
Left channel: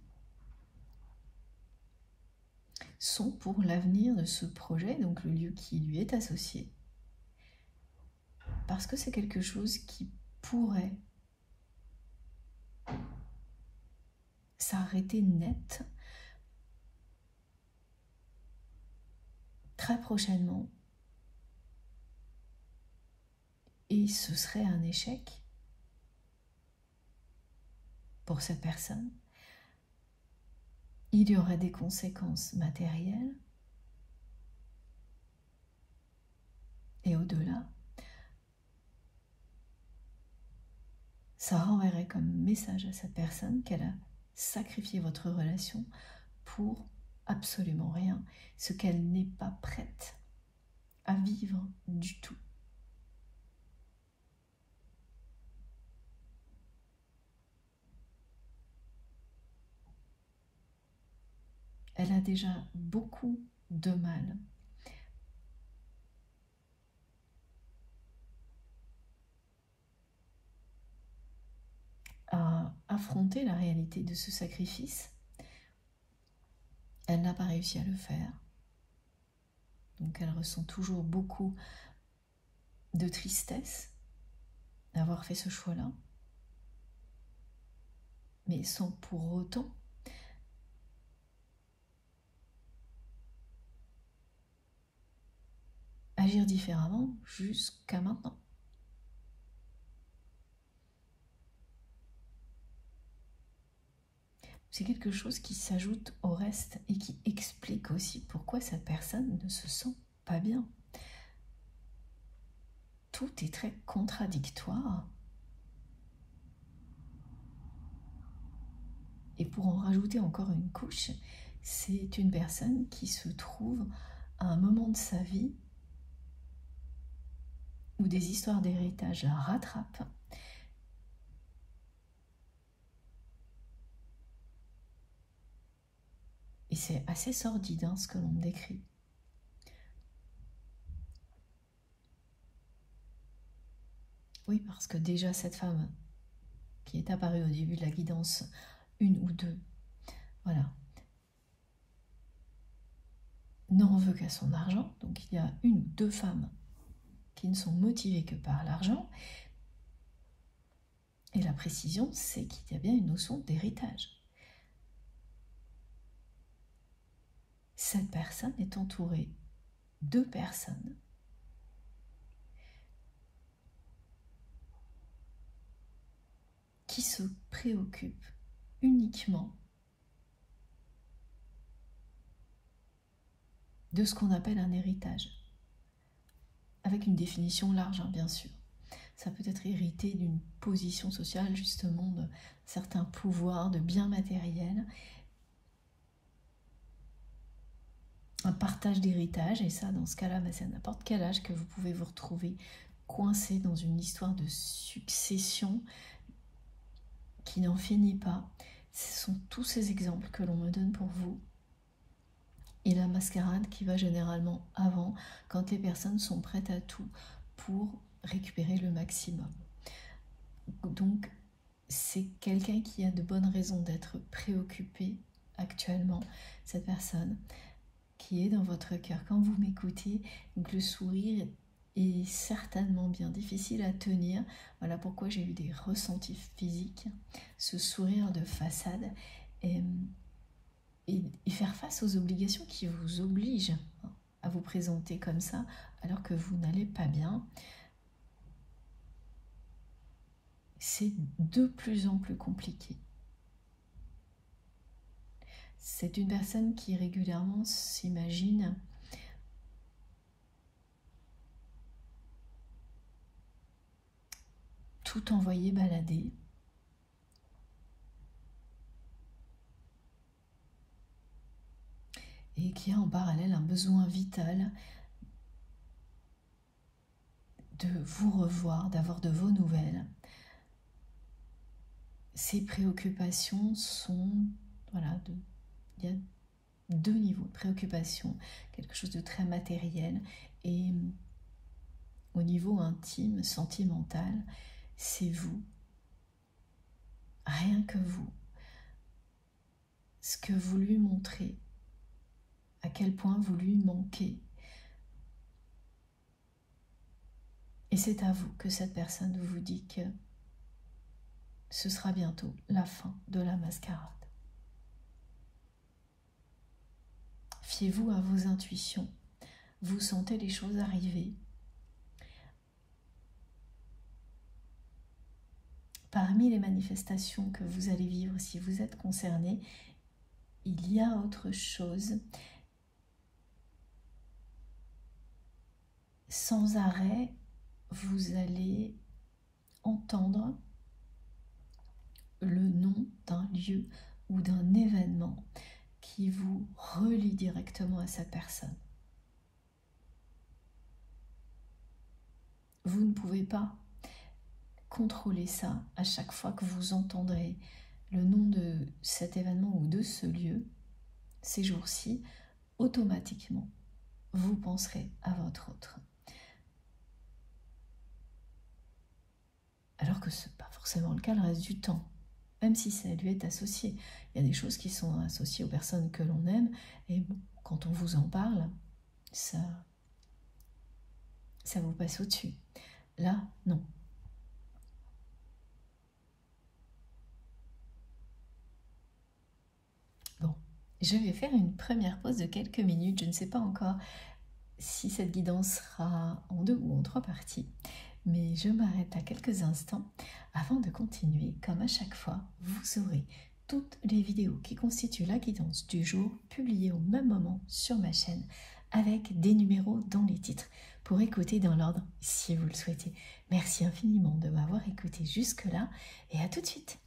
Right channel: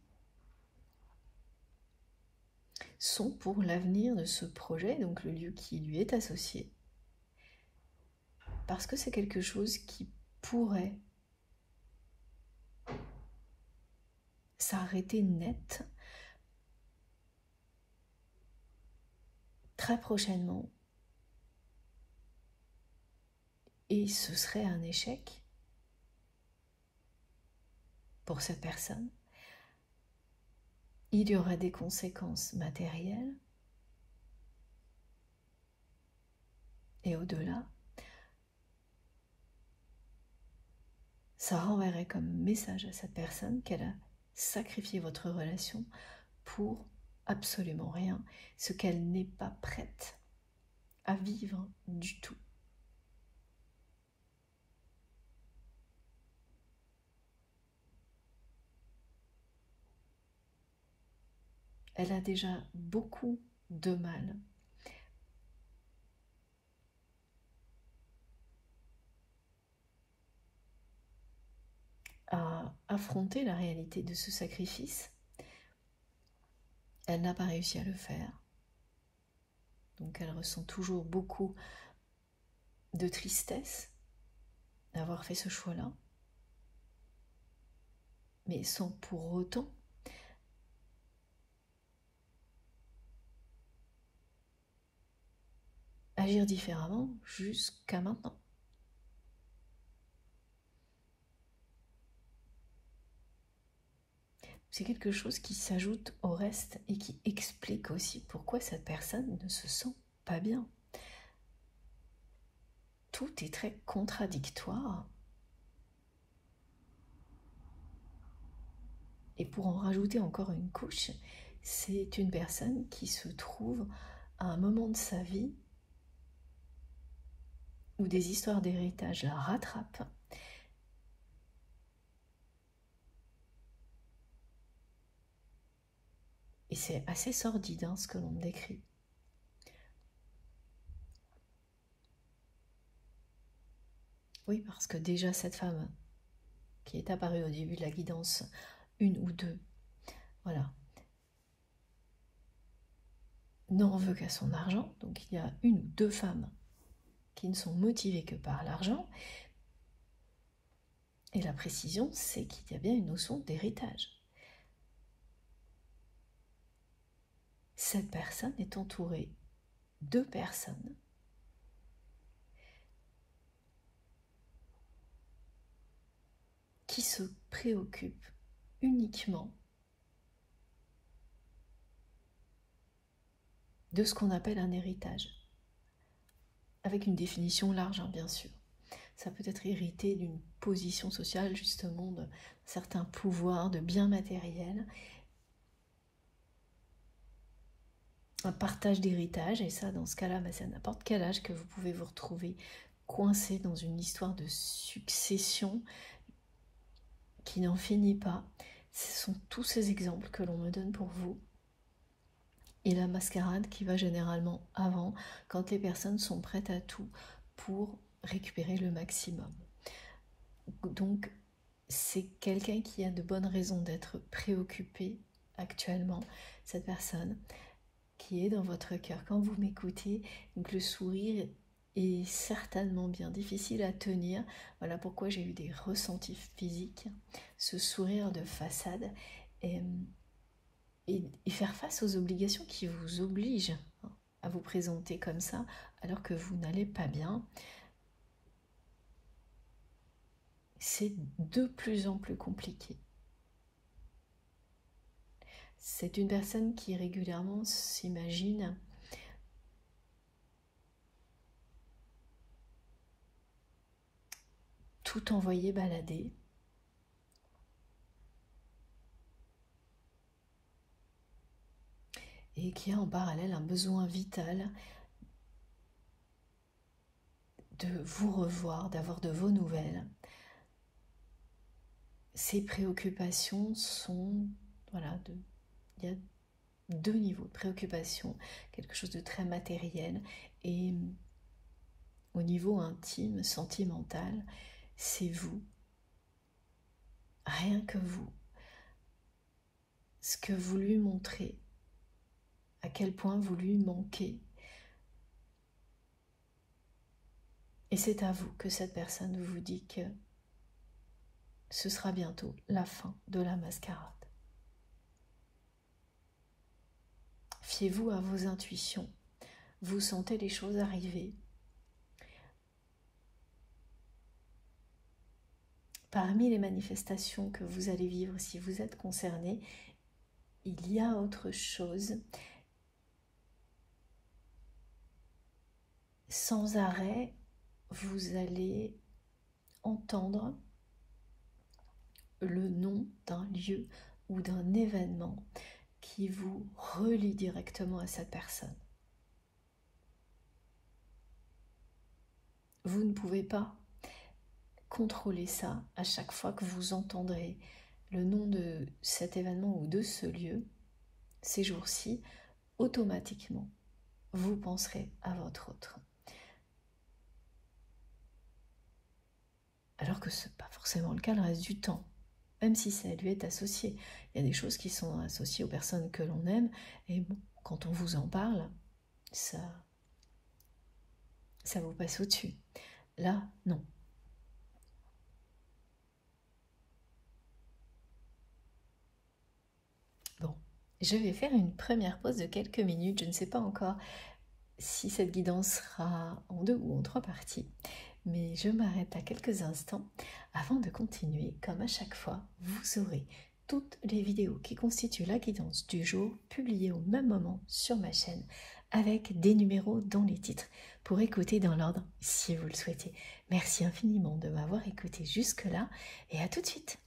sont pour l'avenir de ce projet, donc le lieu qui lui est associé, parce que c'est quelque chose qui pourrait s'arrêter net très prochainement, et ce serait un échec pour cette personne. Il y aura des conséquences matérielles et au-delà, ça renverrait comme message à cette personne qu'elle a sacrifié votre relation pour absolument rien, ce qu'elle n'est pas prête à vivre du tout. Elle a déjà beaucoup de mal à affronter la réalité de ce sacrifice. Elle n'a pas réussi à le faire. Donc elle ressent toujours beaucoup de tristesse d'avoir fait ce choix-là, mais sans pour autant agir différemment jusqu'à maintenant. C'est quelque chose qui s'ajoute au reste et qui explique aussi pourquoi cette personne ne se sent pas bien. Tout est très contradictoire. Et pour en rajouter encore une couche, c'est une personne qui se trouve à un moment de sa vie où des histoires d'héritage la rattrapent. Et c'est assez sordide hein, ce que l'on me décrit. Oui, parce que déjà cette femme qui est apparue au début de la guidance, une ou deux, voilà, n'en veut qu'à son argent. Donc il y a une ou deux femmes qui ne sont motivées que par l'argent. Et la précision, c'est qu'il y a bien une notion d'héritage. Cette personne est entourée de personnes qui se préoccupent uniquement de ce qu'on appelle un héritage, avec une définition large, hein, bien sûr. Ça peut être hérité d'une position sociale, justement, de certains pouvoirs, de biens matériels, un partage d'héritage, et ça, dans ce cas-là, c'est à n'importe quel âge que vous pouvez vous retrouver coincé dans une histoire de succession qui n'en finit pas. Ce sont tous ces exemples que l'on me donne pour vous. Et la mascarade qui va généralement avant, quand les personnes sont prêtes à tout pour récupérer le maximum. Donc, c'est quelqu'un qui a de bonnes raisons d'être préoccupé actuellement, cette personne qui est dans votre cœur. Quand vous m'écoutez, donc le sourire est certainement bien difficile à tenir. Voilà pourquoi j'ai eu des ressentis physiques. Ce sourire de façade et faire face aux obligations qui vous obligent à vous présenter comme ça alors que vous n'allez pas bien. C'est de plus en plus compliqué. C'est une personne qui régulièrement s'imagine tout envoyer balader. Et qui a en parallèle un besoin vital de vous revoir, d'avoir de vos nouvelles. Ces préoccupations sont, voilà, il y a deux niveaux de préoccupation, quelque chose de très matériel, et au niveau intime, sentimental, c'est vous, rien que vous, ce que vous lui montrez, à quel point vous lui manquez. Et c'est à vous que cette personne vous dit que ce sera bientôt la fin de la mascarade. Fiez-vous à vos intuitions. Vous sentez les choses arriver. Parmi les manifestations que vous allez vivre, si vous êtes concerné, il y a autre chose. Sans arrêt, vous allez entendre le nom d'un lieu ou d'un événement qui vous relie directement à cette personne. Vous ne pouvez pas contrôler ça à chaque fois que vous entendrez le nom de cet événement ou de ce lieu. Ces jours-ci, automatiquement, vous penserez à votre autre. Alors que ce n'est pas forcément le cas le reste du temps. Même si ça lui est associé. Il y a des choses qui sont associées aux personnes que l'on aime, et bon, quand on vous en parle, ça vous passe au-dessus. Là, non. Bon, je vais faire une première pause de quelques minutes. Je ne sais pas encore si cette guidance sera en 2 ou en 3 parties, mais je m'arrête à quelques instants avant de continuer. Comme à chaque fois, vous aurez toutes les vidéos qui constituent la guidance du jour publiées au même moment sur ma chaîne avec des numéros dans les titres pour écouter dans l'ordre si vous le souhaitez. Merci infiniment de m'avoir écouté jusque-là et à tout de suite.